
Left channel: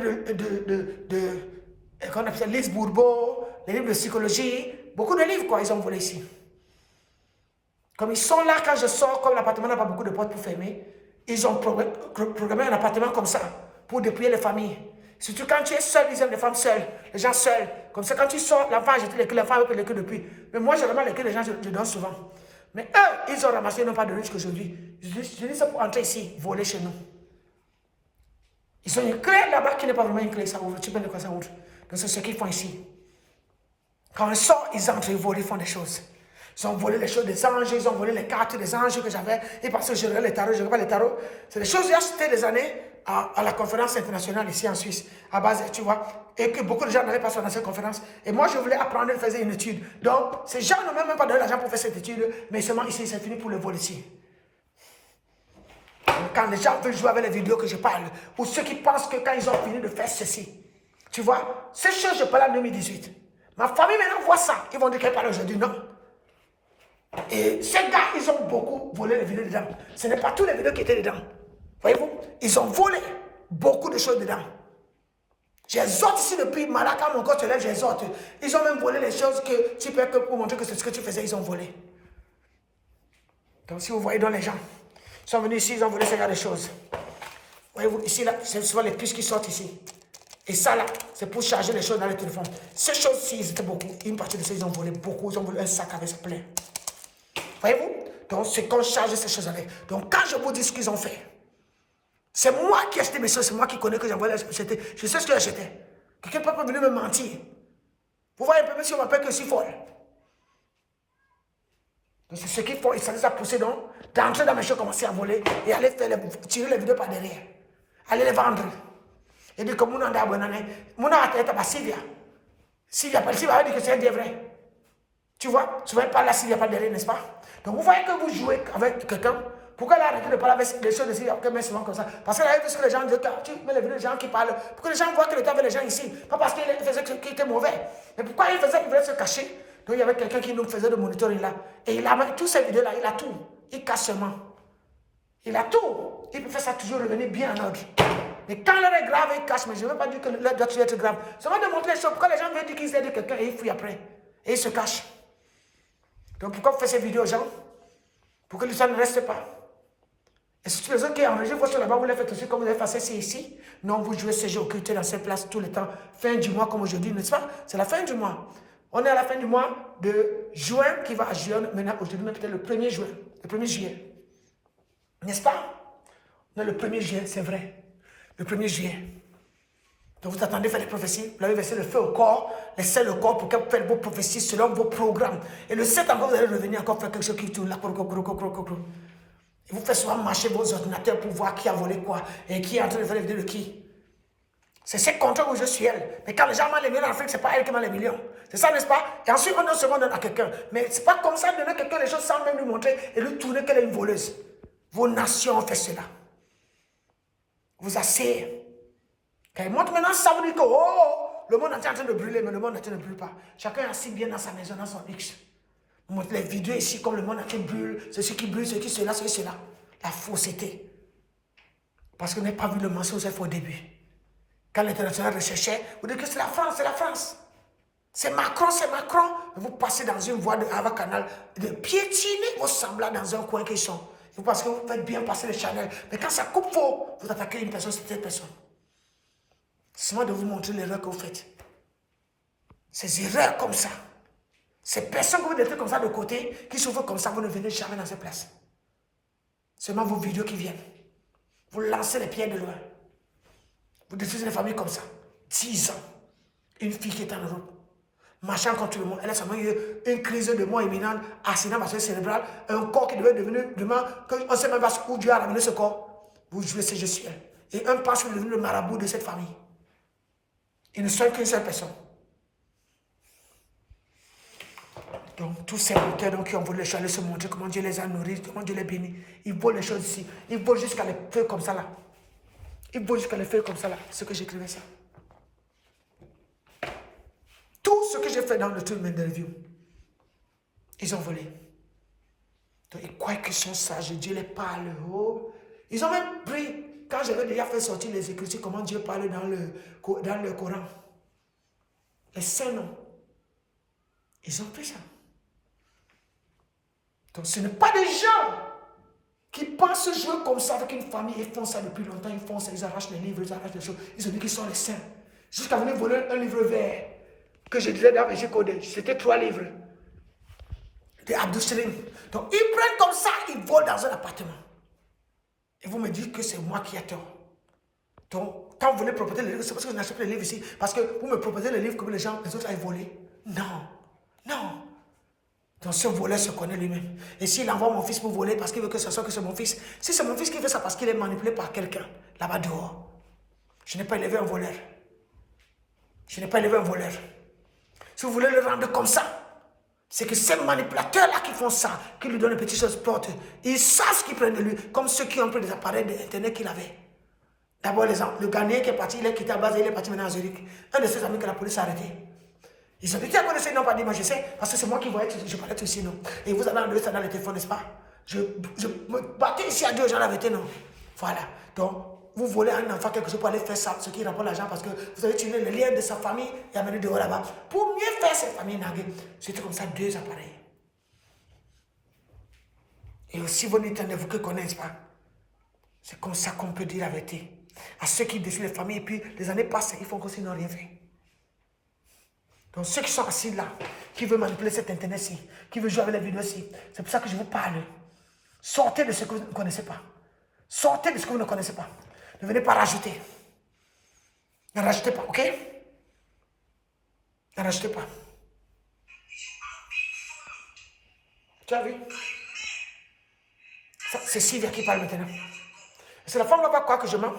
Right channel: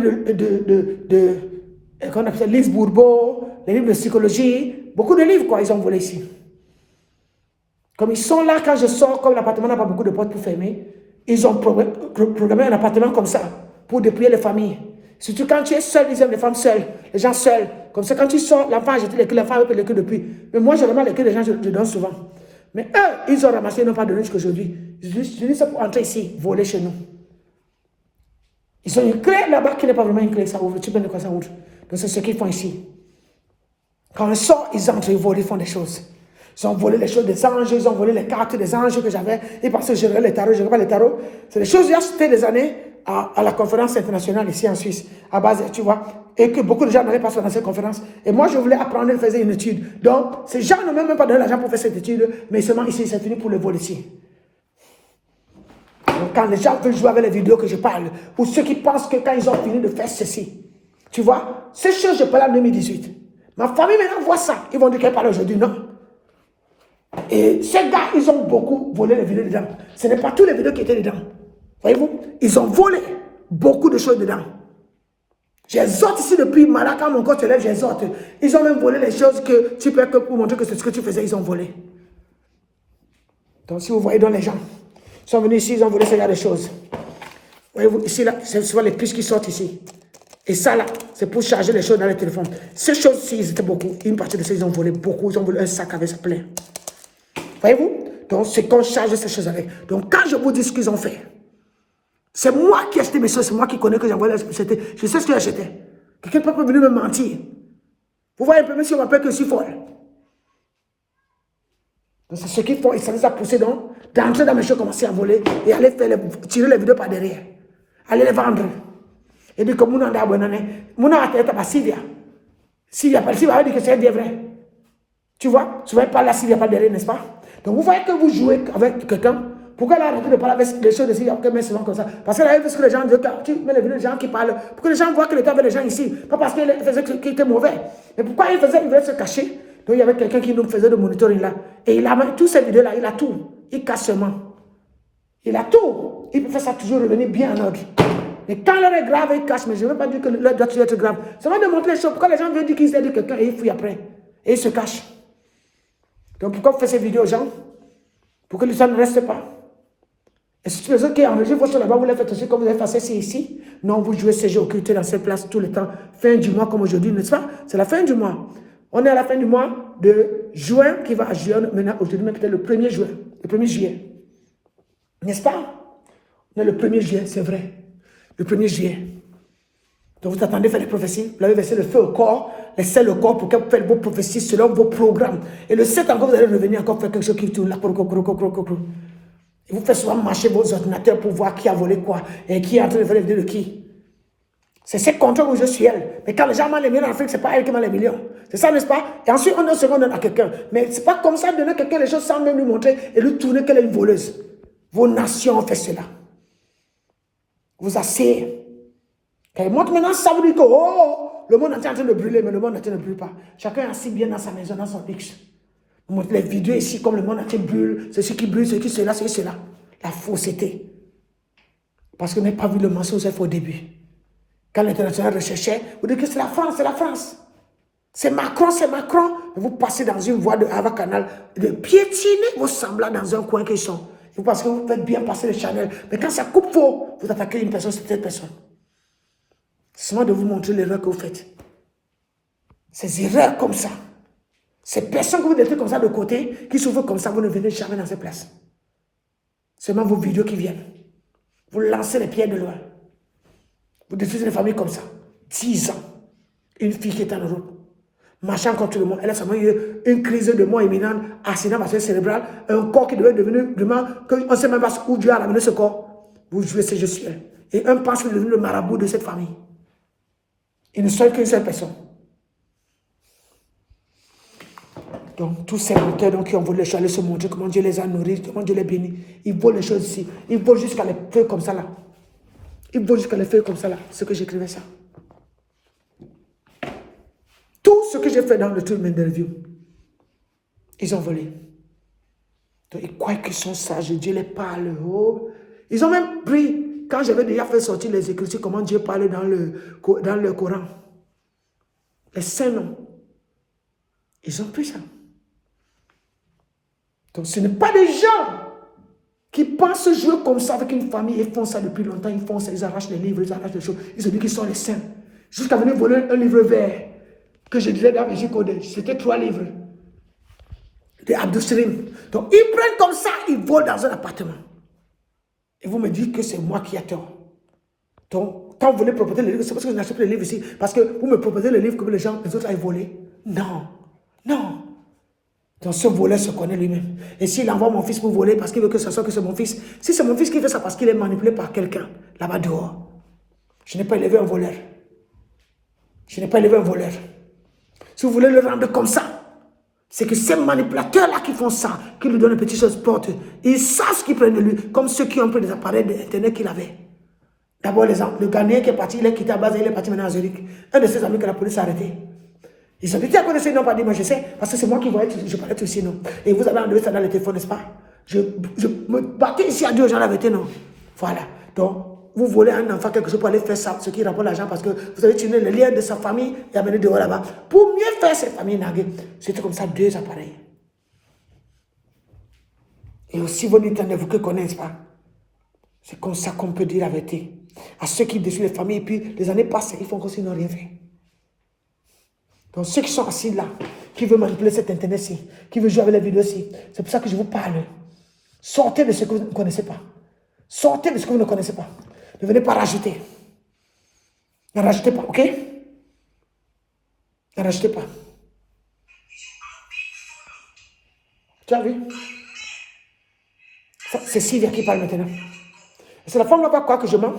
qu'on appelle Lise Bourbeau, les livres de psychologie. Beaucoup de livres, quoi, ils ont volé ici. Comme ils sont là, quand je sors, comme l'appartement n'a pas beaucoup de portes pour fermer, ils ont programmé un appartement comme ça, pour dépouiller les familles. Surtout quand tu es seul, ils aiment les femmes seules, les gens seuls. Comme ça, quand tu sors, l'enfant a jeté les clés, l'enfant a les clés depuis. Mais moi, je remets les clés des gens, je donne souvent. Mais eux, ils ont ramassé, ils n'ont pas donné jusqu'à aujourd'hui. Je dis ça pour entrer ici, voler chez nous. Ils ont une clé là-bas qui n'est pas vraiment une clé, ça ouvre. Tu peux de quoi ça ouvre. Donc c'est ce qu'ils font ici. Quand ils sortent, ils entrent, ils volent, ils font des choses. Ils ont volé les choses des anges, ils ont volé les cartes des anges que j'avais. Ils pensaient que je regardais les tarots, je ne regarde pas les tarots. C'est des choses que j'ai achetées des années à la conférence internationale ici en Suisse, à base, tu vois, et que beaucoup de gens n'avaient pas fait dans cette conférence. Et moi, je voulais apprendre, je faisais une étude. Donc, ces gens n'ont même pas donné l'argent pour faire cette étude, mais seulement ici, c'est fini pour le vol ici. Donc, quand les gens veulent jouer avec les vidéos que je parle, ou ceux qui pensent que quand ils ont fini de faire ceci, tu vois, ces choses, je parle en 2018. Ma famille maintenant voit ça. Ils vont dire qu'elle parle aujourd'hui, non. Et ces gars, ils ont beaucoup volé les vidéos dedans. Ce n'est pas tous les vidéos qui étaient dedans. Voyez-vous, ils ont volé beaucoup de choses dedans. J'exhorte ici depuis Malaka, mon corps se lève, j'exhorte. Ils ont même volé les choses que tu peux, que pour montrer que c'est ce que tu faisais, ils ont volé. Donc si vous voyez dans les gens, ils sont venus ici, ils ont volé ce genre de choses. Voyez-vous, ici, là, c'est souvent les puces qui sortent ici. Et ça, là, c'est pour charger les choses dans le téléphone. Ces choses-ci, ils étaient beaucoup. Une partie de ça, ils ont volé beaucoup. Ils ont volé un sac avec ça plein. Voyez-vous? Donc, c'est qu'on charge ces choses avec. Donc, quand je vous dis ce qu'ils ont fait, c'est moi qui ai acheté mes choses, c'est moi qui connais que j'ai envoyé. Je sais ce que j'ai acheté. Quelqu'un ne peut pas venir me mentir. Vous voyez un peu, même si on m'appelle que si folle. Donc, c'est ce qu'ils font. Ils s'en ont poussé donc, d'entrer dans mes choses, commencer à voler et aller faire tirer les vidéos par derrière. Aller les vendre. Et dit que mon anda abonné, mon a été à Sylvia. Sylvia va dire que c'est vrai. Tu vois, tu vas pas là Sylvia pas derrière, n'est-ce pas? Donc vous voyez que vous jouez avec quelqu'un. Pourquoi elle a arrêté de parler avec les choses de Sylvia, mais souvent comme ça? Parce qu'elle a vu ce que les gens disent, tu mets les vidéos des gens qui parlent, pour que les gens voient qu'il était avec les gens ici. Pas parce qu'il faisait qu'il était mauvais. Mais pourquoi il voulait se cacher? Donc il y avait quelqu'un qui nous faisait de monitoring là. Et il a tous ces vidéos là, il a tout. Il cache seulement. Il a tout. Il peut faire ça toujours revenir bien en ordre. Mais quand l'heure est grave, il cache. Mais je ne veux pas dire que l'heure doit être grave. Ça va démontrer les choses. Pourquoi les gens veulent dire qu'ils aident quelqu'un et ils fouillent après. Et ils se cachent. Donc pourquoi vous faites ces vidéos aux gens? Pour que les gens ne restent pas. Et si tu les autres qui enregistrent vos choses là-bas, vous les faites aussi comme vous avez fait ça ici. Non, vous jouez ces jeux occultés dans ces places tout le temps. Fin du mois comme aujourd'hui, n'est-ce pas? C'est la fin du mois. On est à la fin du mois de juin qui va à juin. Maintenant, aujourd'hui, même peut-être le 1er juin. Le 1er juillet. N'est-ce pas? On est le 1er juillet, c'est vrai. Le 1er juillet. Donc vous attendez faire les prophéties, vous avez versé le feu au corps, laissez le corps pour que vous fassiez vos prophéties selon vos programmes. Et le 7 encore, vous allez revenir encore faire quelque chose qui tourne là. Et vous faites souvent marcher vos ordinateurs pour voir qui a volé quoi et qui est en train de faire les vidéos de qui. C'est ces contrôles où je suis elle. Mais quand les gens m'ont les millions en Afrique, ce n'est pas elle qui m'a les millions. C'est ça, n'est-ce pas? Et ensuite, on donne à quelqu'un. Mais ce n'est pas comme ça de donner à quelqu'un les choses sans même lui montrer et lui tourner qu'elle est une voleuse. Vos nations ont fait cela. Vous asseyez. Quand il montre maintenant, ça veut dire que le monde est en train de brûler, mais le monde entier ne brûle pas. Chacun est assis bien dans sa maison, dans son X. Vous montrez les vidéos ici, comme le monde entier brûle, ceci qui brûle, ceci, cela, ceci, cela. La fausseté. Parce que vous n'avez pas vu le mensonge au début. Quand l'international recherchait, vous dites que c'est la France, c'est la France. C'est Macron, c'est Macron. Mais vous passez dans une voie de Ava Canal, de piétiner vos semblants dans un coin qu'ils sont. Parce que vous faites bien passer le Chanel. Mais quand ça coupe faux, vous attaquez une personne, c'est cette personne. C'est seulement de vous montrer l'erreur que vous faites. Ces erreurs comme ça. Ces personnes que vous mettez comme ça de côté, qui s'ouvrent comme ça, vous ne venez jamais dans ces places. Seulement vos vidéos qui viennent. Vous lancez les pierres de loin. Vous détruisez les familles comme ça. 10 ans. Une fille qui est en Europe, marchant contre le monde. Elle a seulement eu une crise de mort imminente, accident vasculaire cérébral, un corps qui devait devenir vraiment, qu'on ne sait même pas où Dieu a ramené ce corps. Vous jouez ce jeu sur elle. Et un pense qu'il est devenu le marabout de cette famille. Il ne serait qu'une seule personne. Donc, tous ces menteurs qui ont volé les choses, aller se montrer comment Dieu les a nourris, comment Dieu les bénit. Ils volent les choses ici. Ils volent jusqu'à les feux comme ça là. Ils volent jusqu'à les feux comme ça là. Ce que j'écrivais ça. Tout ce que j'ai fait dans le tour d'interview, ils ont volé. Donc, ils croient qu'ils sont sages. Dieu les parle. Oh. Ils ont même pris, quand j'avais déjà fait sortir les Écritures, comment Dieu parle dans le Coran. Les saints noms. Ils ont pris ça. Donc, ce n'est pas des gens qui pensent jouer comme ça avec une famille. Ils font ça depuis longtemps. Ils font ça, ils arrachent les livres, ils arrachent les choses. Ils ont dit qu'ils sont les saints. Jusqu'à venir voler un livre vert que je disais dans Régis Codé. C'était 3 livres. Des Abdou-Salim. Donc, ils prennent comme ça, ils volent dans un appartement. Et vous me dites que c'est moi qui ai tort. Donc, quand vous voulez proposer les livres, c'est parce que je n'achète pas les livres ici. Parce que vous me proposez les livres que les autres aillent voler. Non. Non. Donc, ce voleur se connaît lui-même. Et s'il envoie mon fils pour voler parce qu'il veut que ce soit que c'est mon fils, si c'est mon fils qui fait ça parce qu'il est manipulé par quelqu'un, là-bas dehors, je n'ai pas élevé un voleur. Je n'ai pas élevé un voleur. Si vous voulez le rendre comme ça, c'est que ces manipulateurs-là qui font ça, qui lui donnent une petite chose porte, ils savent ce qu'ils prennent de lui, comme ceux qui ont pris des appareils d'Internet qu'il avait. D'abord, le Ghanéen qui est parti, il est quitté à base, il est parti maintenant à Zurich. Un de ses amis que la police a arrêté. Ils ont dit, à quoi ils n'ont pas dit, moi je sais, parce que c'est moi qui voyais, je parlais tout ici, non. Et vous avez enlevé ça dans le téléphone, n'est-ce pas? Je me battais ici à Dieu, j'en avais été, non. Voilà. Donc, vous volez un enfant quelque chose pour aller faire ça, ce qui rapporte l'argent, parce que vous avez tué les liens de sa famille et amené dehors là-bas. Pour mieux faire cette famille naguée, c'était comme ça 2 appareils. Et aussi, vous n'entendez-vous que connaissez pas. C'est comme ça qu'on peut dire la vérité. À ceux qui détruisent les familles, et puis les années passent, ils font comme s'ils n'ont rien fait. Donc ceux qui sont assis là, qui veulent manipuler cet internet-ci, qui veulent jouer avec les vidéos-ci, c'est pour ça que je vous parle. Sortez de ce que vous ne connaissez pas. Sortez de ce que vous ne connaissez pas. Ne venez pas rajouter. Ne rajoutez pas, ok? Ne rajoutez pas. Tu as vu? C'est Sylvia qui parle maintenant. C'est la femme là-bas, quoi, que je mens.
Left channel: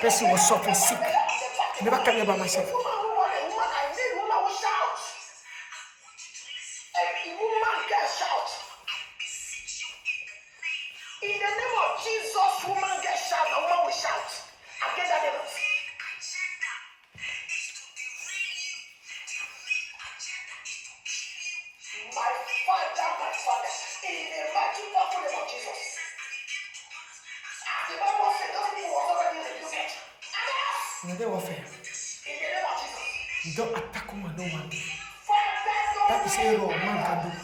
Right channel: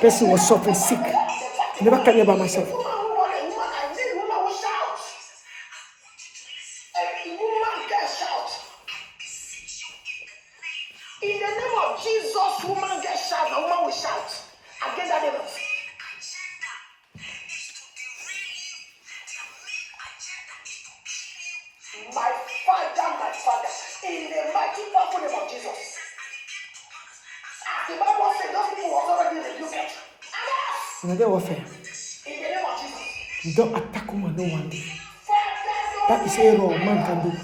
Person was suffering sick. I never carry about myself. In the name of Jesus, woman gets shout, a woman will shout. Against that devil. My Father, in the mighty powerful name of Jesus. As the Bible says, those people were already rebuked. Another warfare. In the name of Jesus. You don't attack woman no one day. That is a wrong man can do.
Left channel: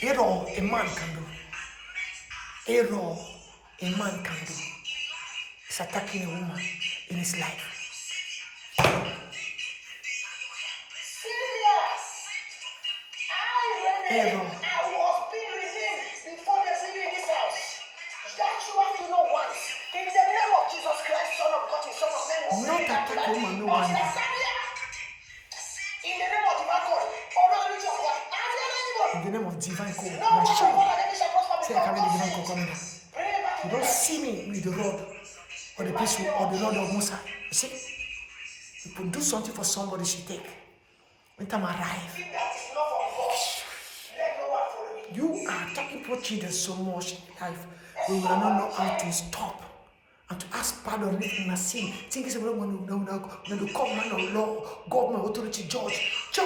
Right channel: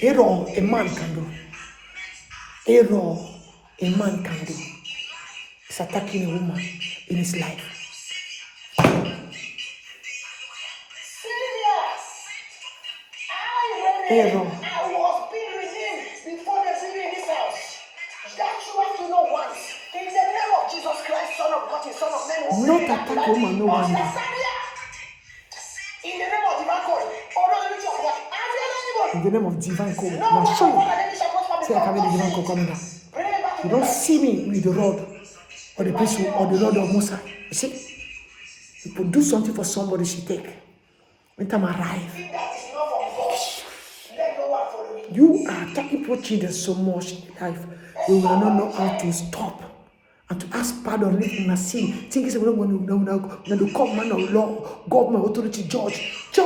Error a man can do. Error a man can do. It's attacking a woman in his life. Error. I was being redeemed before the city in this house. That you have to know once. In the name of Jesus Christ, Son of God, Son of Man. Not attack a woman no one day. In the name of divine God. In the name of divine code. Now show you. Say I come in the divine code coming down. You don't see me with the rod or the pistol or the rod of Musa. You see? You could do something for somebody, she take. When time arrive. You are attacking poor children so much in life. You will not know how to stop and to ask pardon in a sin. Think it's when you come man of law, government, authority, judge to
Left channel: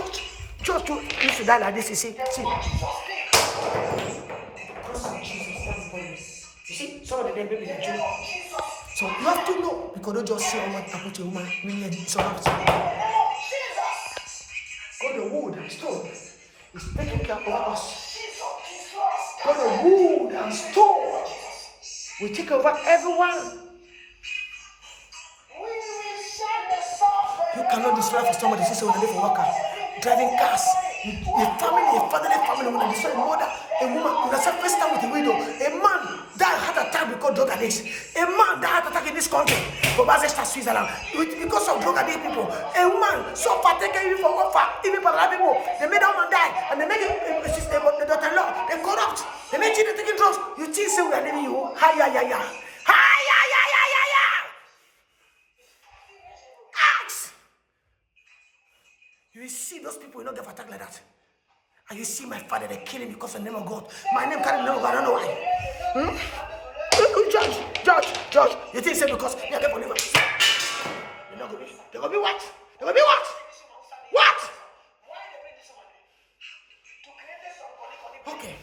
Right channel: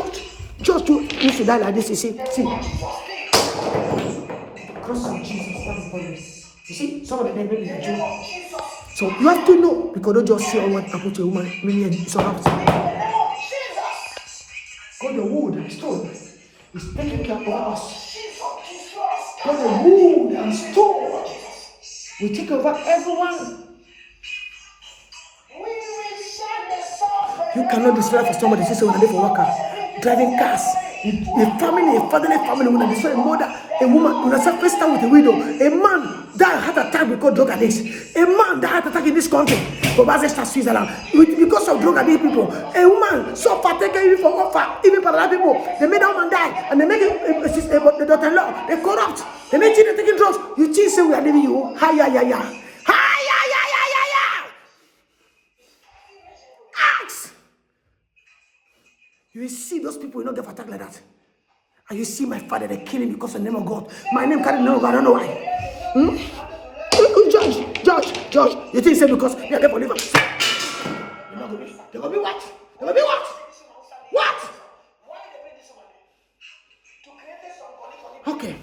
used to die like this. You see. Cross of Jesus. You see, some of the name maybe a joke. So you have to know, because don't just see what happened to a woman. It's all right. God, the wood and stone is taking care of us. God, the wood and stone will take over everyone. You cannot destroy for somebody. Say, when I live for worker, driving cars. A family, a fatherly family, when I destroy a mother, a woman, when I say first time with a widow, a man that had attack because drug addicts, a man that had attack in this country, for Basel, Switzerland, because of drug addict people, a woman suffer taken even for offer, even for other people. They made that woman die, and they make the daughter-in-law, they corrupt, they make children taking drugs. You think say we are leaving you? Hi, ya, ya, ya. Hi, ya, ya, ya, ya, ya. Ask. You will see those people will not get attacked like that. And you see my father, they kill him because of the name of God. My name carries the name of God, I don't know why. Judge. You think say because they are there for liver? They're going to be what? They're going to be what? What? Okay.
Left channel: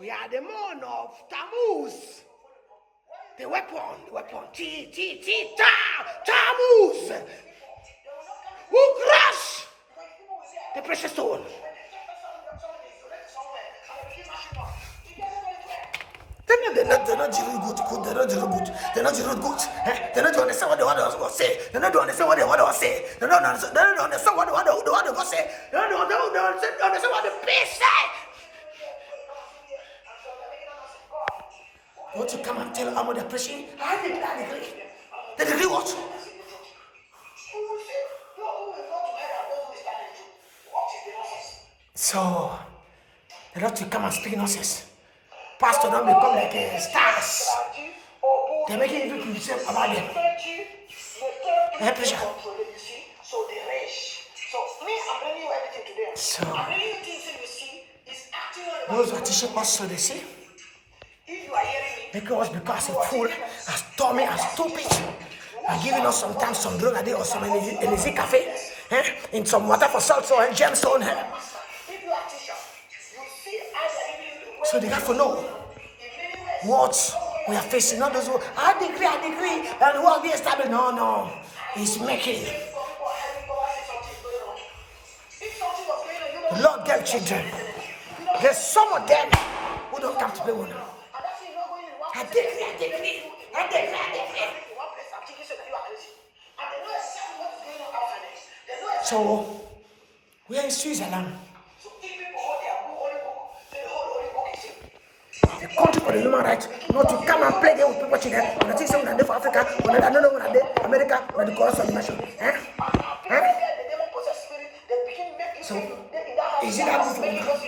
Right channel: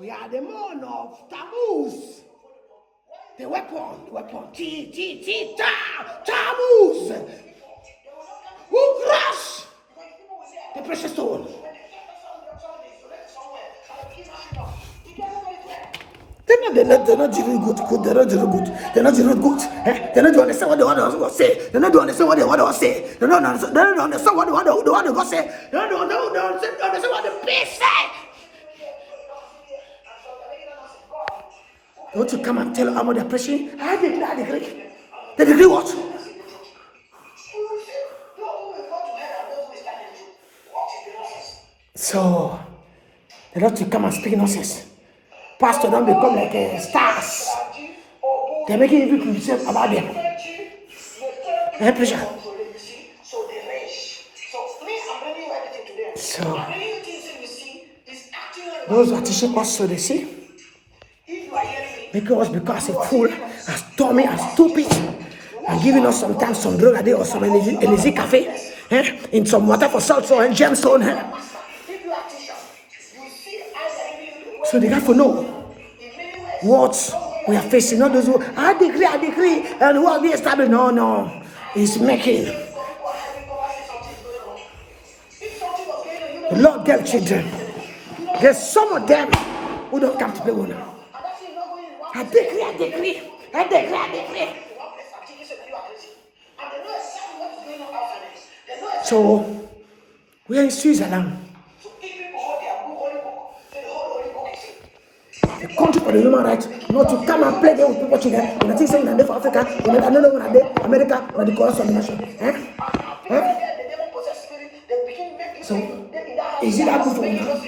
We are the moon of Tammuz. The weapon. Tammuz. Who crush the precious stone? They're not doing good. They're not doing good. They're not doing good. They're not doing understand what the other was say. They're not doing understand what the other was say. They're not understand what the other was say. They don't understand what the beast say. You want to come and tell them about their preaching? I decree. They decree what? So, they don't to come and speak nonsense. Pastor don't become like stars. They're making people say about them. Hey, preacher. So, those who are teaching us so they see. Making us because a fool, as dummy, as stupid, and giving us sometimes some drug a day or some energy cafe, in some water for salt or gemstone. So they have to know what we are facing. Not those who I decree, and what we establish. No, it's making. The Lord gave children. There's some of them who don't come to play with now. I decree. So we are in Switzerland. The country for the human rights, not to come and play there with people children. When I think so, when I'm there for Africa, when I don't know when I'm there, America, when the chorus of the nation. So, is it that good for you now?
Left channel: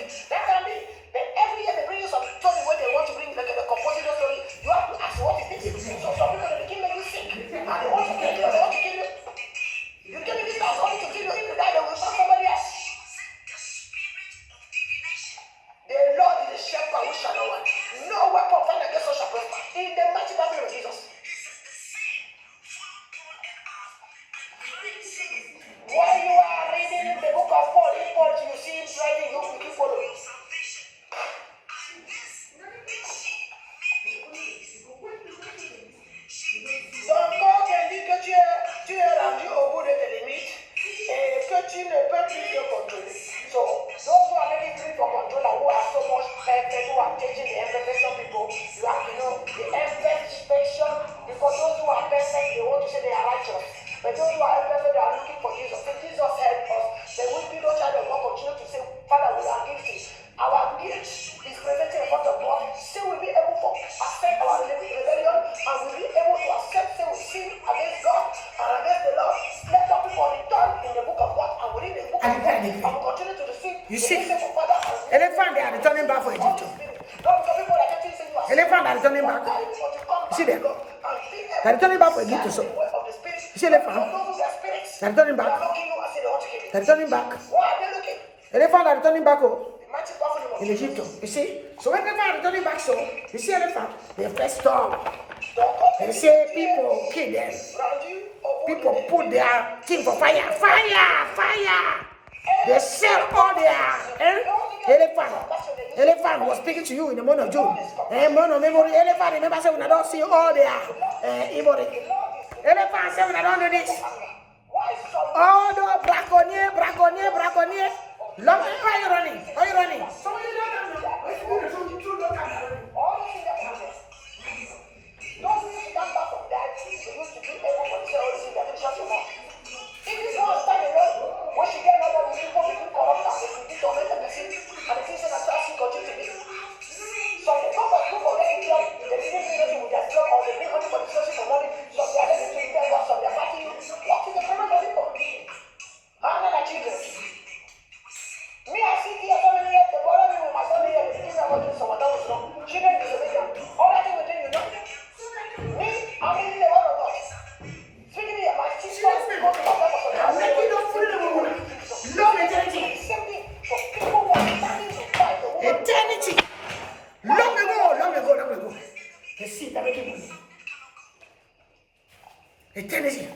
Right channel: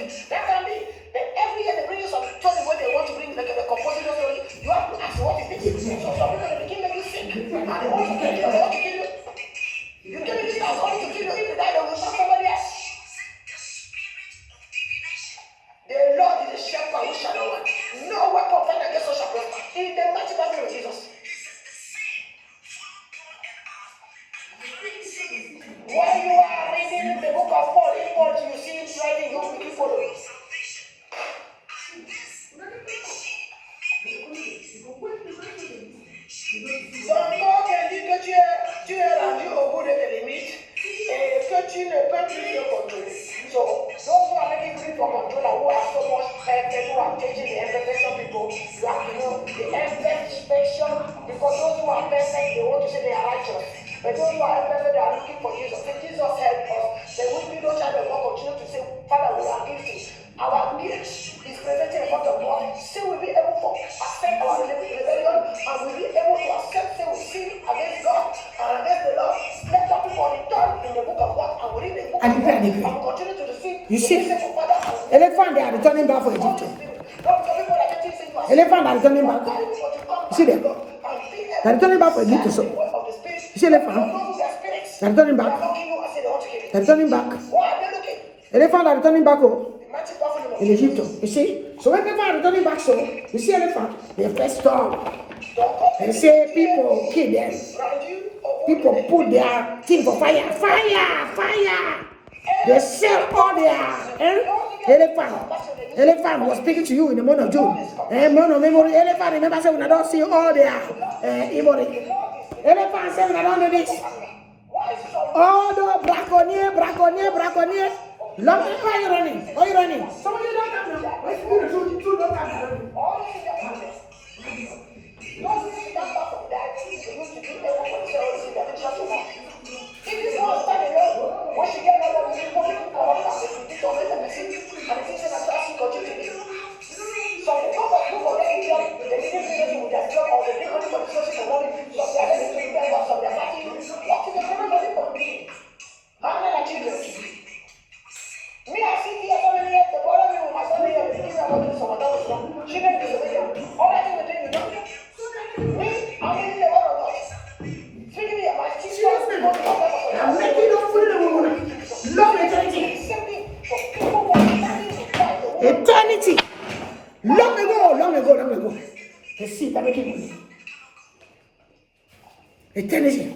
You see, elephant they are returning back for Egypt. Elephant are returning back. You see them? They're returning back for Egypt. So you see elephant? They're returning back. They're returning back. Elephant are returning back in Egypt. You see? So when elephant are returning back, so you see elephant, they first storm. And say people kill them. People put their thing for fire. They sell all their elephant was speaking to you in the month of June. Elephant, remember, say when I don't see all their ivory. Elephant say when I don't do this. All the braconnier. Why are you running? Some of you don't come now. Why you two don't come now? long ago. The seed that making money. Eternity.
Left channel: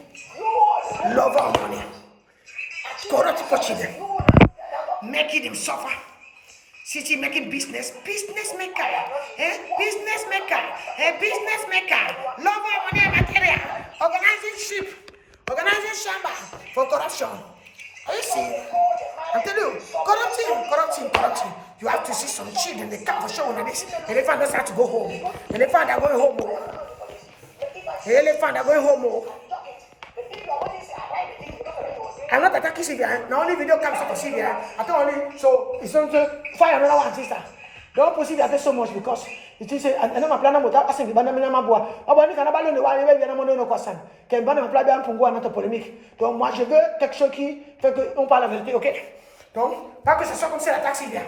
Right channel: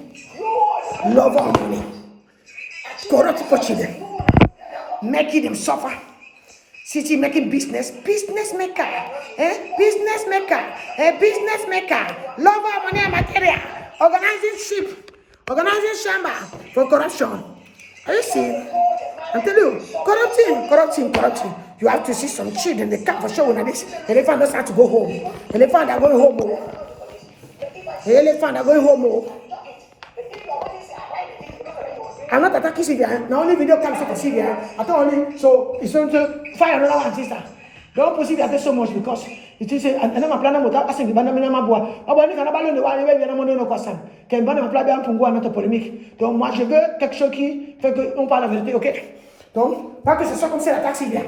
Love our money. Corrupt people children. Making them suffer. City making business maker. Business maker. Business maker. Love our money and material. Organizing ship. Organizing shamba for corruption. Are you seeing? I'm telling you, corrupting. You have to see some children, they come for show like this. Elephant doesn't have to go home. Elephant are going home. Elephant are going home. I'm not attacking Sylvia. The only video comes to Sylvia. I thought only, so it's going to fire another one sister. Don't put Sylvia so much because it is I know my plan without asking the banana mabois. Abonné quand on le voit, il y a un moment donné quoi ça. Quand banana ma plan pour voir notre polémique. Donc moi je veux quelque chose qui fait qu'on parle la vérité, ok? Donc pas que ce soit comme ça l'attaque Sylvia.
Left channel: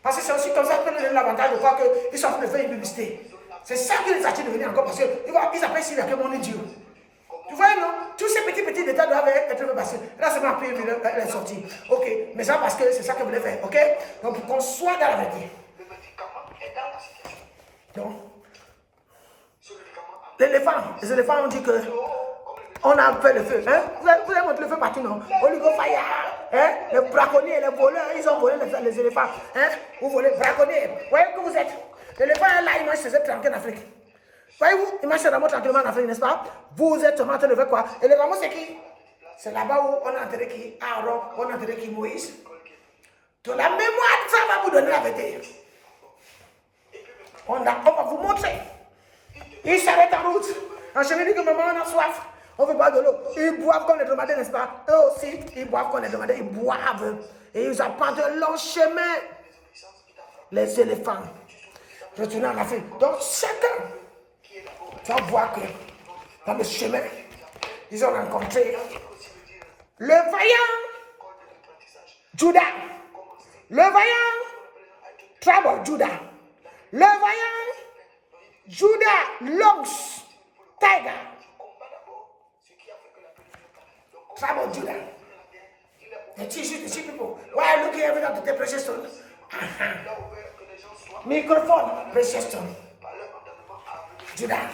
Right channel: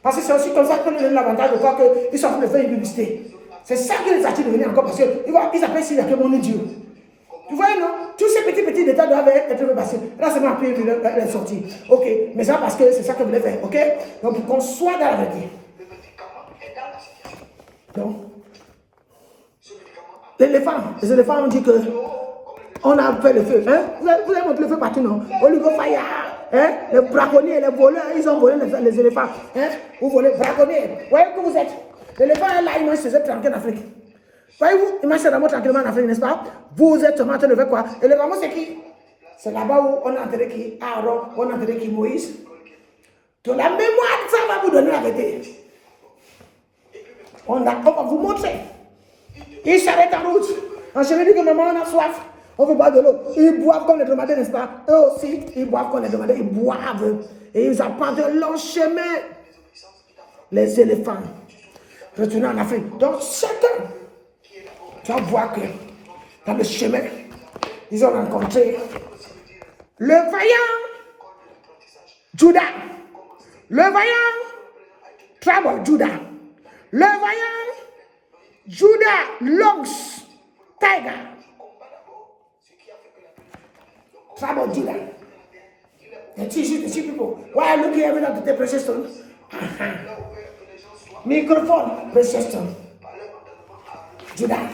Parce que c'est aussi comme ça qu'on a l'avantage de voir qu'ils sont en train de faire une publicité. C'est ça que les attire de venir encore parce qu'ils appellent Sylvia que mon Dieu. Tu vois, non? Tous ces petits détails doivent être passés. Là, c'est ma pire, elle est sortie. Ok, mais ça parce que c'est ça que vous voulez faire, ok? Donc, pour qu'on soit dans la vérité. Donc, les éléphants ont dit que on a fait le feu. Hein? Vous avez montré le feu partout, non? Oligo Fire, hein? Les braconniers, les voleurs, ils ont volé les éléphants. Hein? Vous volez, braconniers. Vous voyez que vous êtes. L'éléphant est là, il mange ses êtres tranquilles en Afrique. Voyez-vous, il mange ses rameaux tranquillement en Afrique, n'est-ce pas? Vous êtes en train de faire quoi? Et les rameaux, c'est qui? C'est là-bas où on a enterré qui? Aaron, on a enterré qui? Moïse. De la mémoire, ça va vous donner la vérité. On va vous montrer. Ils s'arrêtent en route. En chemin, dit que maman, on a soif. On veut boire de l'eau. Ils boivent comme les dromadaires, n'est-ce pas? Eux aussi, ils boivent comme les dromadaires. Ils boivent. Et ils apprennent de long chemin. Les éléphants. Retournent en Afrique. Donc, chacun. Tu vas voir que dans le chemin, ils ont rencontré le vaillant Judas, le vaillant Trouble Judah, le vaillant Judah Longs Tiger, Trouble Judah. The two people. Why are you looking every day to take precious stone? Microphone, precious stone. Judah.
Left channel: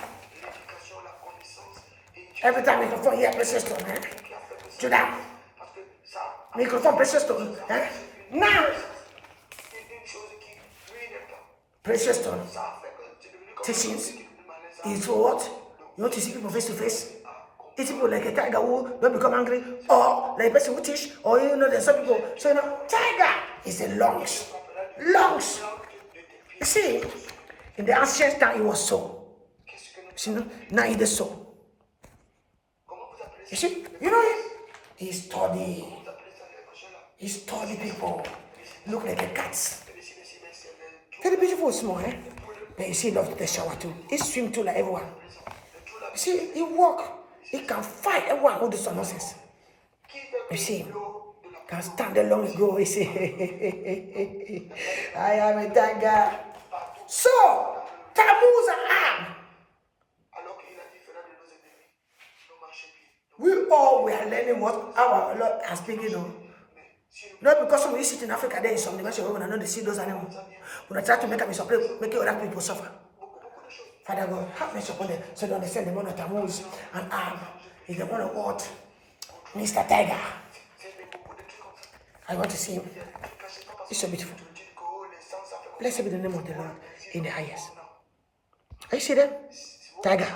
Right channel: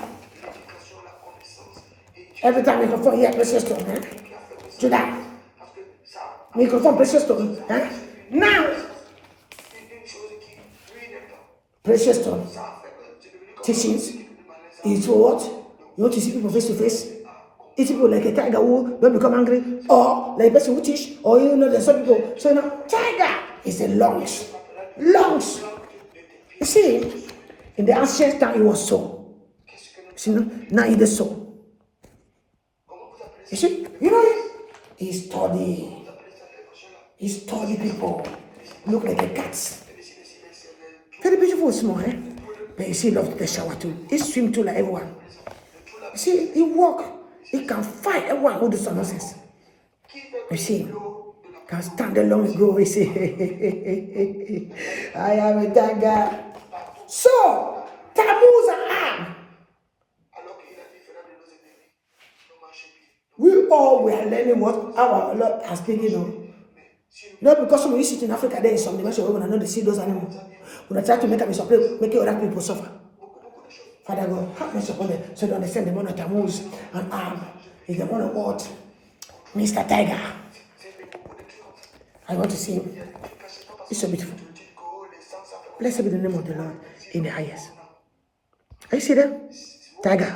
Every time microphone, yeah, precious stone, eh? Judah. Microphone, precious stone, eh? Now, precious stone. Teachings is for what? You want to see people face to face? It's people like a tiger who don't become angry, or like a person who teach, or you know, there's some people. So, you know, tiger is the lungs. Lungs. You see, in the ancient time, it was so. See, now it is so. You see, you know, he study people. Look like the cats. Very beautiful, small, eh? But you see, he loves the shower too. He swim too like everyone. You see, he walk. He can fight everyone who does some nonsense. You see, can stand along and go. He say, I am a tiger. So, Tammuz and Ab. We all were learning what our Lord has speaking of. Not because when we sit in Africa, there is some dimension where we don't see those animals. We try to make other people suffer. Father God, have mercy upon them so they understand the man of Tammuz and Ab is the one of what? Mr. Tiger. I want to see him. It's so beautiful. Blessed be the name of the Lord in the highest. Are you see them? Tiger.